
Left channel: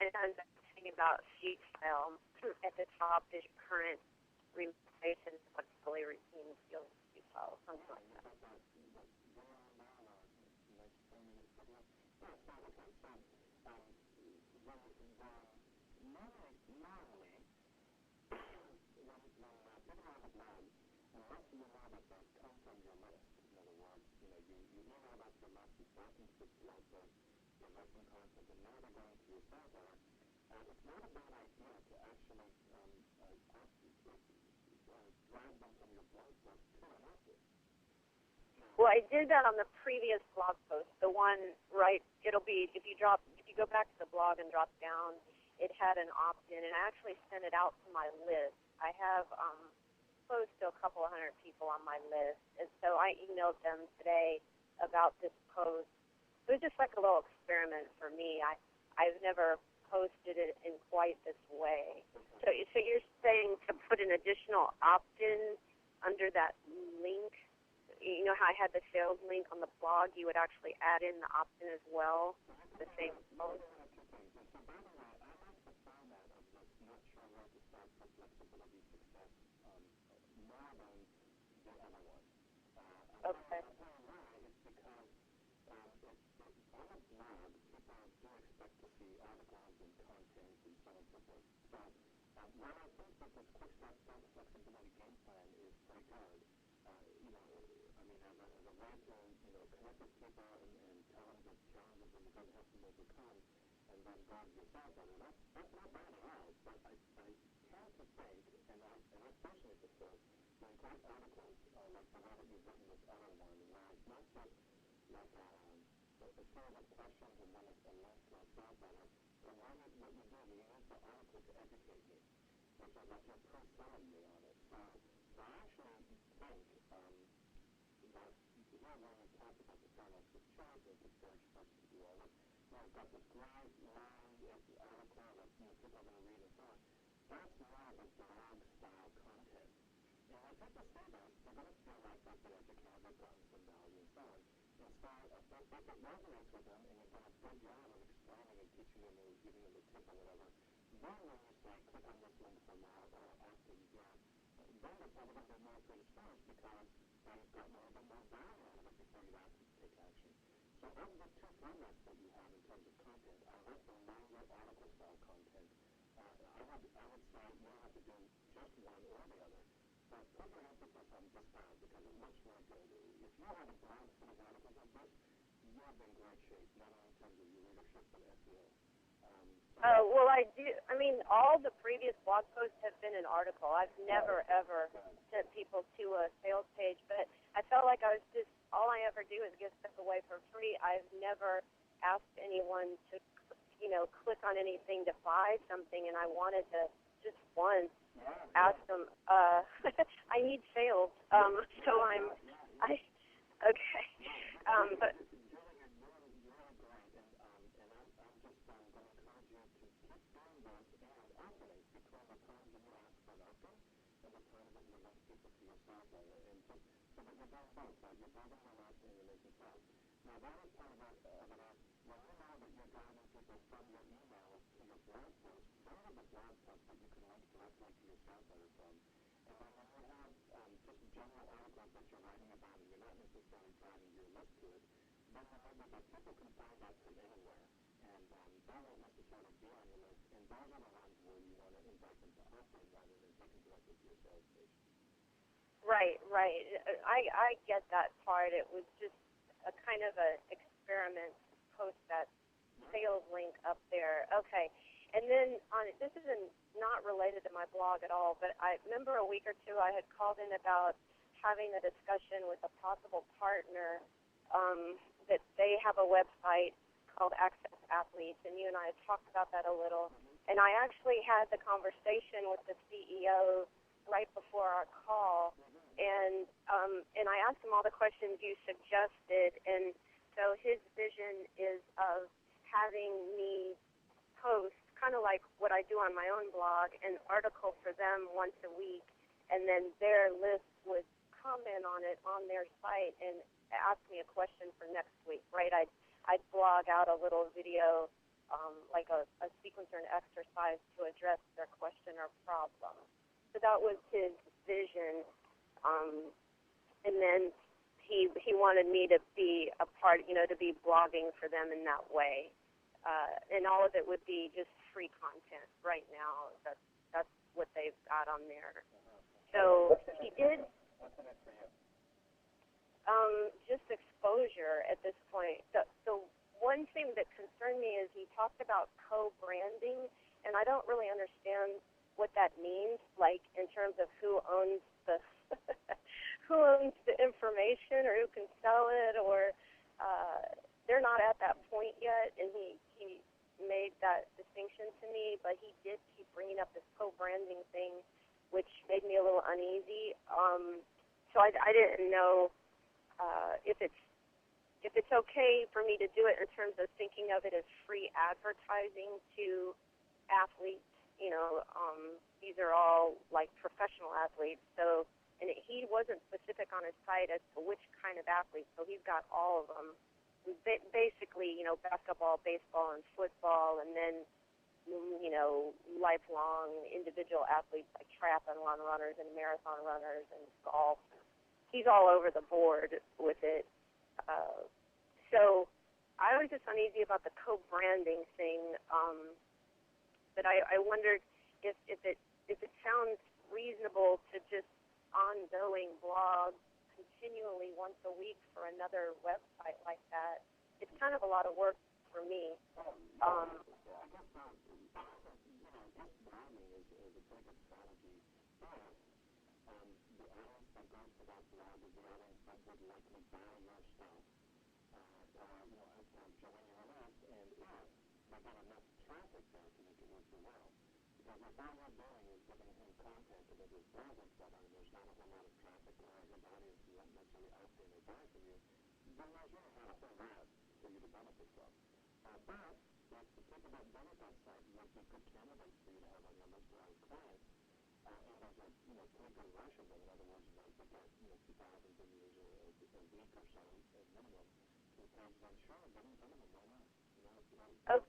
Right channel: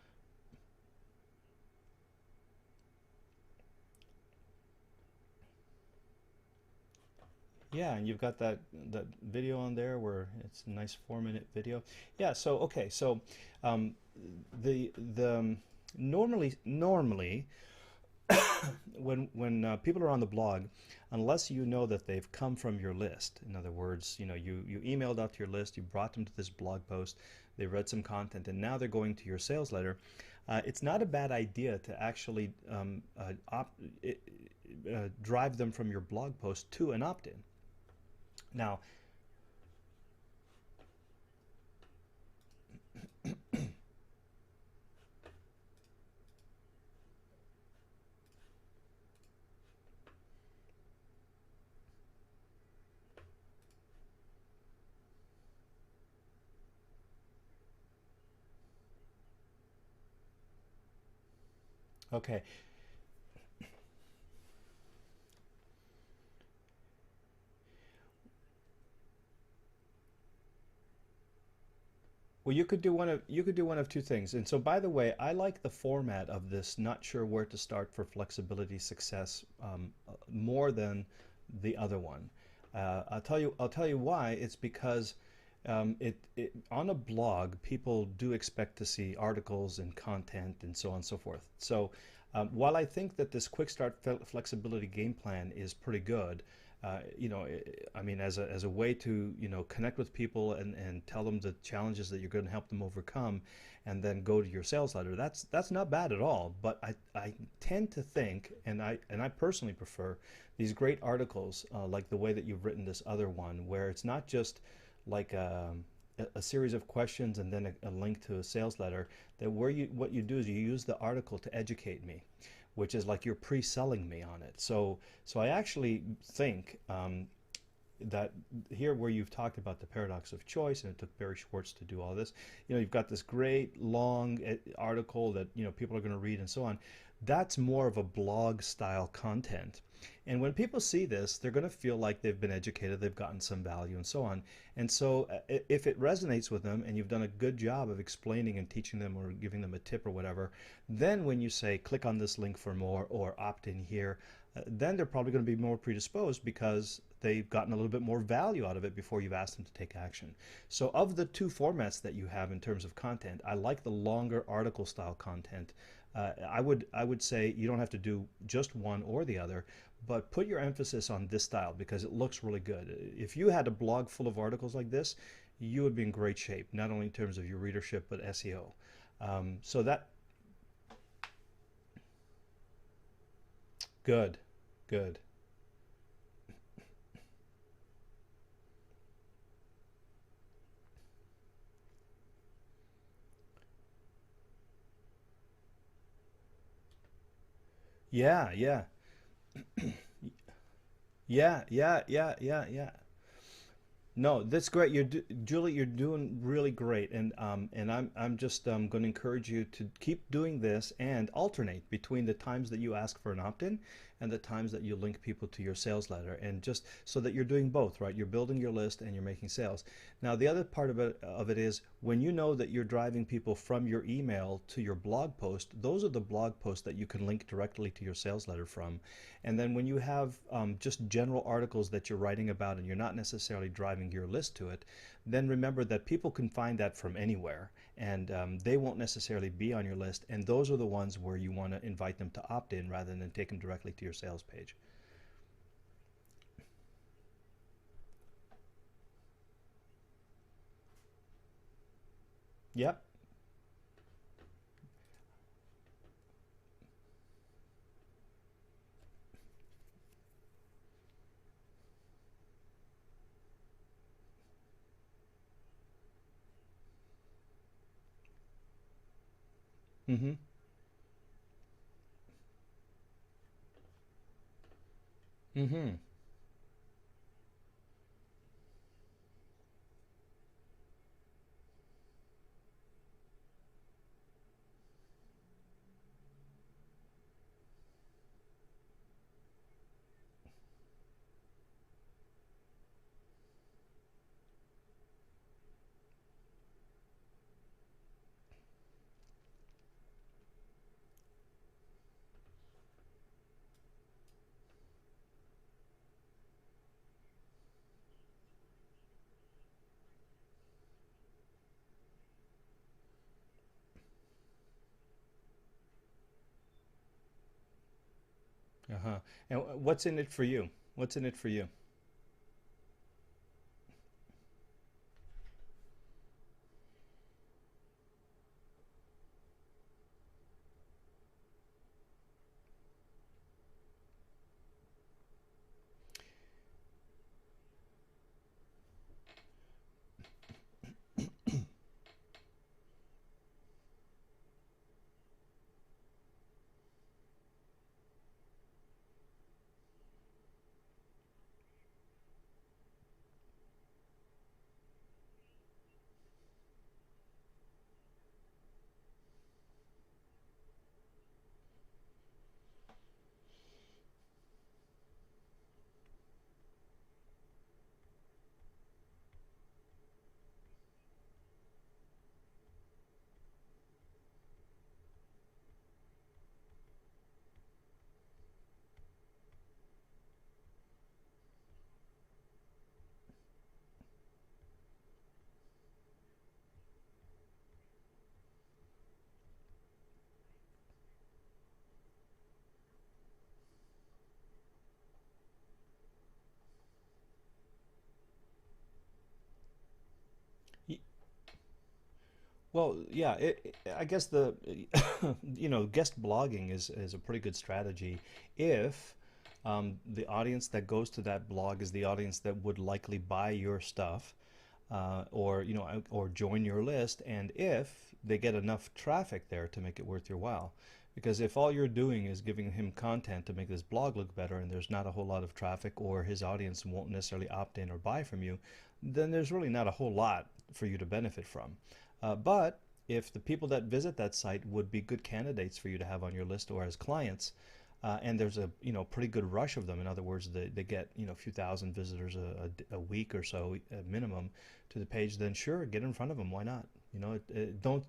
And I'm thinking about sheet style at the top. Is current relaxation flexibility routine skills sheet file. Yeah, and you've got that video on there where it's a nice 4-minute video. Yeah. So okay. So normally when people are on the blog, unless you know that they've come from your list, in other words, you emailed out to your list, you brought them to this blog post, they read some content, and now they're going to your sales letter. It's not a bad idea to actually drive them from your blog post to an opt-in. Now, well, I did that on the previous blog post. The one, right? It'll be if you go back to the blog and drop down, it had an opt-in, and I actually sent it out to my list. I have close to a couple of hundred people on my list, and so I emailed them today about this post. It was just like a little experiment for me. I've never posted it in quite this way. okay. So you're saying to put an additional opt-in under that link? You know how I had the sales link on the blog? You would actually add in the opt-in as well. Well, you could do one of two things. And so, by the way, I like the format of this. Not sure where to start for flexibility success more than the other one. I'll tell you why. It's because on a blog, people do expect to see articles and content and so on and so forth. So, while I think that this quick start flexibility game plan is pretty good. I mean, as a way to, connect with people and tell them the challenges that you're going to help them overcome, and then go to your sales letter. That's not bad at all. But I tend to think, and I personally prefer these great articles like the way that you've written this other one, where it's not just like a series of questions and then a link to a sales letter. That what you do is you use the article to educate me, which is like you're pre-selling me on it. So I actually think that here where you've talked about the paradox of choice, and it took Barry Schwartz to do all this, you've got this great long article that people are going to read and so on. That's more of a blog style content. And when people see this, they're going to feel like they've been educated, they've gotten some value and so on. And so if it resonates with them and you've done a good job of explaining and teaching them or giving them a tip or whatever, then when you say click on this link for more or opt in here, then they're probably going to be more predisposed because they've gotten a little bit more value out of it before you've asked them to take action. So of the two formats that you have in terms of content, I like the longer article style content. I would say you don't have to do just one or the other, but put your emphasis on this style because it looks really good. If you had a blog full of articles like this, you would be in great shape, not only in terms of your readership, but SEO. Well, I do. I mean, all the previous blog posts have been an article. I've never, ever sent people to a sales page, but I felt like I was just, all I ever do is give stuff away for free. I've never asked anyone to, click on anything to buy something, and I wanted to just once ask them, I need sales. Okay. No, that's great. Julie, you're doing really great, and I'm just going to encourage you to keep doing this and alternate between the times that you ask for an opt-in and the times that you link people to your sales letter, and just so that you're doing both, right? You're building your list and you're making sales. Now, the other part of it is when you know that you're driving people from your email to your blog post, those are the blog posts that you can link directly to your sales letter from. And then when you have just general articles that you're writing about and you're not necessarily driving your list to it, then remember that people can find that from anywhere, and they won't necessarily be on your list, and those are the ones where you want to invite them to opt in rather than take them directly to your sales page. Right. I get that part. It was just a kind of an experiment to post that sales link up there. Okay. And then this is not related to my blog at all, but I remember a week or two I had called in about having a discussion with a possible partner that they have a website called Access Athletes, and you and I had talked about that a little. Mm-hmm. And I actually had the conversation with the CEO right before our call, mm-hmm. and I asked him all the questions you suggested, and so his vision is of having me post, kind of like what I do on my own blog, an article for them once a week, and then their list would comment on it on their site and ask me a question for next week, right? I'd blog out a little video, like a sequence or an exercise to address their question or problem. So that was his vision, and then he wanted me to be a part, to be blogging for them in that way, and all of it would be just free content. Right now, that's what they've got on there. Uh-huh. And So what's in it for it, you? What's in it for you? just exposure at this point. The one thing that concerned me is he talked about co-branding, and I don't really understand what that means, like in terms of who owns the who owns the information or who can sell it, or they're not at that point yet, and he made that distinction to me, but he did keep bringing up this co-branding thing, which made me a little uneasy. So I didn't know if it's okay for me to do it in terms of thinking of it as free advertising to athletes. You know, these are all like professional athletes. So, and he wasn't specific on his site as to which kind of athletes. So he's got all of them. Basically, you know, basketball, baseball, and football, and then, you know, lifelong individual athletes like triathlon runners and marathon runners and golf. He's all over the board with it. So I was just uneasy about the co-branding thing. But I wondered if it sounds reasonable to just ongoing blog continually once a week for another website like that. It's kind of a lot of work for me. Well, yeah, I guess the you know, guest blogging is a pretty good strategy if the audience that goes to that blog is the audience that would likely buy your stuff, or you know, or join your list, and if they get enough traffic there to make it worth your while. Because if all you're doing is giving him content to make this blog look better, and there's not a whole lot of traffic, or his audience won't necessarily opt in or buy from you, then there's really not a whole lot for you to benefit from. But if the people that visit that site would be good candidates for you to have on your list or as clients, and there's a pretty good rush of them. In other words, they get a few thousand visitors a week or so minimum to the page. Then sure, get in front of them. Why not? Don't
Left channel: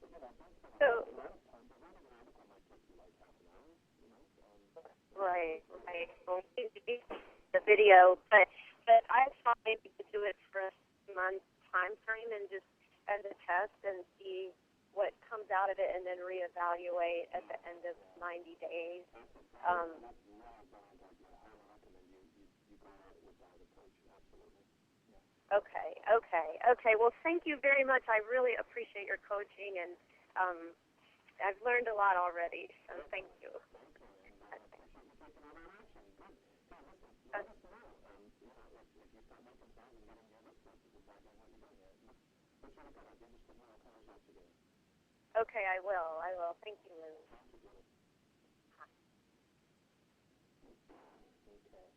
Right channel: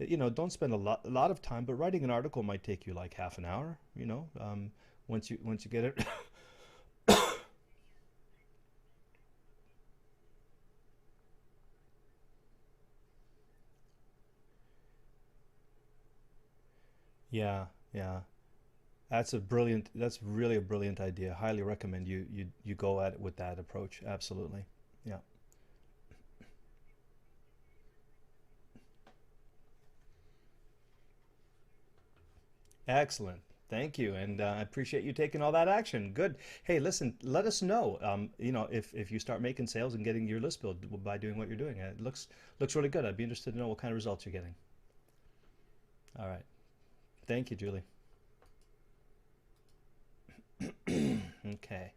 Okay. don't spend a So, lot of time. But writing an article might take you like half an hour. right, Once you get it. right. Well, the video, but I thought maybe to do it for a month time frame and just as a test and see what comes out of it, and then reevaluate at the Yeah, end of yeah. 90 days. That's a brilliant. Um, That's really a brilliant idea. Highly recommend you go at it with that approach. Absolutely. Yeah. okay. Well, thank you very much. I really appreciate your coaching, and um, I've learned a lot already. So thank Excellent. you. Thank you, and I appreciate you taking all that action. Good. Hey, listen. Let us know. If you start making sales and getting your list built by doing what you're doing. It looks really good. I'd be interested to know what kind of results you're getting. Okay, I will. All I right. will. Thank you, Lily. Thank you, Julie. Okay.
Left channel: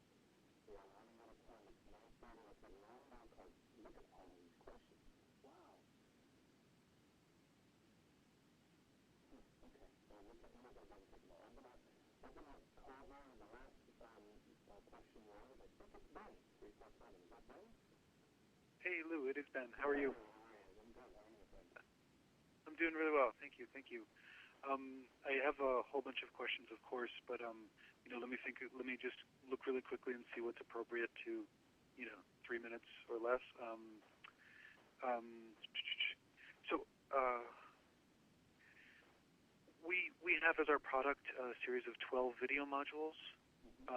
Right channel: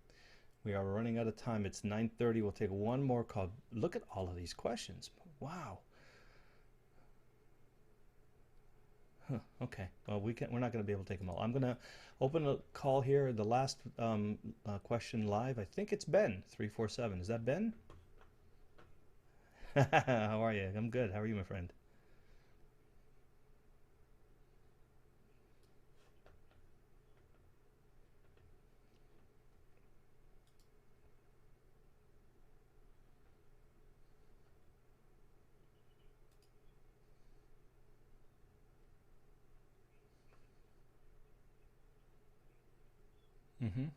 We are running out of time. It's 9:30. We'll take one more call. Look at all of these questions. Wow. Huh. Okay. Well, we're not going to be able to take them all. I'm going to open a call here. The last question live. I think it's Ben 347. Is that Ben? Hey Lou, it is Ben. How are you? How are you? I'm good. How are you, my friend? I'm doing really well. Thank you. Thank you. I have a whole bunch of questions, of course, but let me think. Let me just look really quickly and see what's appropriate to, 3 minutes or less. Um, so we have as our product a series of 12 video modules, Mm-hmm.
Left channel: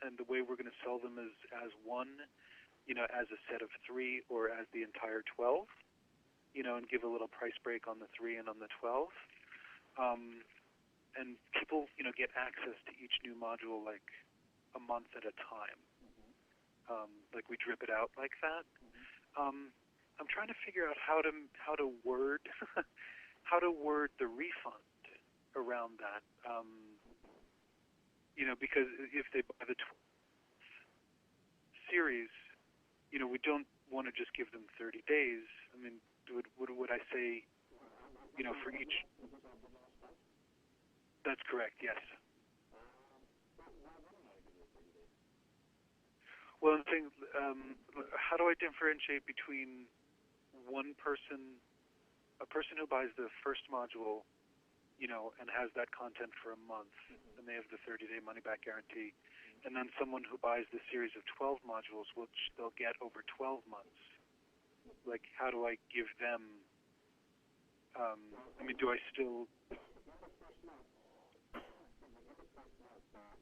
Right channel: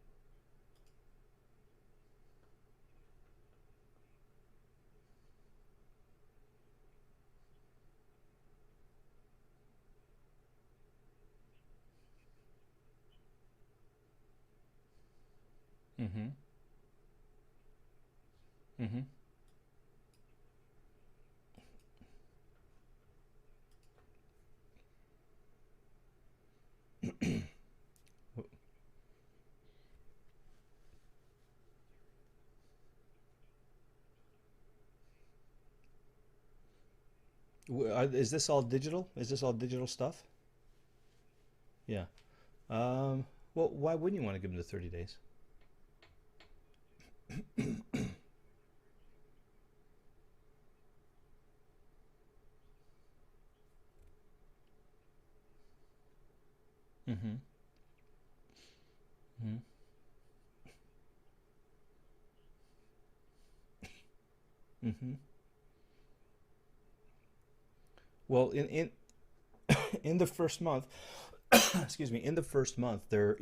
and the way we're going to sell them is as one, as a set of 3 or as the entire 12, and give a little price break on the 3 and on the 12. And people, get access to each new module like a month at a time. Mm-hmm. Like we drip it out like that. Mm-hmm. I'm trying to figure out how to word how to word the refund around that. Because if they buy the series, we don't want to just give them 30 days. I mean, would I say? Is this all For digital? Is this all digital stuff? That's correct. Yes. Yeah. Well, why wouldn't you want to give them the 30 days? Well, I'm saying, how do I differentiate between a person who buys the first module, and has that content for a month, Mm-hmm. and they have the 30-day money-back guarantee, Mm-hmm. and then someone who buys the series of 12 modules, which they'll get over 12 months. Mm-hmm. Like, how do I give them? Well, Do I still? in the first month, excuse me, in the first month, they're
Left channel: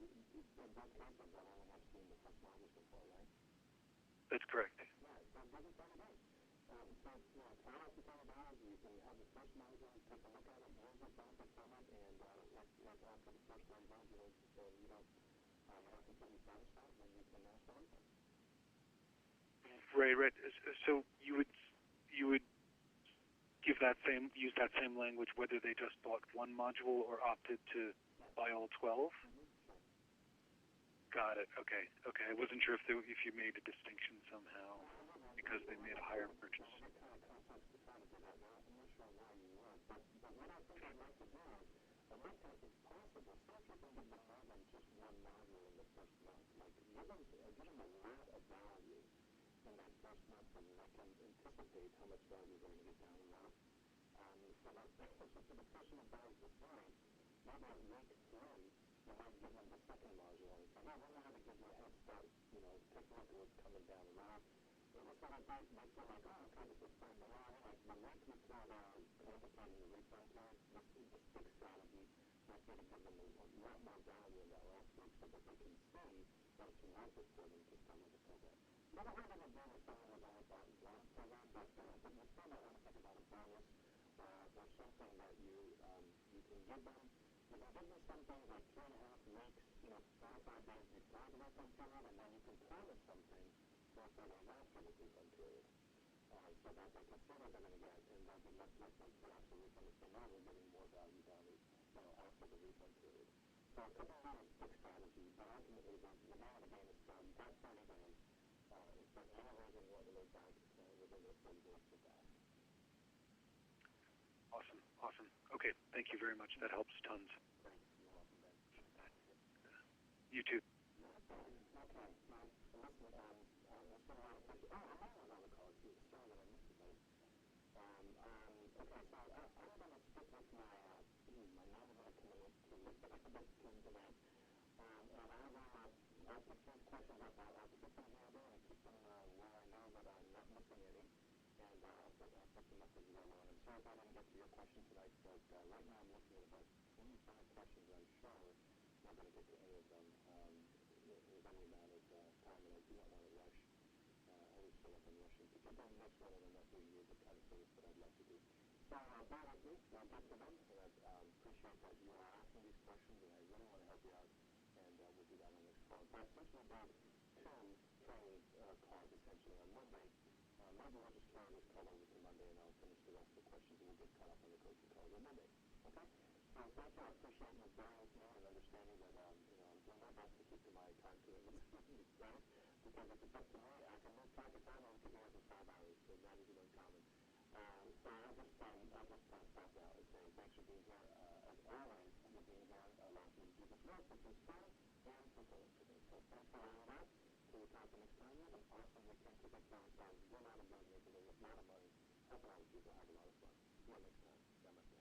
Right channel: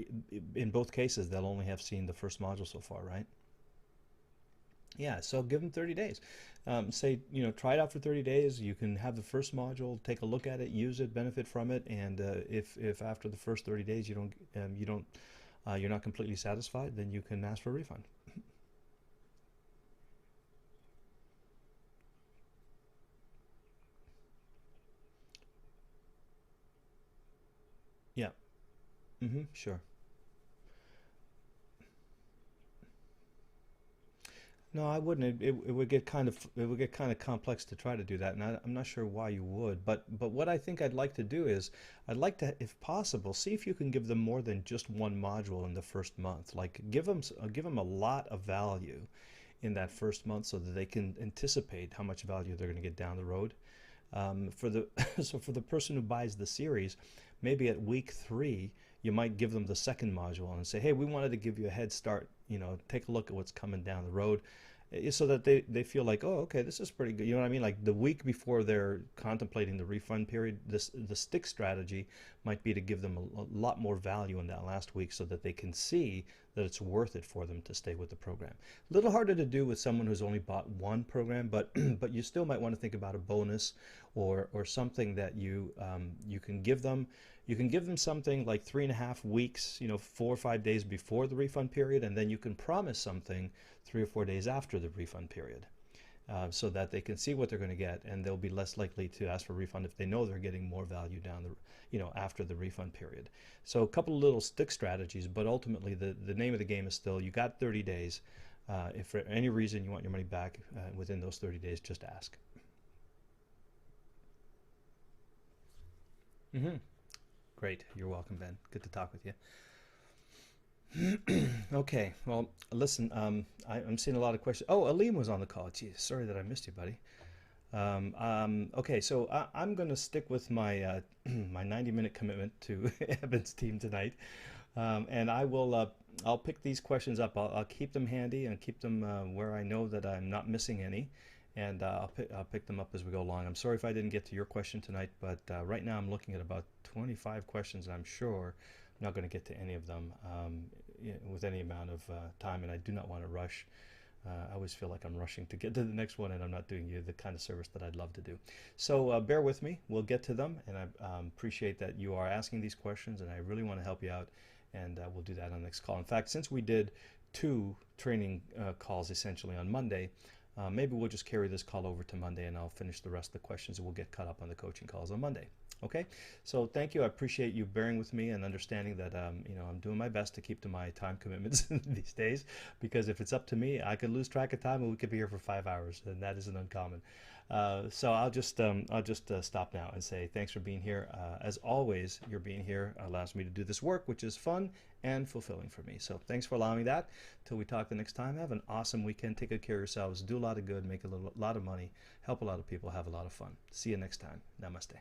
in both cases they'll only have seen the first module so far, right? That's correct. Yeah, so give them 30 days. Say, try it out for 30 days. You can have the first module, take a look at it, use it, benefit from it, and if after the first 30 days you're not completely satisfied, then you can ask for a refund. Right, right. So you would use that same language whether they just bought one module or opted to Yeah. buy all 12. Sure. Got it. Okay. Okay. I wasn't sure if you made a distinction somehow. No, I wouldn't. It Because would they get kind hire of for it would get kind of complex to try to do that, and I'm not sure why you would. But what I think I'd like to do is I'd like to, if possible, see if you can give them more than just one module in the first month. Like give them a lot of value in that first month so that they can anticipate how much value they're going to get down the road. For the so for the person who buys the series, maybe at week 3 you might give them the second module and say, hey, we wanted to give you a head start, take a look at what's coming down the road, so that they feel like, oh, okay, this is pretty good. You know what I mean? Like the week before they're contemplating the refund period, the stick strategy might be to give them a lot more value in that last week so that they can see that it's worth it for them to stay with the program. A little harder to do with someone who's only bought one program, but but you still might want to think about a bonus or something that you can give them. You can give them something like 3.5 weeks, 4 or 5 days before the refund period, and then you can promise something 3 or 4 days after the refund period, so that they can see what they're going to get, and they'll be less likely to ask for a refund if they know they're getting more value down after the refund period. So a couple of little stick strategies, but ultimately the name of the game is still you got 30 days. If for any reason you want your money back within those 30 days, just ask. Awesome. Awesome. Okay. Thank you very much. Mhm. That helps tons. Great. You're welcome, Ben. Good to talk with you. You too. Okay, well, listen, I'm seeing a lot of questions. Oh, Aleem was on the call. Geez, sorry that I missed you, buddy. Okay, so I'm going to stick with my my 90-minute commitment to Evan's team tonight, and I'll pick these questions up. I'll keep them handy and keep them where I know that I'm not missing any, and I'll pick them up as we go along. I'm sorry if I didn't get to your question tonight, but right now I'm looking at about 25 questions, and I'm sure I'm not going to get to any of them with any amount of time, and I do not want to rush. I always feel like I'm rushing to get to the next one, and I'm not doing you the kind of service that I'd love to do. So bear with me. We'll get to them, and I appreciate that you are asking these questions, and I really want to help you out, and we'll do that on the next call. In fact, since we did 2 training calls essentially on Monday, maybe we'll just carry this call over to Monday, and I'll finish the rest of the questions, and we'll get caught up on the coaching calls on Monday. Okay, so thank you. I appreciate you bearing with me and understanding that I'm doing my best to keep to my time commitments these days, because if it's up to me, I could lose track of time and we could be here for 5 hours, and that isn't uncommon. So I'll just stop now and say thanks for being here. As always, your being here allows me to do this work, which is fun and fulfilling for me. So thanks for allowing that. Till we talk the next time, have an awesome weekend. Take good care of yourselves. Do a lot of good. Make a lot of money. Help a lot of people. Have a lot of fun. See you next time. Namaste.